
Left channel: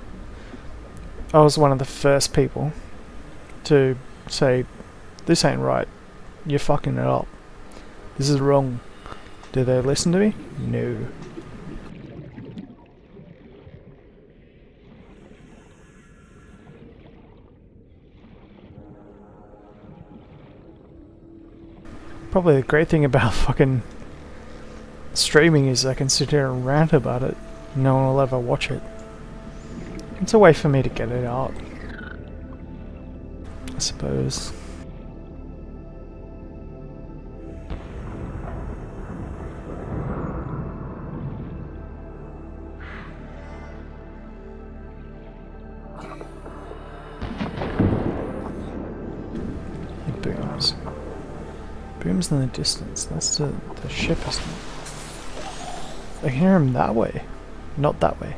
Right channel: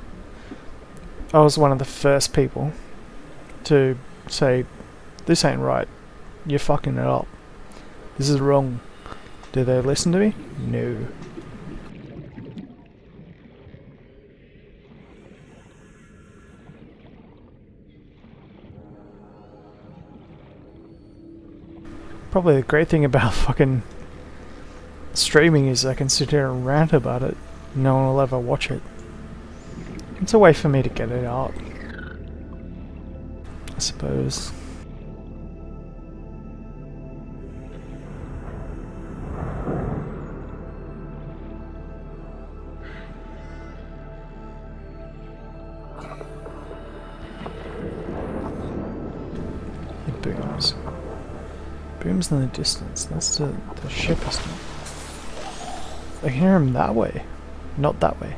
I was one of the first people to say, this ain't right, you're fucking it up, this is wrong. Did they listen to me? No. Probably the great thing about fucking streaming is I can sit here and rant about it. No one will ever watch it. It's a way for me to get it out, I suppose. It booms. Booms in the distance. That's the ship, isn't it? I can hear him that way, not that way.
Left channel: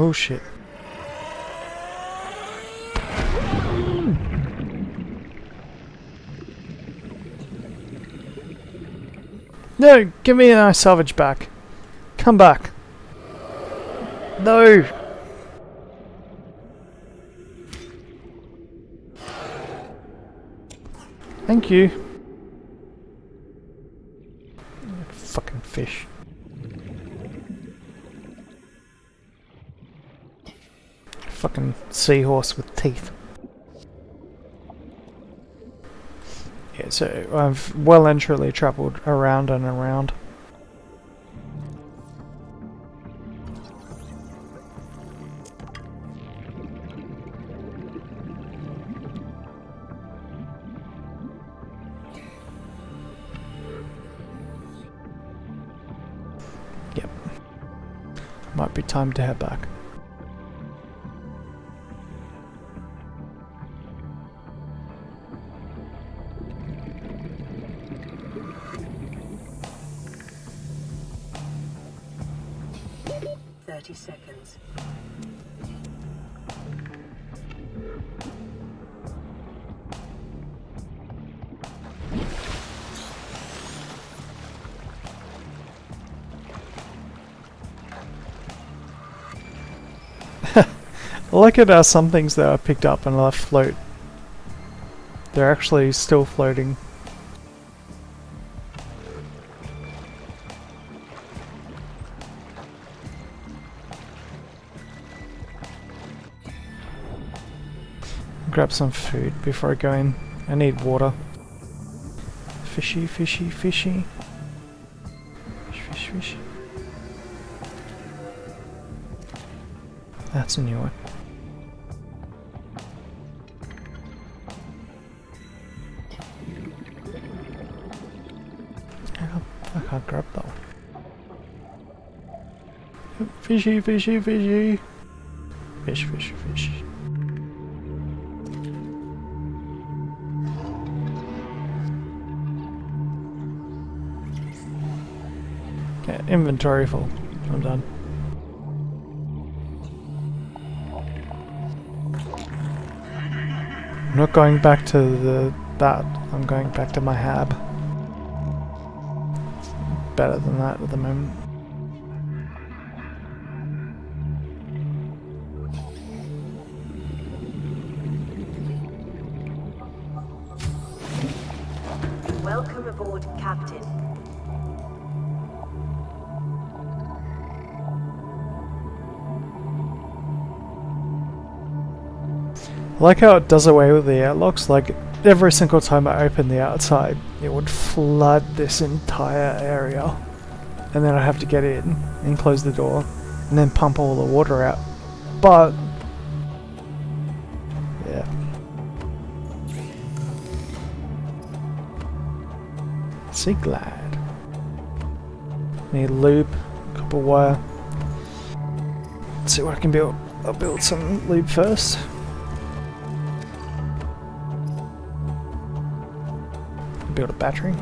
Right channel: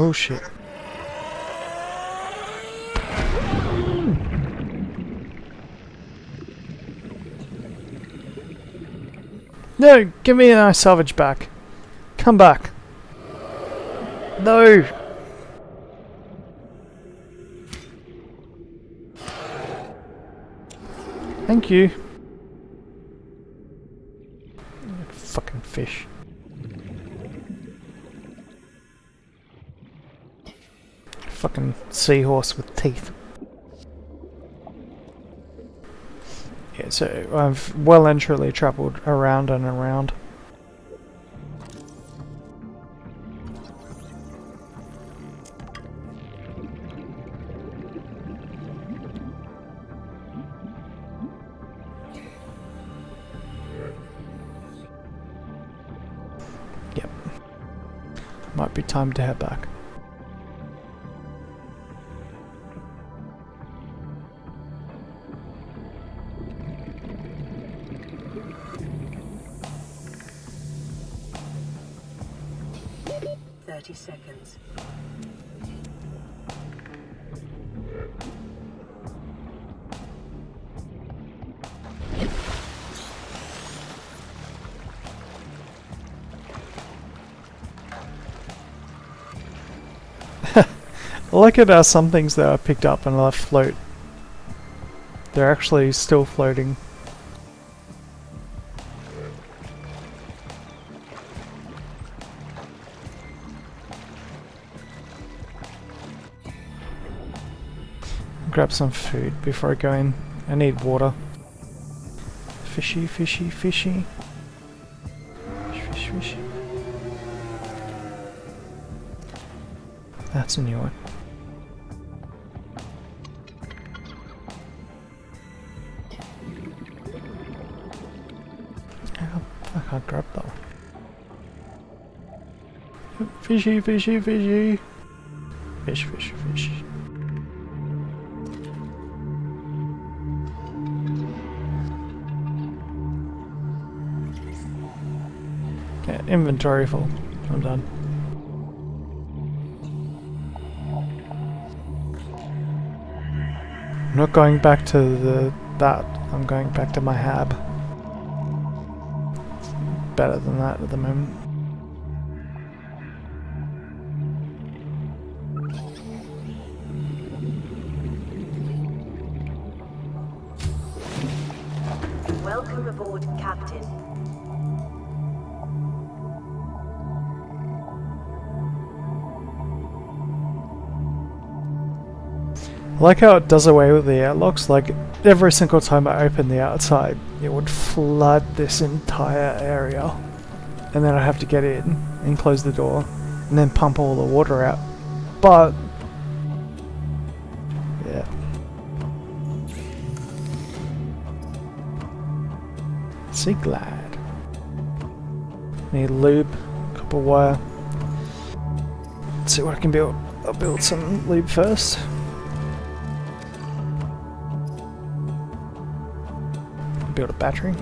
Oh shit. No, give me my salvage back. Come back. No. Thank you. Fucking fish. Fucking seahorse with teeth. Yeah, so I've well and truly travelled around and around. Yep. Might be time to head back. Seconds. I like it how some things that are picked up and left float. They're actually still floating. Grab some food before I go in. I need water. Fishy, fishy, fishy. Fish, fish, fish. That's a new one. I can't grab that one. Fishy, fishy, fishy. Fish, fish, fish. Yeah, inventory full. I'm done. I'm not going back to that. I'm going back to my hab. It's better than that at the moment. Welcome aboard, Captain. I like how it does away with the airlocks. Like, every single time I open the outside, it would flood this entire area. And then I'd have to get in and close the door and then pump all the water out. But, yeah. Sea glad. Need lube, copper wire. Let's see what I can build. I'll build some lube first. Build a battery.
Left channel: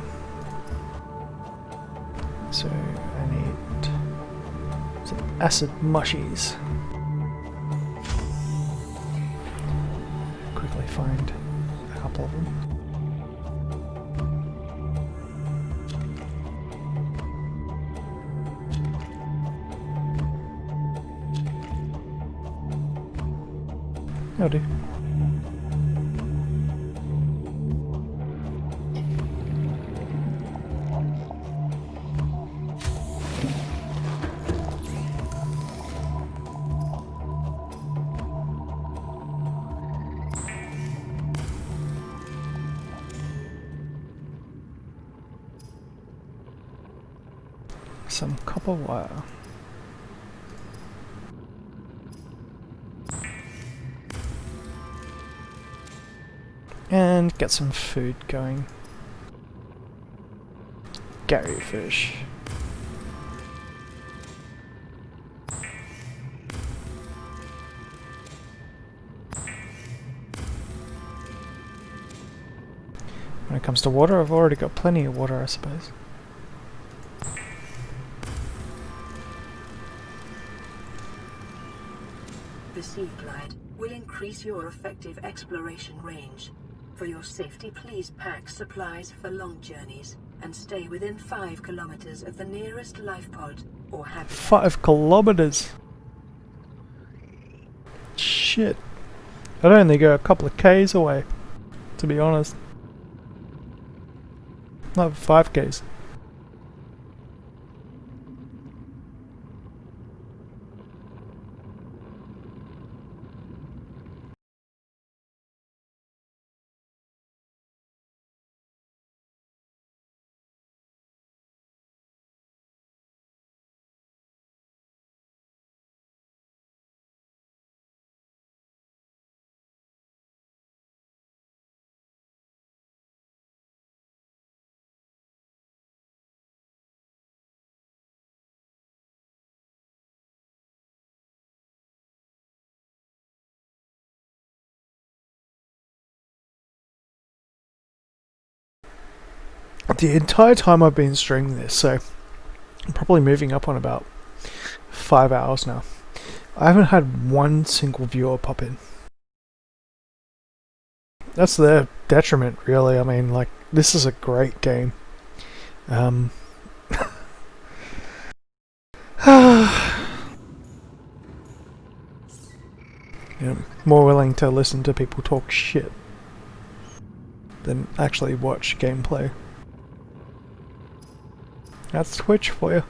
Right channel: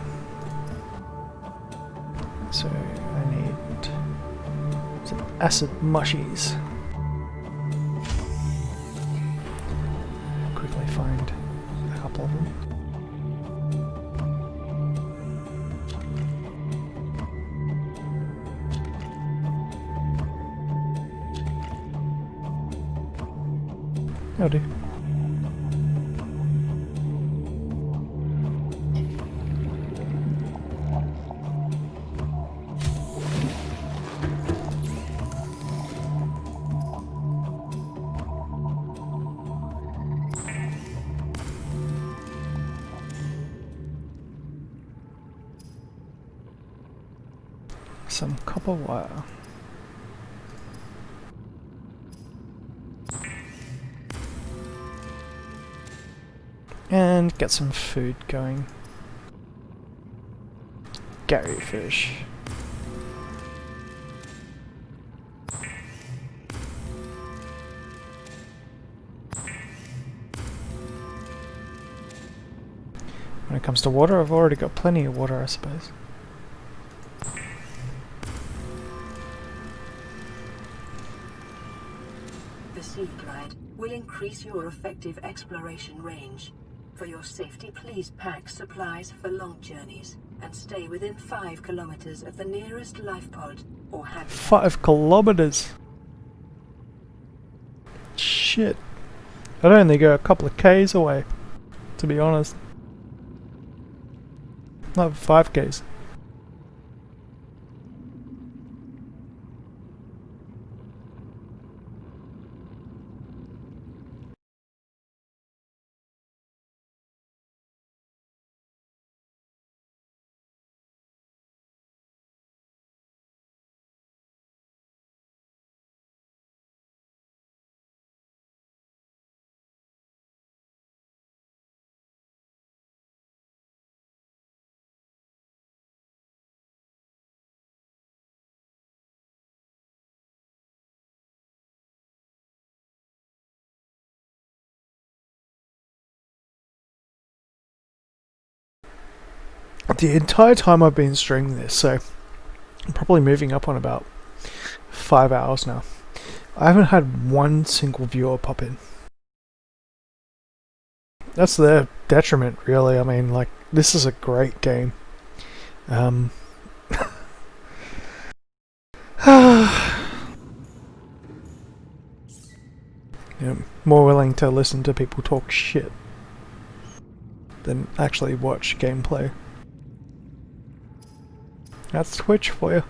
So I need some acid mushies. Quickly find a couple of them. That'll do. Some copper wire. And get some food going. Gary fish. When it comes to water, I've already got plenty of water, I suppose. The Sea Glide will increase your effective exploration range. For your safety, please pack supplies for long journeys and stay within 5 kilometers of the nearest life pod or habitat. 5 kilometers? Shit. I'd only go a couple of Ks away, to be honest. Not 5 Ks. The entire time I've been streaming this, so I'm probably moving up on about 5 hours now. I haven't had one single viewer pop in. That's their detriment, really. I mean, like, this is a great game. You know, more willing to listen to people talk shit than actually watch gameplay. That's Twitch for you.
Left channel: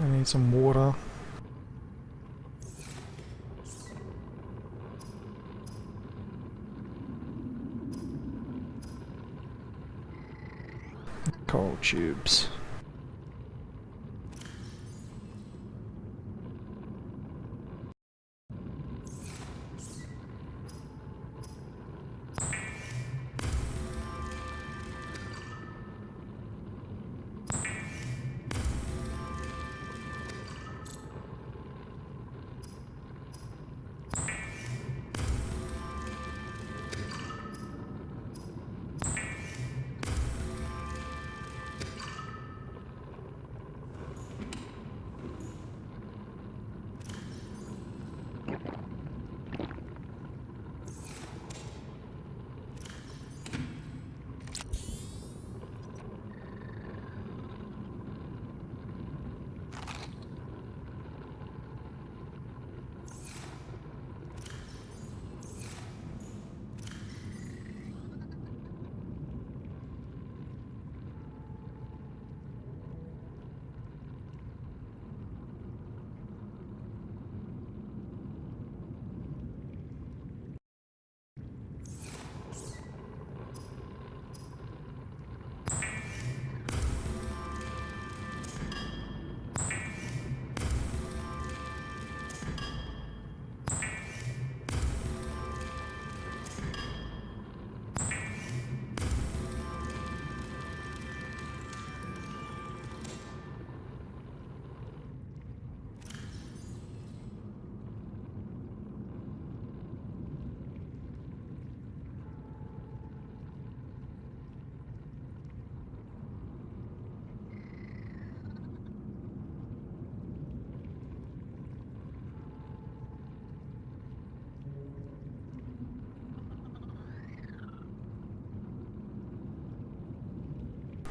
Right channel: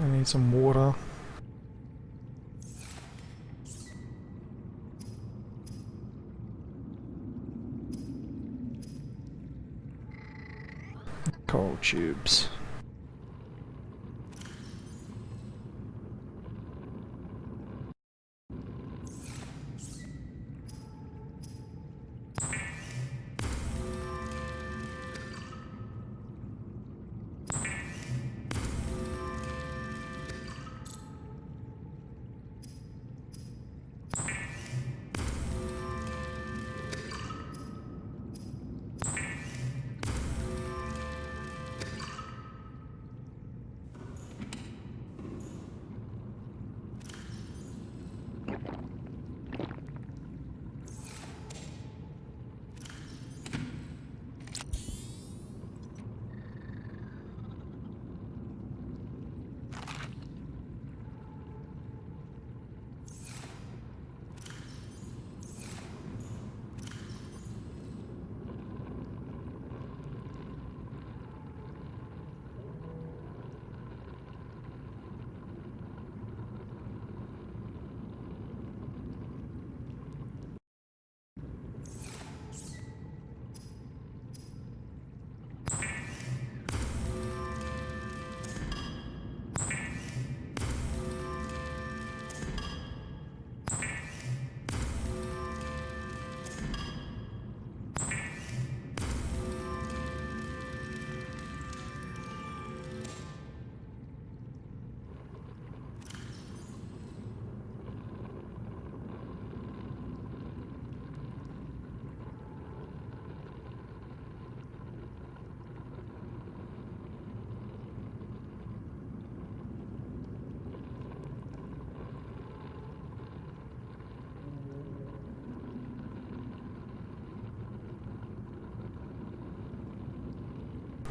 I need some water. Coral tubes.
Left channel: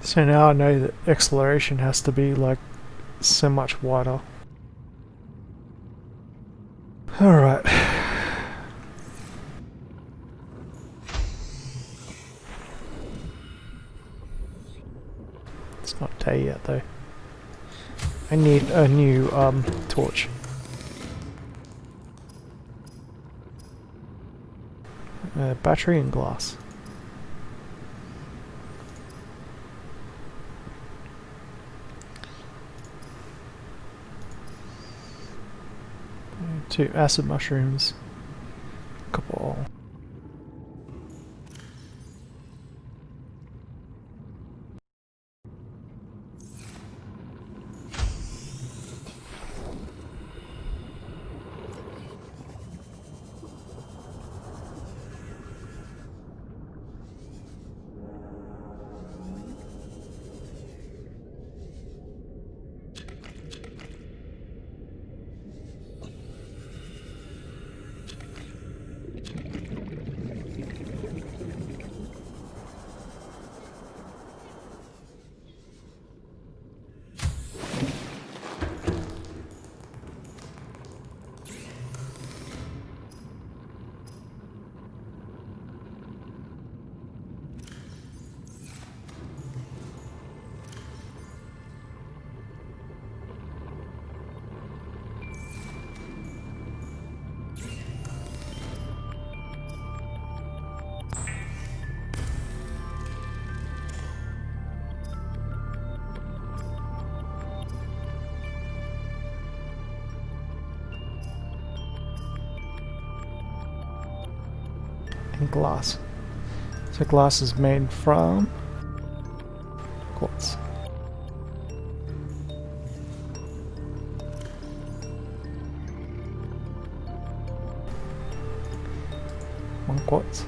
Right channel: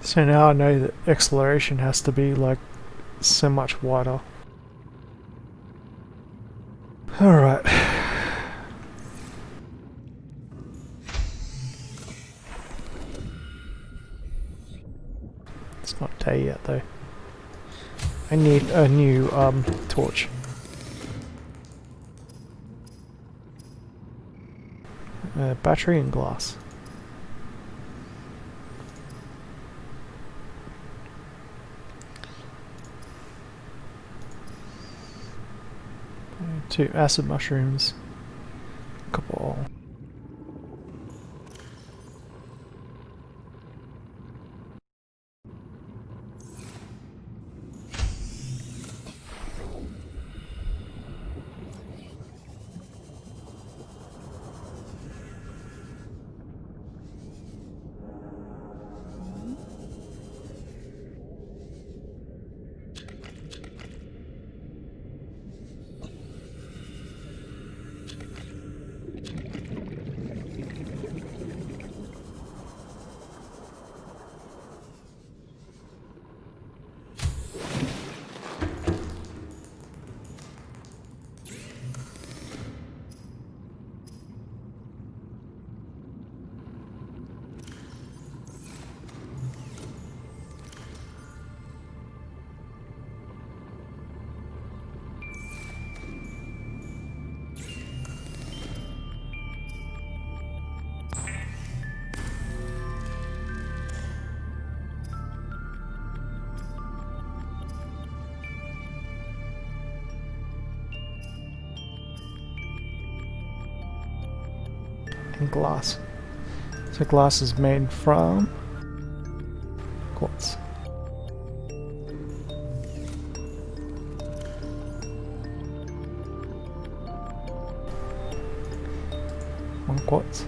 So now I know that exploration has to be like so much wider. Alright. It's not day yet though. I need a new torch. Battery and glass. Two acid mushrooms. Couple. And glass. So glass is made from quartz. One quartz.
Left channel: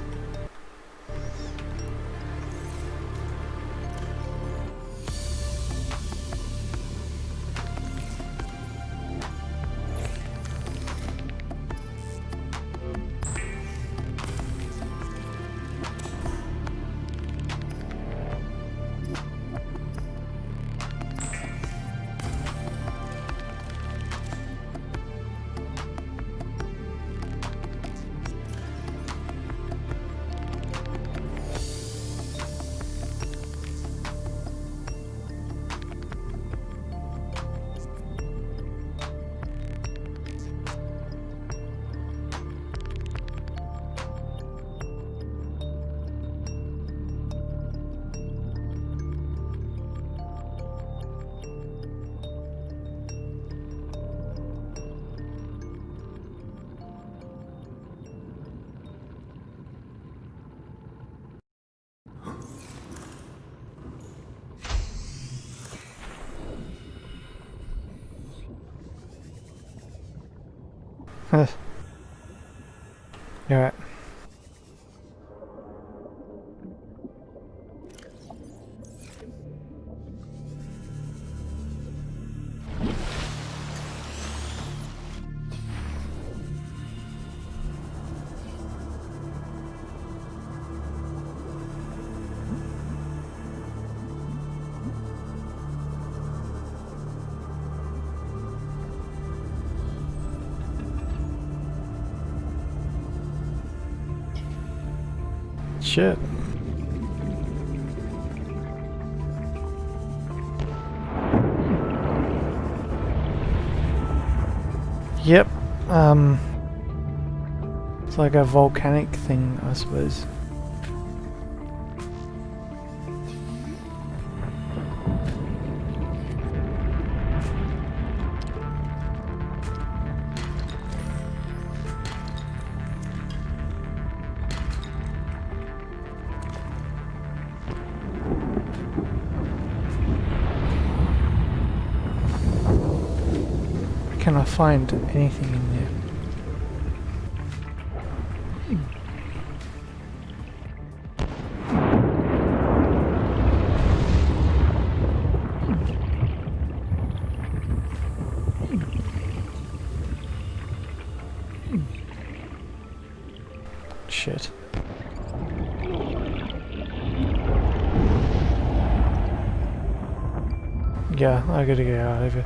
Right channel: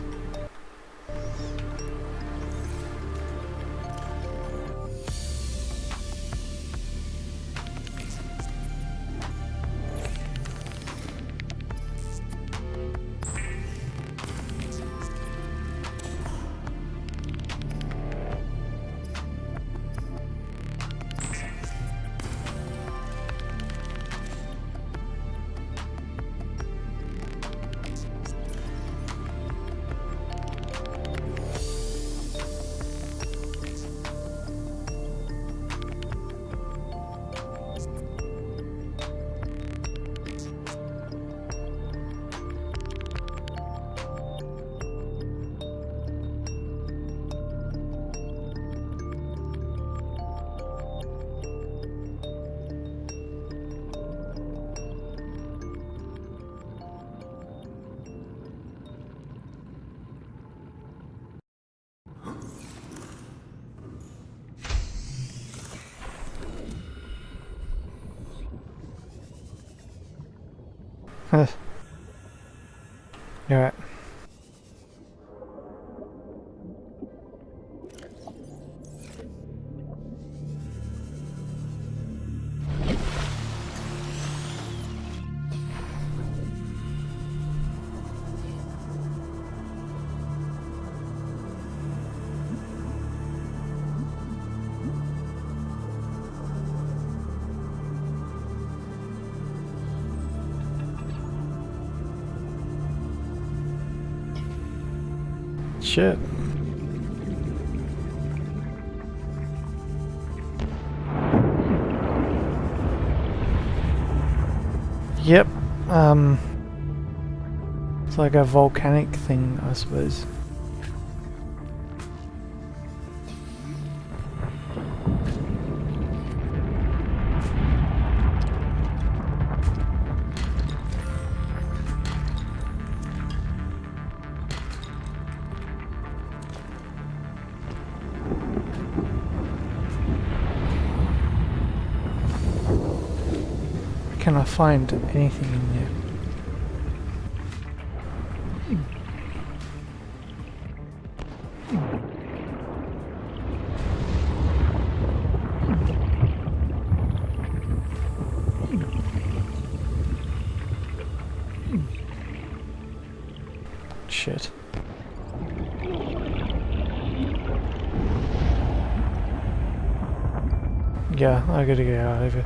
Alright. Shit. Yep. It's like a volcanic thing, I suppose. Can I find anything in there? Shit. Yeah, I gotta get out of here.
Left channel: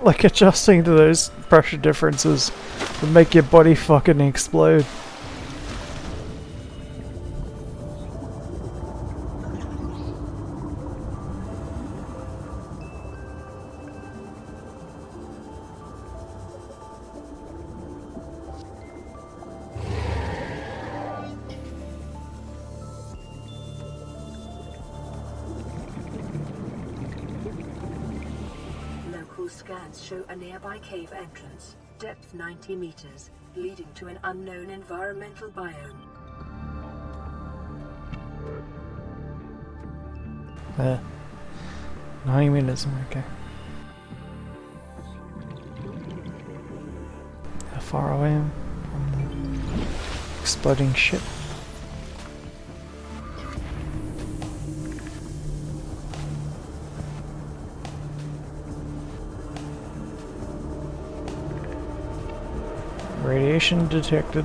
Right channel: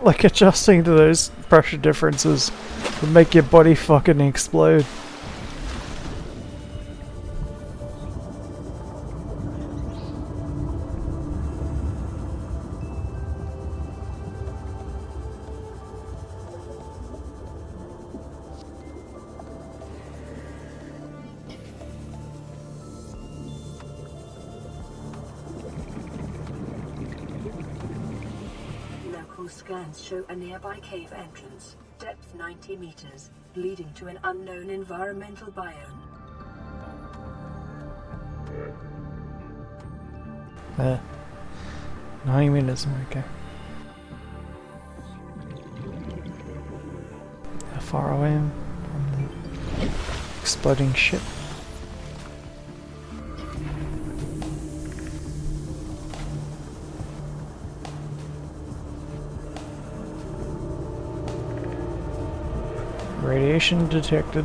Like adjusting to those pressure differences would make your body fucking explode. Local scans show a nearby cave entrance, depth 90 meters, leading to an unknown environmental biome. 90 meters, okay. How far away am I from the exploding ship? Radiation detected.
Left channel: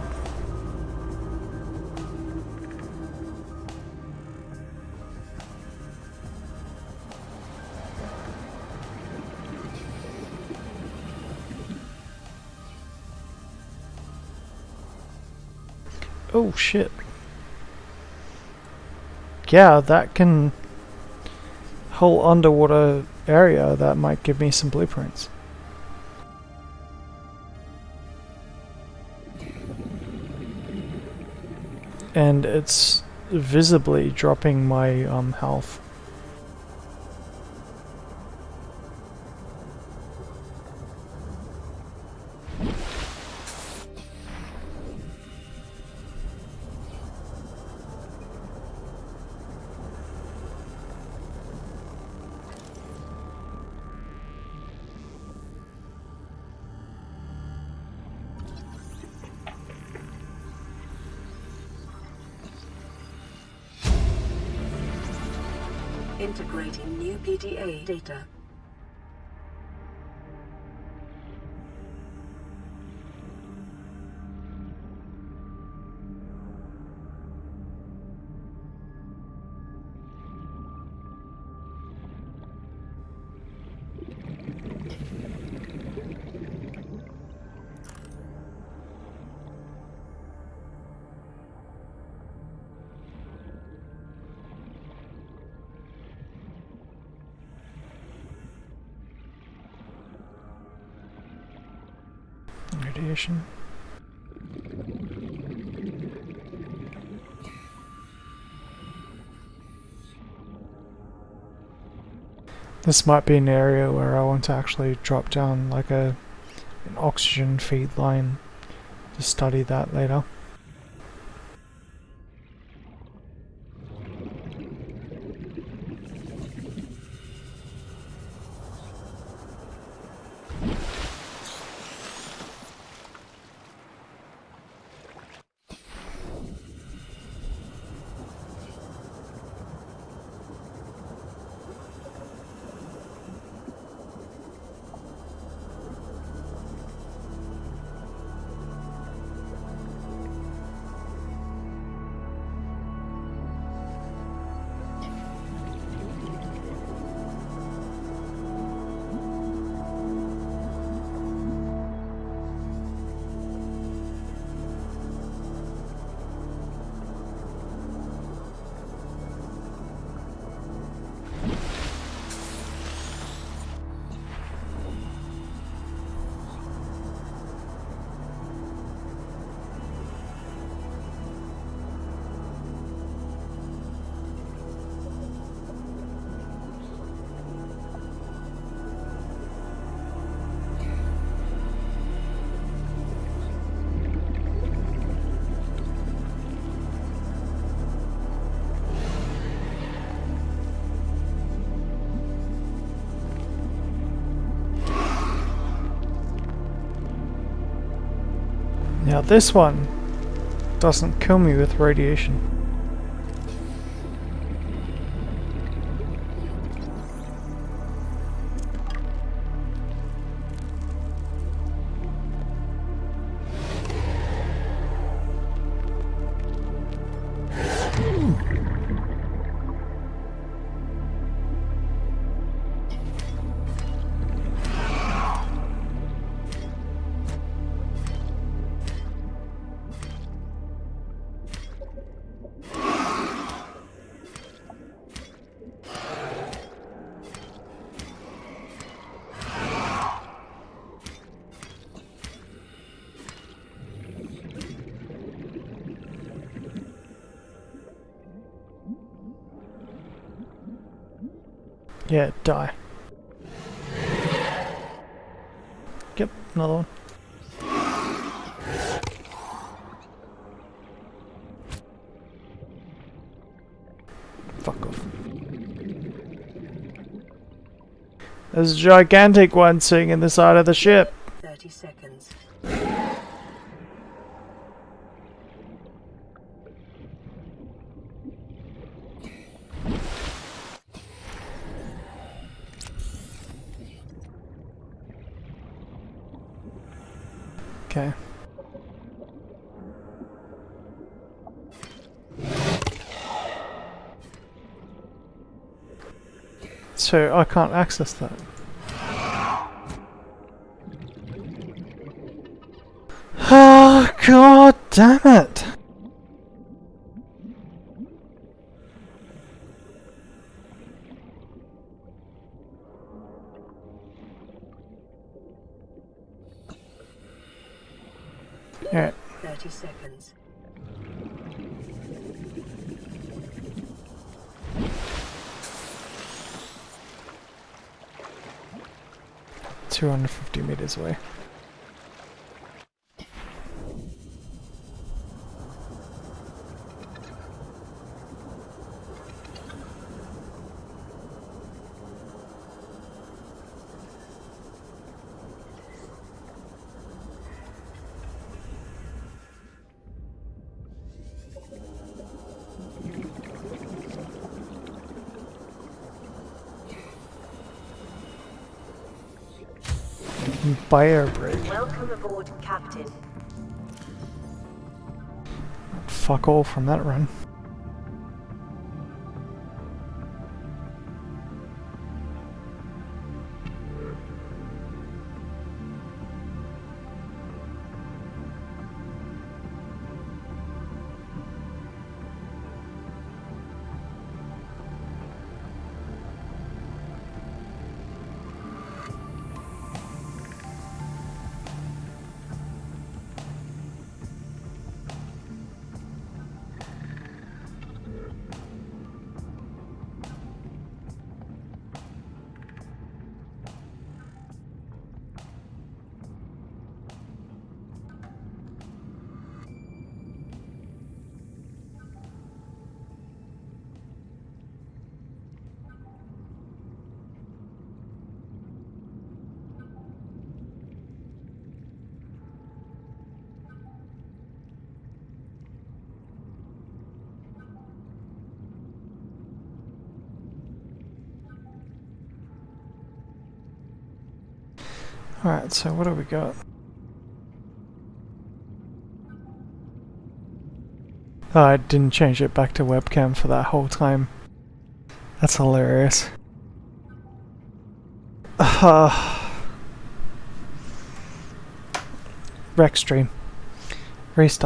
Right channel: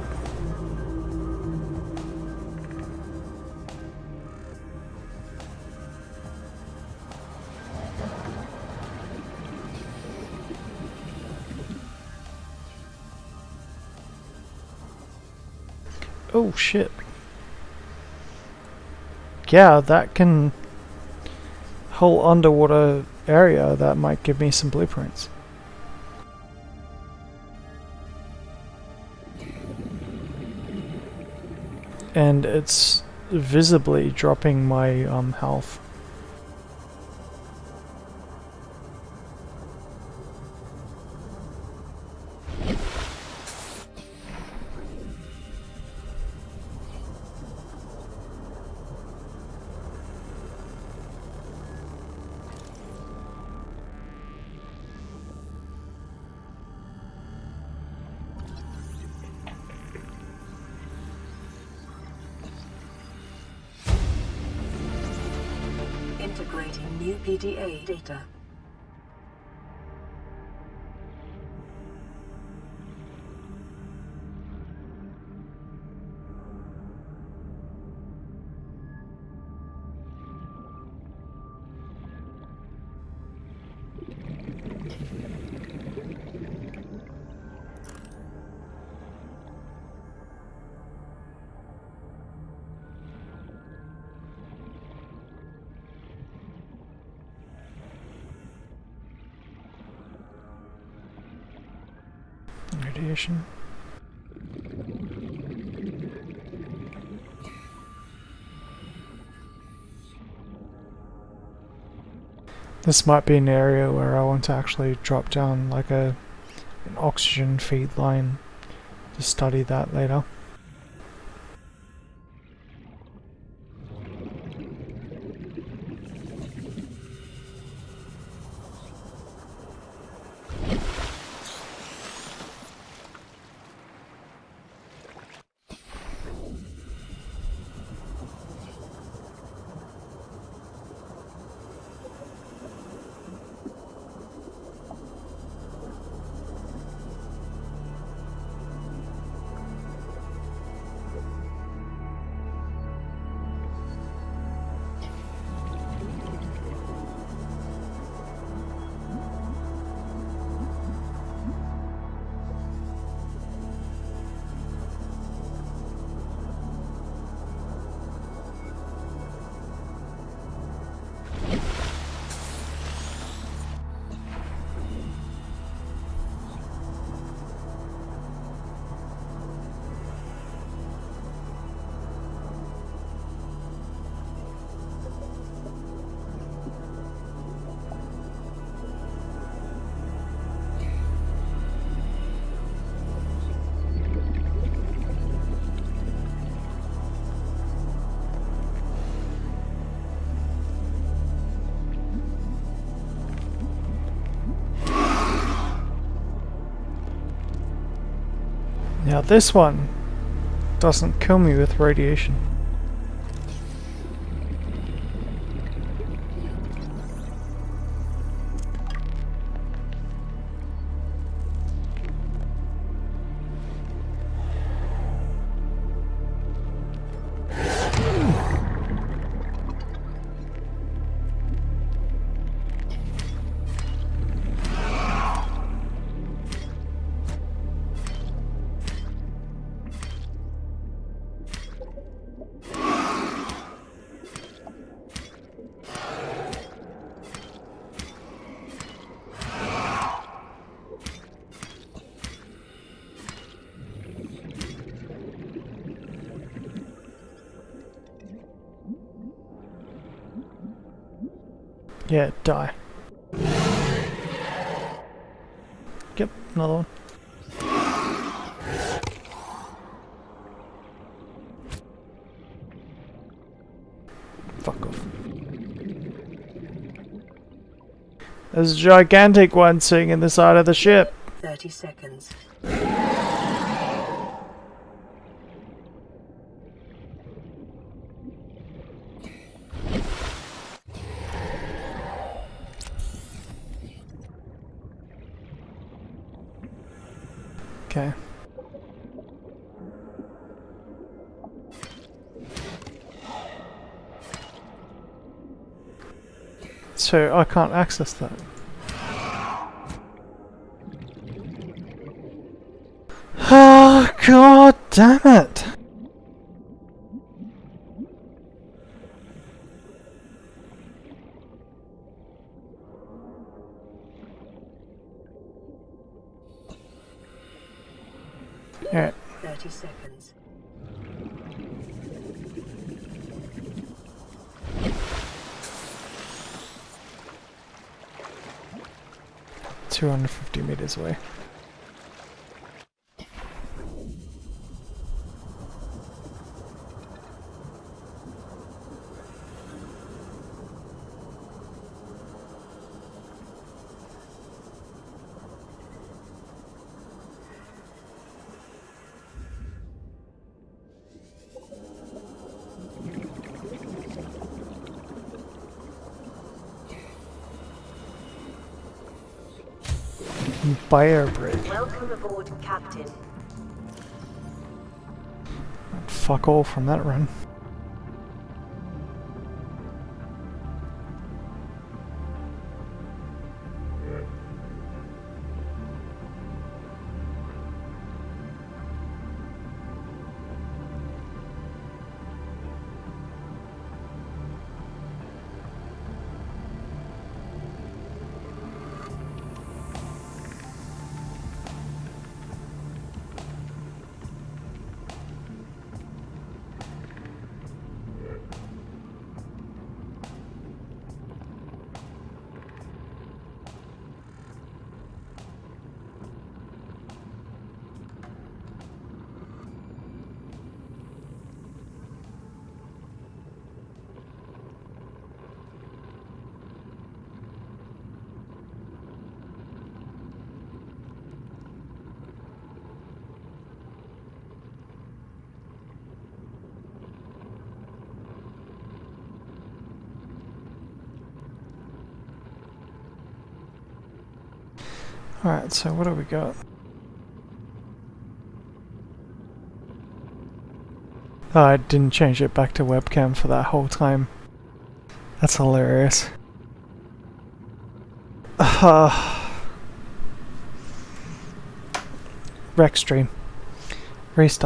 Oh shit. Yeah, that can whole underwater area that might give me some blueprints. And it's visibly dropping my health. Integrating new PDA data. Radiation. This might be an area where I want to actually drop down like an oxygen feed line to study that later. Now this one doesn't kill me with radiation. Yeah, die. Yep, another one. Fuck off. There's a gigantic one sitting in the side of the ship. 30 seconds. Okay. So I can't access that. Oh, god damn it! Alright. 30 seconds. $250 away. Buyer break. Welcome aboard, Captain. Fuck all from that run. Alright, so what do we got? Oh, I didn't change it back to webcam for that whole time. That's hilarious. Rec stream. Restart.